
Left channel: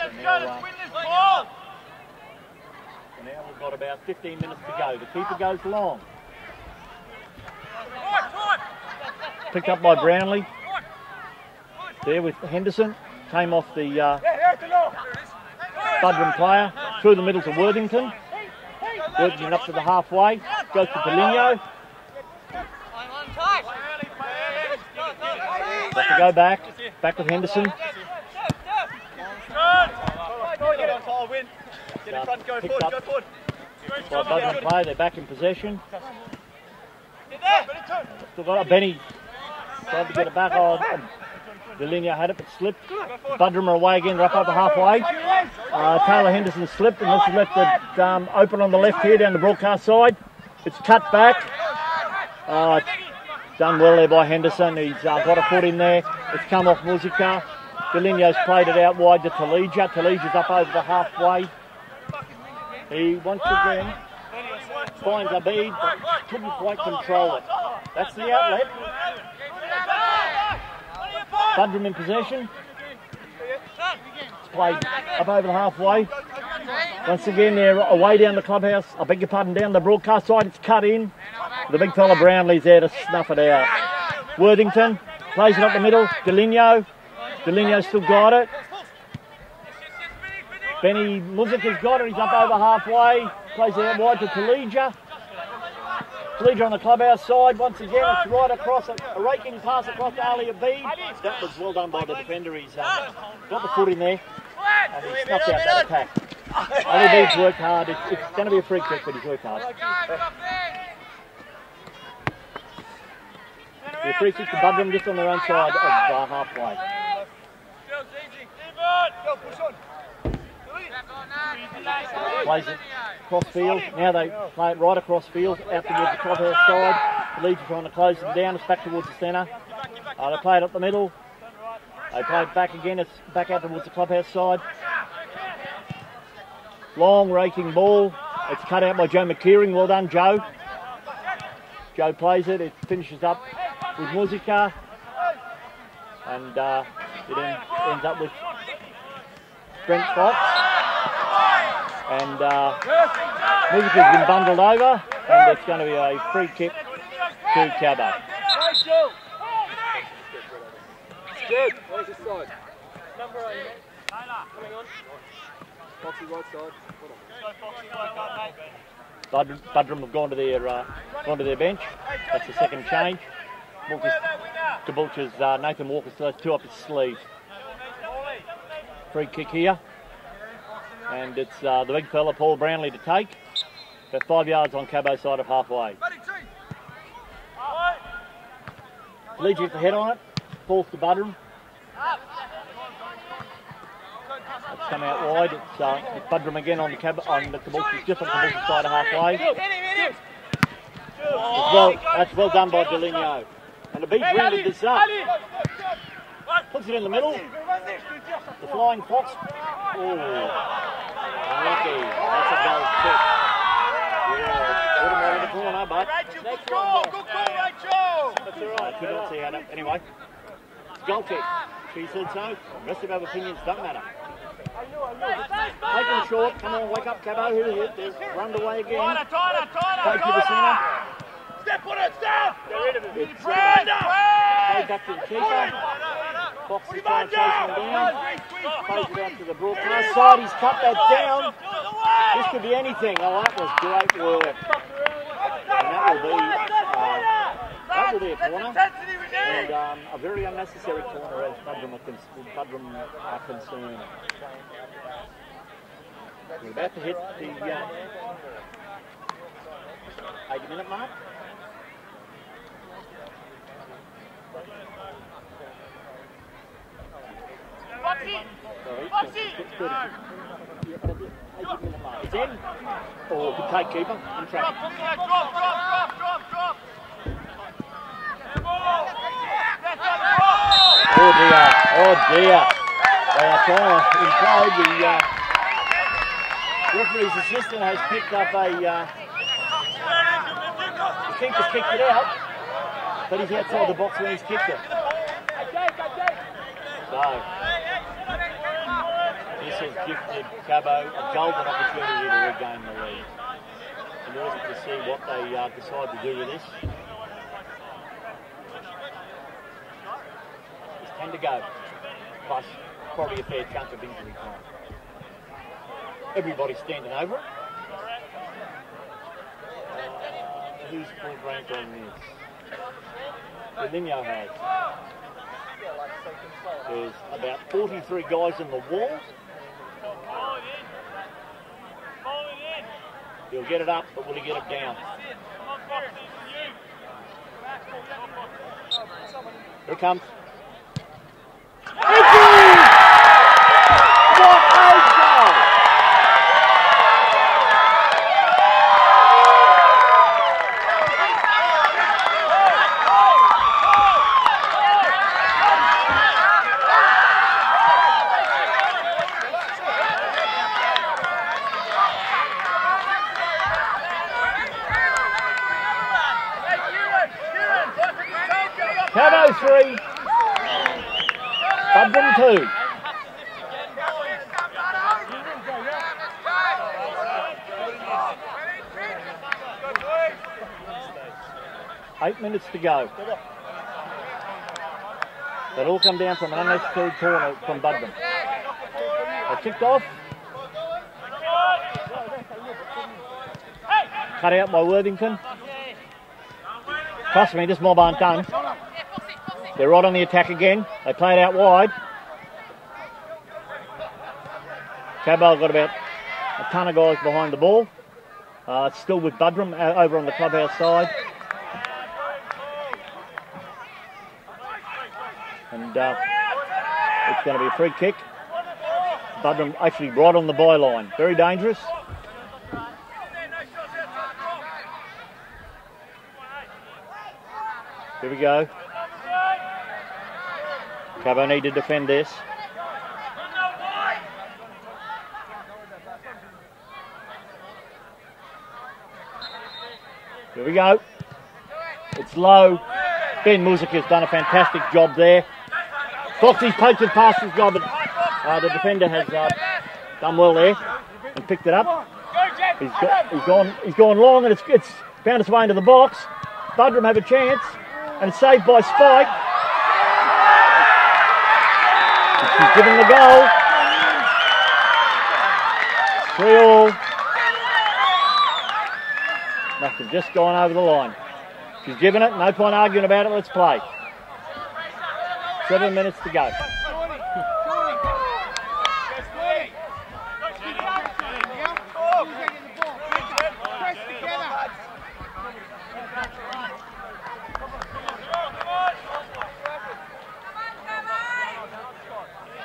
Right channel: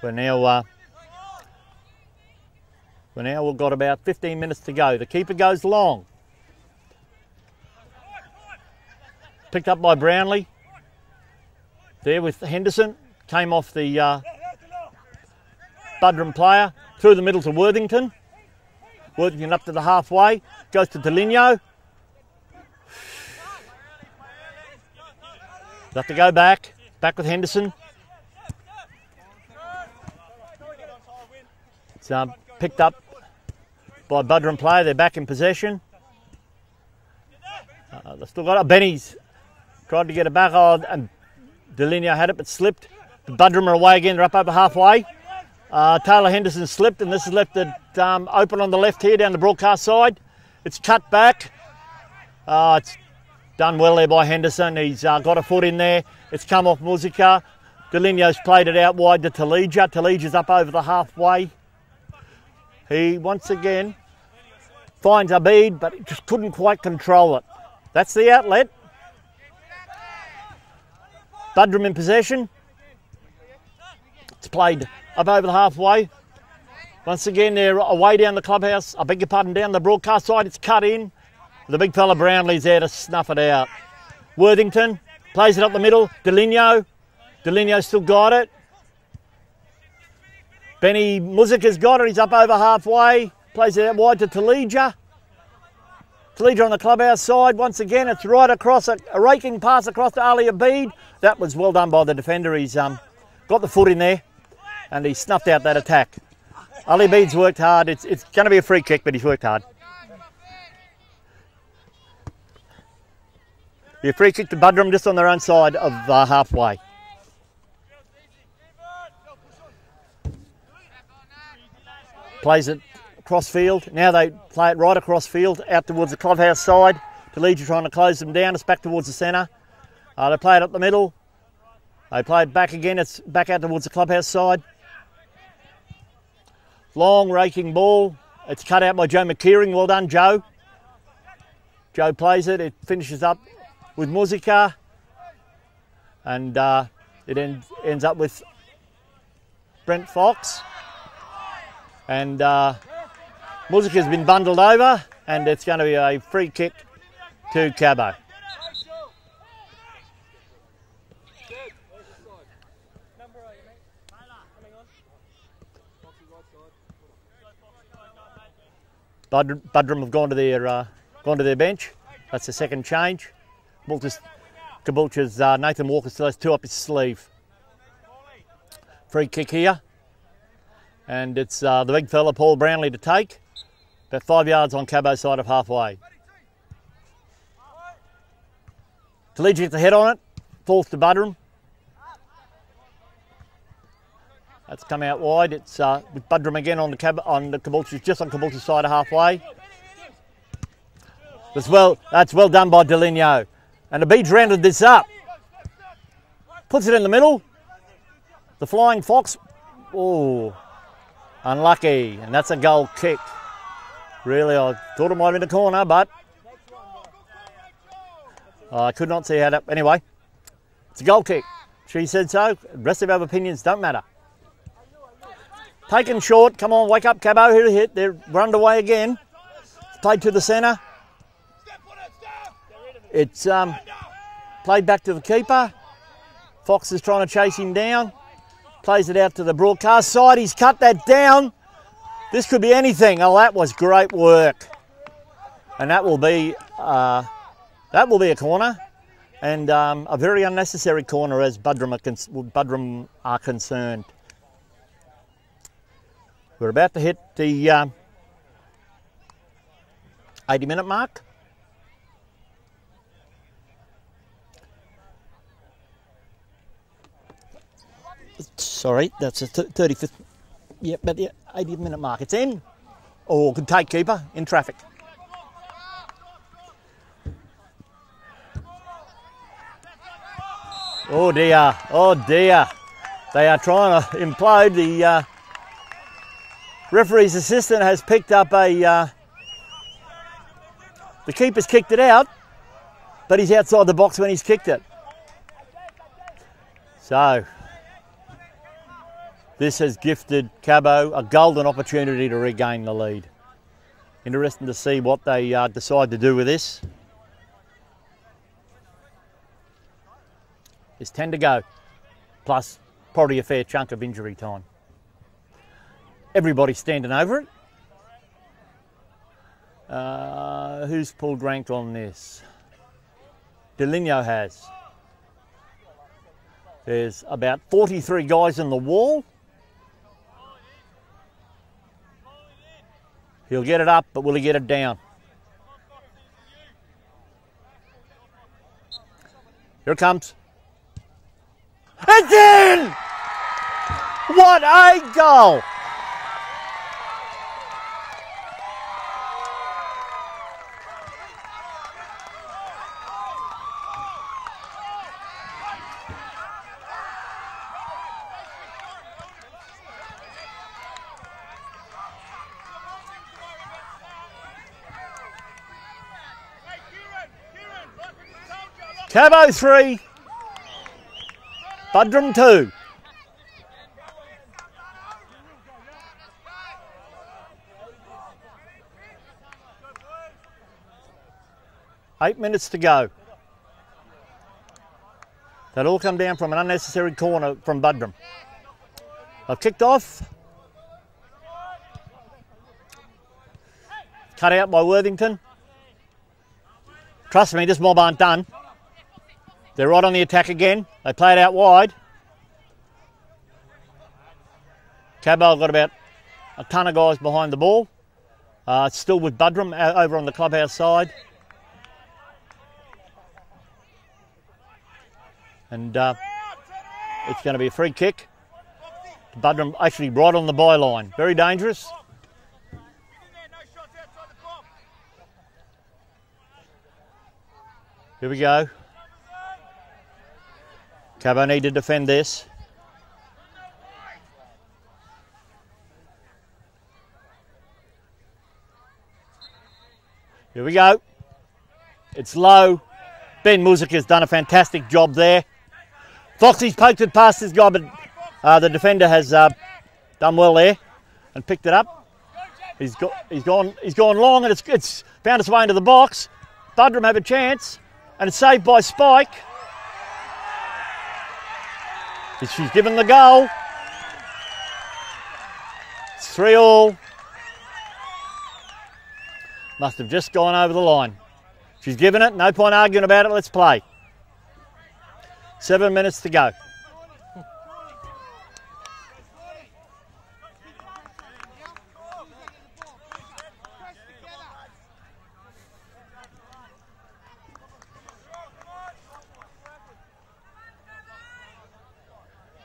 So now we've got about 15 minutes to go. The keeper goes long. Picked up by Brownlee. There with Henderson. Came off the Buderim player. Through the middle to Worthington. Worthington up to the halfway. Goes to Deligno. Have to go back. Back with Henderson. It's picked up by Buderim player. They're back in possession. They've still got it. Benny's tried to get it back on. And Deligno had it but slipped. Buderim are away again. They're up over halfway. Taylor Henderson slipped and this has left it open on the left here down the broadcast side. It's cut back. It's done well there by Henderson. He's got a foot in there. It's come off Musica. Deligno's played it out wide to Talija. Talija's up over the halfway. He once again finds Abid, but just couldn't quite control it. That's the outlet. Buderim in possession. It's played up over the halfway. Once again, they're away down the clubhouse. I beg your pardon, down the broadcast side. It's cut in. The big fella Brownlee's there to snuff it out. Worthington plays it up the middle. Deligno. Deligno's still got it. Benny Musica's got it. He's up over halfway. Plays it out wide to Talija. Talija on the clubhouse side. Once again, it's right across, a raking pass across to Ali Abid. That was well done by the defender. He's got the foot in there and he snuffed out that attack. Ali Abid's worked hard. It's going to be a free kick, but he's worked hard. The free kick to Buderim just on their own side of halfway. Plays it cross field. Now they play it right across field out towards the clubhouse side. The Leeds are trying to close them down. It's back towards the centre. They play it up the middle. They play it back again. It's back out towards the clubhouse side. Long raking ball. It's cut out by Joe McKeering. Well done, Joe. Joe plays it. It finishes up with Muzika. And it ends up with Brent Fox. And Muzika's been bundled over. And it's going to be a free kick to Cabo. Good. Where's this side? Number 8. Coming on. Foxy right side. Buderim have gone to their bench. That's the second change. Caboolture's Nathan Walker still has 2 up his sleeve. Free kick here. And it's the big fella, Paul Brownlee, to take. About 5 yards on Cabo's side of halfway. Taligi gets the head on it. Falls to Buderim. That's come out wide. It's with Buderim again on the Caboolture, just on Caboolture's side of halfway. That's well done by Deligno. And the Beads rounded this up. Puts it in the middle. The flying fox. Oh, unlucky. And that's a goal kick. Really, I thought it might be the corner, but I could not see how that. Anyway, it's a goal kick. She said so. The rest of our opinions don't matter. Taken short. Come on, wake up, Cabo. Here to hit. They're run away again. Played to the centre. It's played back to the keeper. Fox is trying to chase him down. Plays it out to the broadcast side. He's cut that down. This could be anything. Oh, that was great work. And that will be a corner. And a very unnecessary corner as Buderim are concerned. We're about to hit the 80-minute mark. Sorry, that's a 35th. Yeah, but the 80-minute mark. It's in. Oh, good take, keeper, in traffic. Oh dear, oh dear. They are trying to implode. The referee's assistant has picked up the keeper's kicked it out, but he's outside the box when he's kicked it. So, this has gifted Cabo a golden opportunity to regain the lead. Interesting to see what they decide to do with this. There's 10 to go, plus probably a fair chunk of injury time. Everybody's standing over it. Who's pulled rank on this? Deligno has. There's about 43 guys in the wall. He'll get it up, but will he get it down? Here it comes. Again! What a goal! Cabo 3, Buderim 2. Eight minutes to go. That all come down from an unnecessary corner from Buderim. I kicked off. Cut out by Worthington. Trust me, this mob aren't done. They're right on the attack again. They play it out wide. Cabo got about a ton of guys behind the ball. Still with Buderim over on the clubhouse side. And it's going to be a free kick. Buderim actually right on the byline. Very dangerous. Here we go. Cabo need to defend this. Here we go. It's low. Ben Muzik has done a fantastic job there. Foxy's poked it past his guy, but the defender has done well there and picked it up. He's gone long, and it's found its way into the box. Buderim have a chance, and it's saved by Spike. And she's given the goal. It's 3-3. Must have just gone over the line. She's given it, no point arguing about it, let's play. 7 minutes to go.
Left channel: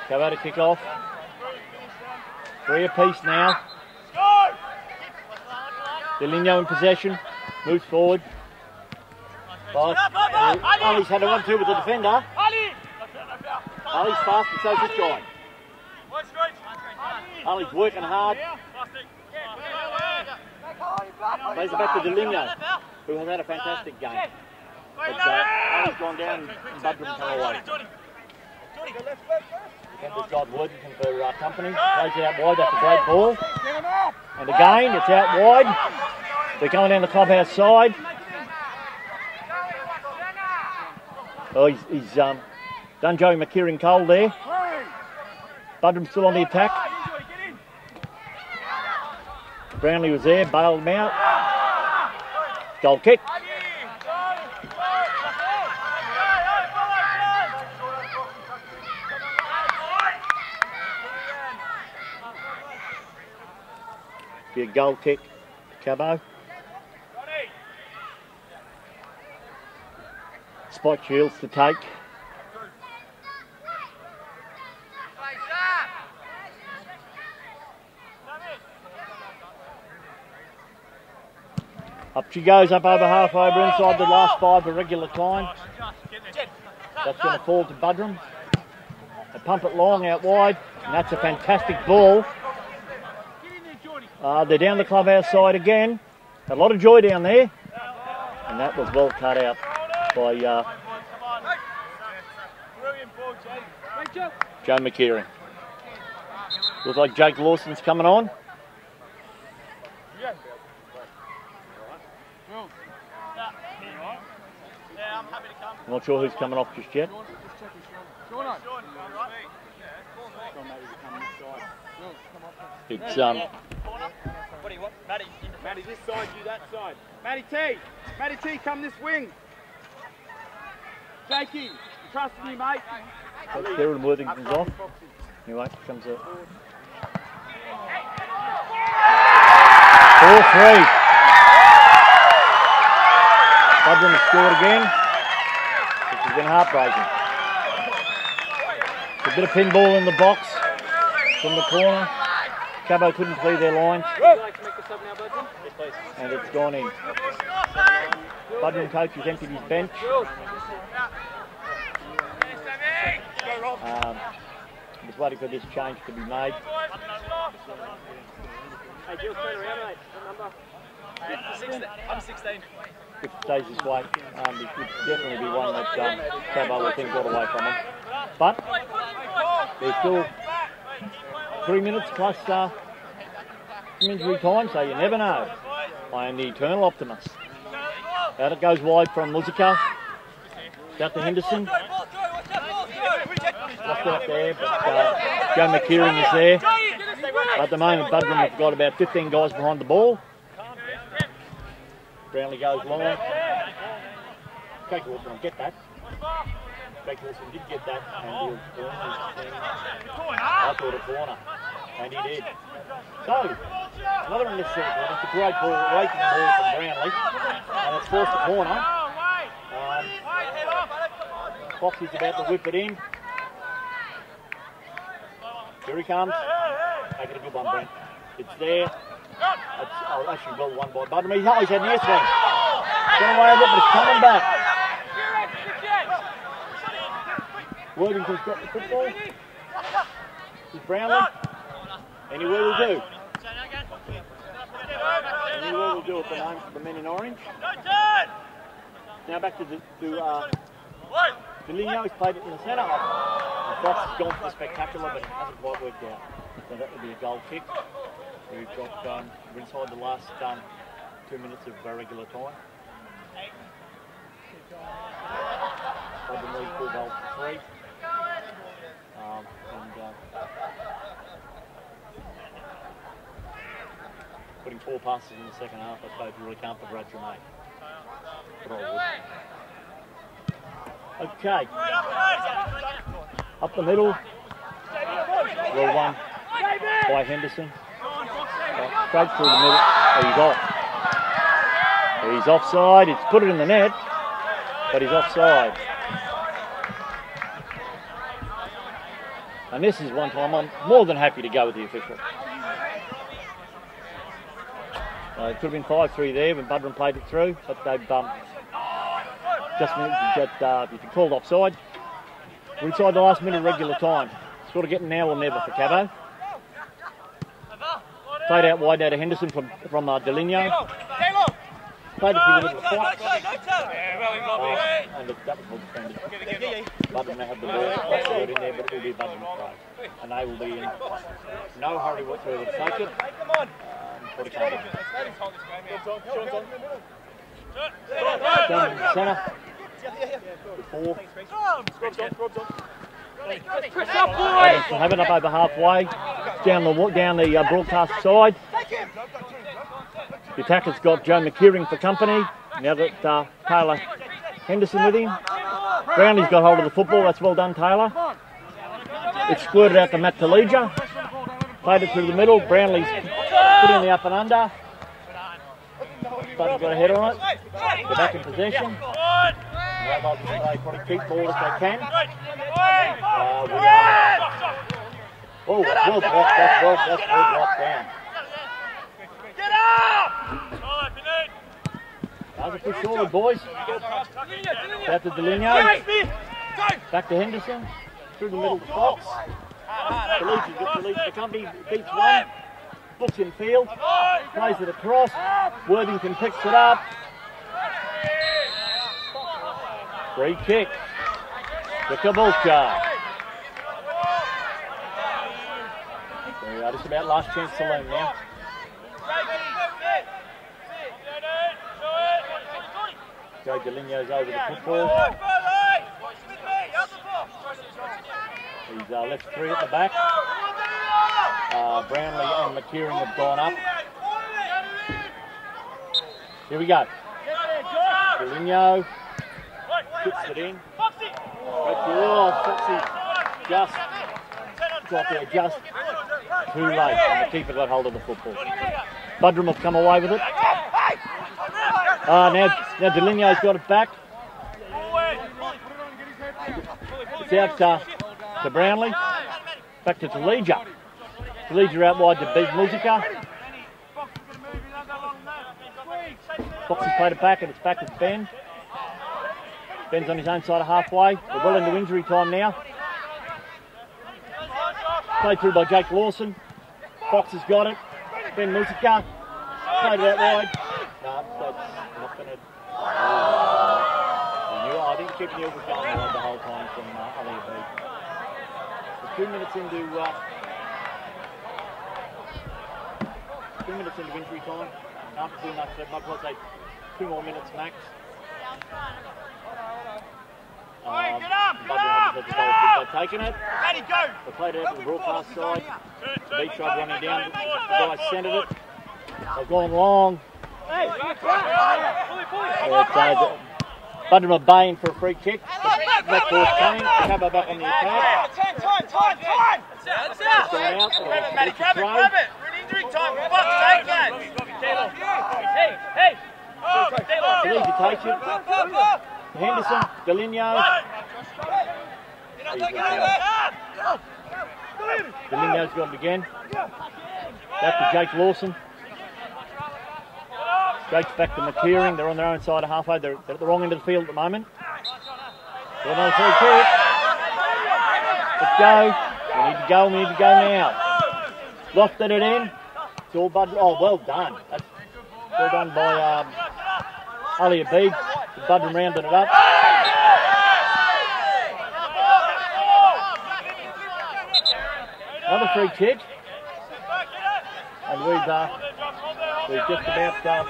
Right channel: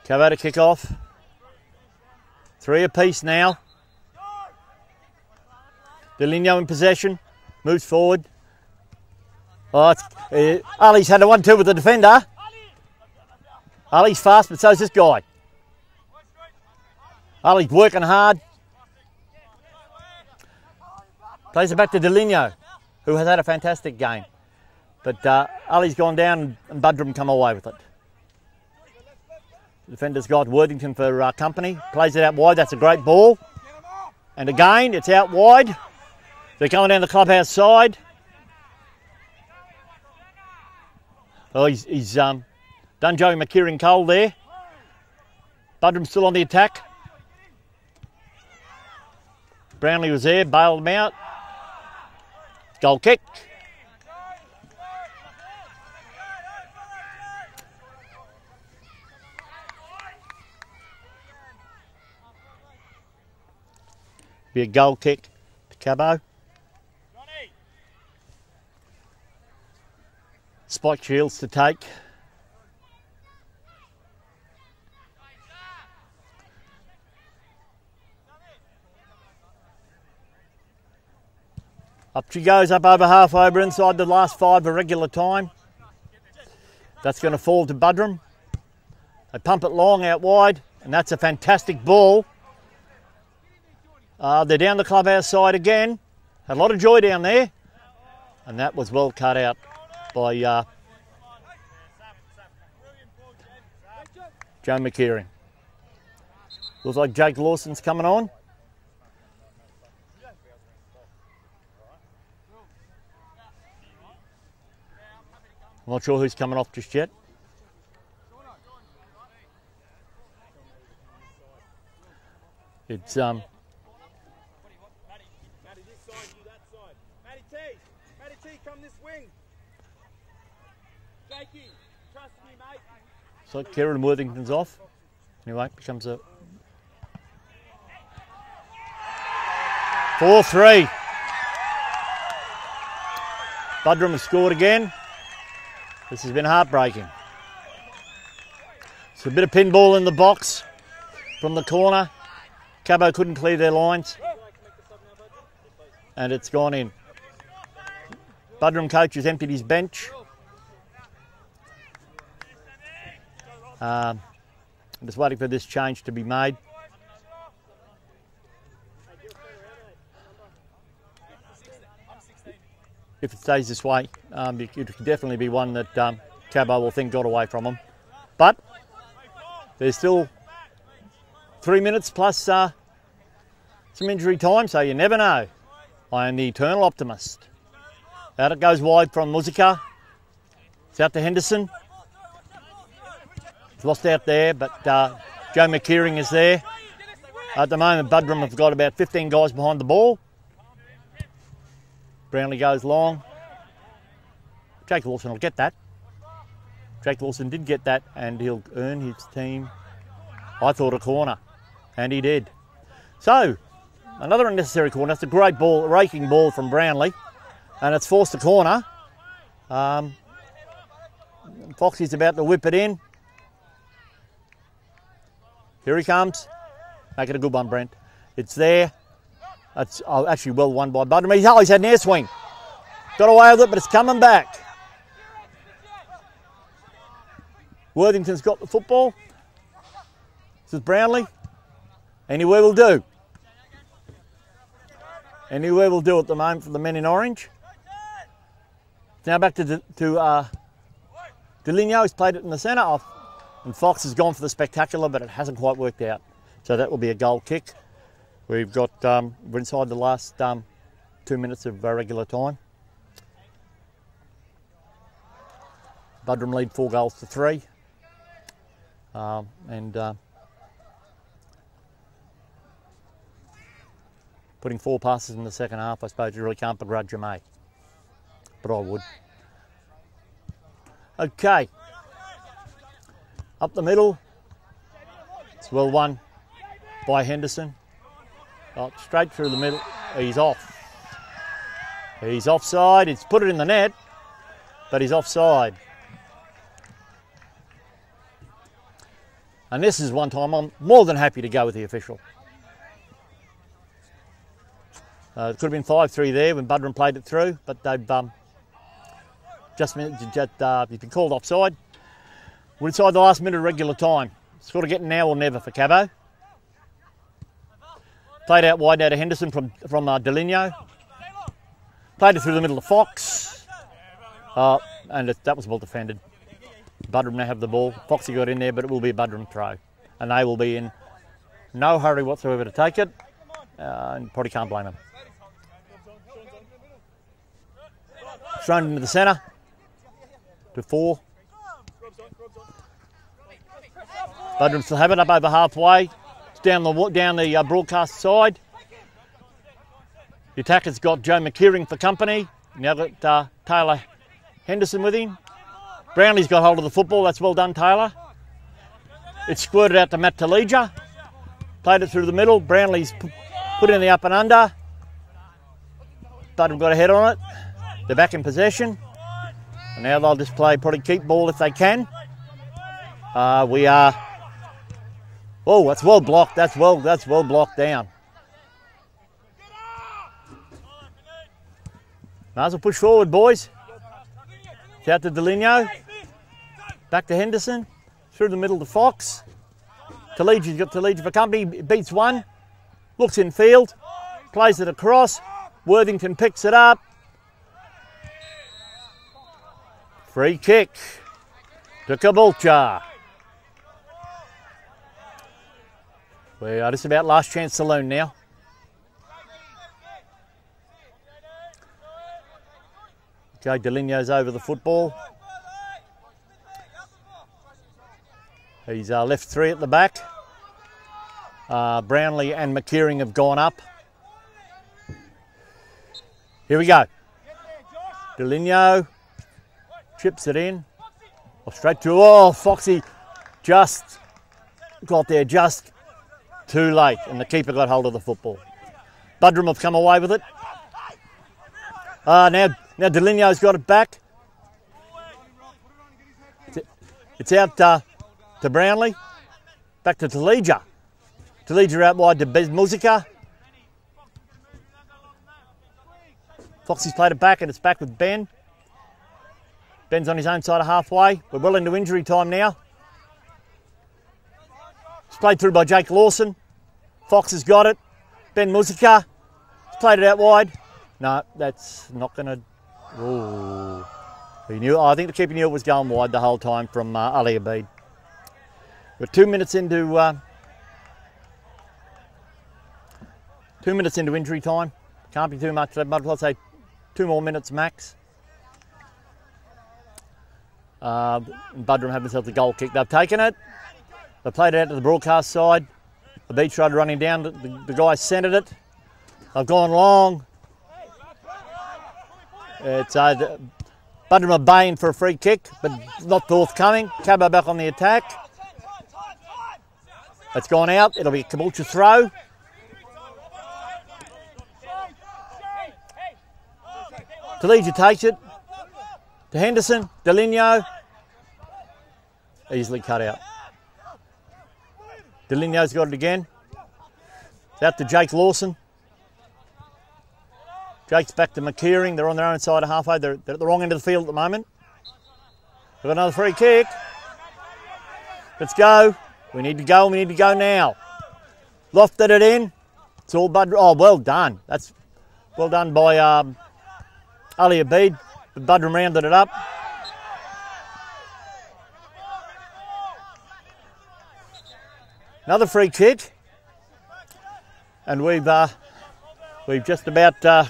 Cabo to kick off. 3 apiece now. Delinho in possession, moves forward. Oh, Ali's had a 1-2 with the defender. Ali's fast, but so's this guy. Ali's working hard. Plays it back to Delinho, who has had a fantastic game. But Ali's gone down and Buderim come away with it. Defender's got Worthington for company. Plays it out wide, that's a great ball. And again, it's out wide. They're coming down the clubhouse side. Oh, he's done Joey McKeering Cole there. Buderim still on the attack. Brownlee was there, bailed him out. Goal kick. Be a goal kick to Cabo. Spike Shields to take. Up she goes, up over half over inside the last 5 of regular time. That's going to fall to Buderim. They pump it long out wide, and that's a fantastic ball. They're down the clubhouse side again. Had a lot of joy down there. And that was well cut out by Joe McKeering. Looks like Jake Lawson's coming on. Not sure who's coming off just yet. It's What do you want? Matty, this side, you that side. Matty T, come this wing. Jakey, trust me, mate. so Kieran Worthington's off. Anyway, comes up. 4-3. Buderim has scored again. This has been heartbreaking. It's a bit of pinball in the box from the corner. Cabo couldn't clear their lines. And it's gone in. Buderim coach has emptied his bench. Just waiting for this change to be made. If it stays this way, it could definitely be one that Cabo will think got away from them. But there's still 3 minutes plus some injury time, so you never know. I am the eternal optimist. Out it goes wide from Muzica. It's out to Henderson. It's lost out there, but Joe McKeering is there. At the moment, Buderim have got about 15 guys behind the ball. Brownlee goes long. Jake Lawson will get that. Jake Lawson did get that, and he'll earn his team, I thought, a corner. And he did. So, another unnecessary corner. That's a great ball, raking ball from Brownlee. And it's forced a corner. Foxy's about to whip it in. Here he comes. Make it a good one, Brent. It's there. That's actually well won by Buderim. He's had an air swing. Got away with it, but it's coming back. Worthington's got the football. This is Brownlee. Anywhere will do. Anywhere will do at the moment for the men in orange. Now back to Deligno. He's played it in the centre. And Fox has gone for the spectacular, but it hasn't quite worked out. So that will be a goal kick. We've got, we're inside the last 2 minutes of regular time. Buderim lead 4 goals to 3. Putting 4 passes in the second half, I suppose you really can't begrudge you, mate. But I would. Okay. Up the middle. It's well won by Henderson. Straight through the middle. He's off. He's offside. It's put it in the net, but he's offside. And this is one time I'm more than happy to go with the official. It could have been 5-3 there when Buderim played it through, but they've just been called offside. We're inside the last minute of regular time. Sort of getting now or never for Cabo. Played out wide now to Henderson from Deligno. Played it through the middle of Fox. And that was well defended. Buderim now have the ball. Foxy got in there, but it will be a Buderim throw. And they will be in no hurry whatsoever to take it. And probably can't blame them. Thrown into the centre. Before. Buderim still have it up over halfway. Down the broadcast side. The attacker's got Joe McKeering for company. Now got Taylor Henderson with him. Brownlee's got hold of the football. That's well done, Taylor. It's squirted out to Matt Talija. Played it through the middle. Brownlee's put in the up and under. Buderim got a head on it. They're back in possession. Now they'll just play, probably keep ball if they can. We are. Oh, that's well blocked. That's well blocked down. Might as well push forward, boys. Out to Deligno. Back to Henderson. Through the middle to Fox. Talligi's got Tallige for company. Beats one. Looks in field. Plays it across. Worthington picks it up. Free kick. The Caboolture. We are just about last chance saloon now. Joe Deligno's over the football. He's left 3 at the back. Brownlee and McKeering have gone up. Here we go. Deligno chips it in. Straight to, Foxy just got there just too late, and the keeper got hold of the football. Buderim have come away with it. Now Deligno's got it back. It's out to Brownlee. Back to Talija. Talija out wide to Bez Musica. Foxy's played it back, and it's back with Ben. Ben's on his own side of halfway. We're well into injury time now. It's played through by Jake Lawson. Fox has got it. Ben Musica. Played it out wide. No, that's not going to... I think the keeper knew it was going wide the whole time from Ali Abid. We're 2 minutes into... 2 minutes into injury time. Can't be too much. I'll say 2 more minutes max. Buderim have themselves a goal kick. They've taken it. They played it out to the broadcast side. The beach tried running down. The guy centred it. They've gone long. It's Buderim are baying for a free kick, but not forthcoming. Cabo back on the attack. It's gone out. It'll be a Caboolture throw. Talija takes it to Henderson. Deligno. easily cut out. Deligno's got it again. Out to Jake Lawson. Jake's back to McKeering. They're on their own side of halfway. They're at the wrong end of the field at the moment. Got another free kick. Let's go. We need to go. We need to go now. Lofted it in. It's all Bud. Oh, well done. That's well done by Ali Abid. Buderim rounded it up. Another free kick. And we've just about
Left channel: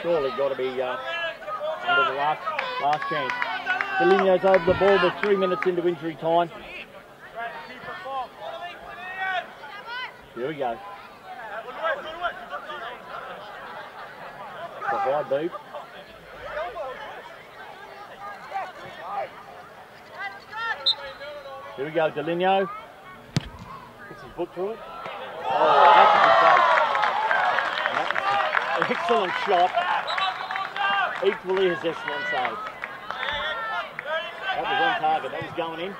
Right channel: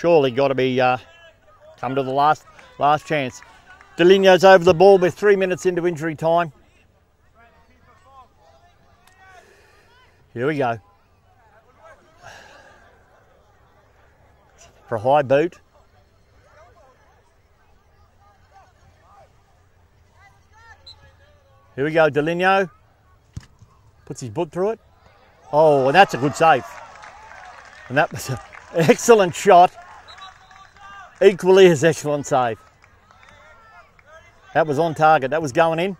surely got to be come to the last chance. Deligno's over the ball with 3 minutes into injury time. Here we go. For a high boot. Here we go, Deligno. Puts his boot through it. Oh, well, that's a good save. And that was an excellent shot. Equally as excellent save. That was on target. That was going in.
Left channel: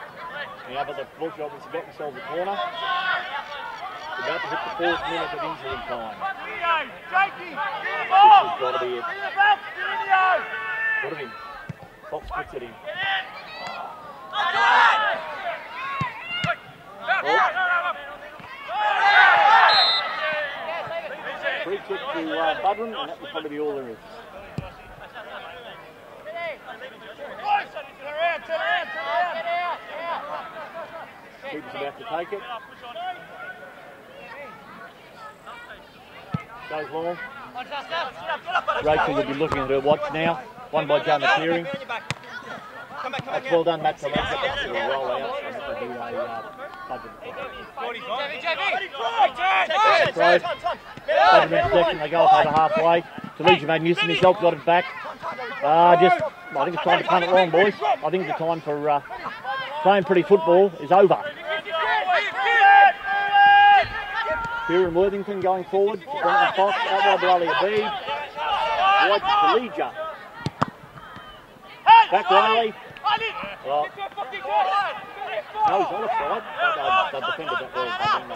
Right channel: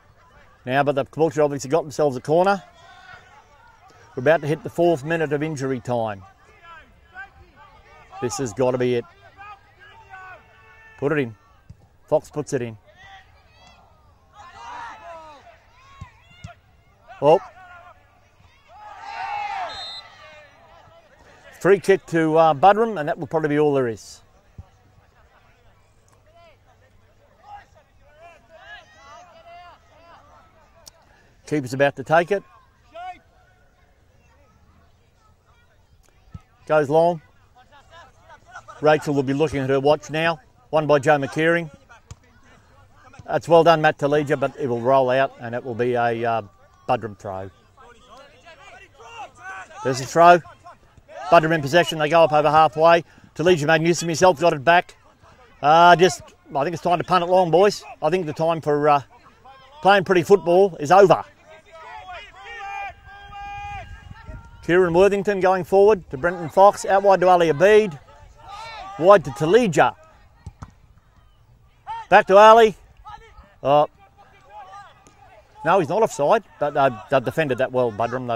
Now, but the Caboolture obviously got themselves a corner. We're about to hit the 4th minute of injury time. This has got to be it. Put it in. Fox puts it in. Oh. Free kick to Buderim, and that will probably be all there is. Keeper's about to take it. Goes long. Rachel will be looking at her watch now. One by Joe McKeering. That's well done, Matt Talija, but it will roll out, and it will be a Buderim throw. There's the throw. Buderim in possession. They go up over halfway. Talija made use of himself, got it back. I think it's time to punt it long, boys. I think the time for playing pretty football is over. Kieran Worthington going forward to Brenton Fox. Out wide to Ali Abid. Wide to Talija. Back to Ali. Oh. No, he's not offside, but they've defended that well, Buderim.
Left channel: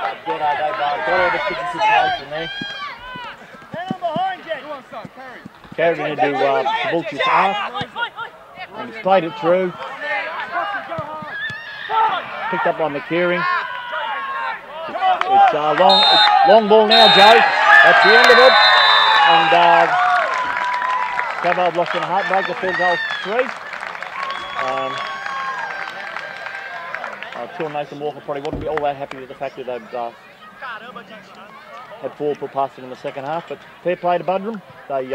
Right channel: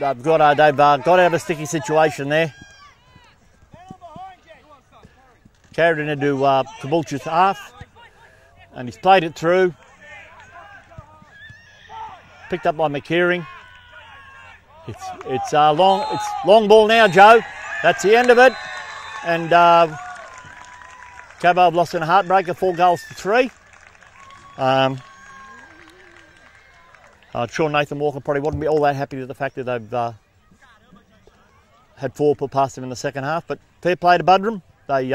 They've got out of a sticky situation there. Carried it into Caboolture's half, and he's played it through. Picked up by McKeering. It's long ball now, Joe. That's the end of it. And Cabo have lost in a heartbreaker, 4 goals to 3. I'm sure Nathan Walker probably wouldn't be all that happy with the fact that they've had 4 put past them in the second half, but fair play to Buderim. They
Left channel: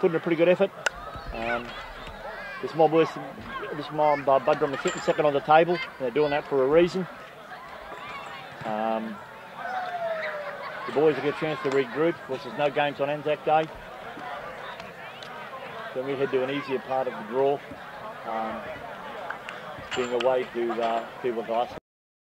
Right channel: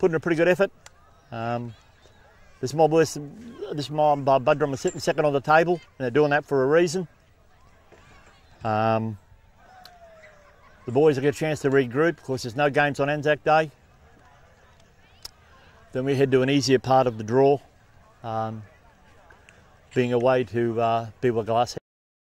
put in a pretty good effort. This mob Buderim is sitting second on the table, and they're doing that for a reason. The boys will get a chance to regroup. Of course, there's no games on Anzac Day. Then we head to an easier part of the draw, being away to Beaver Glass.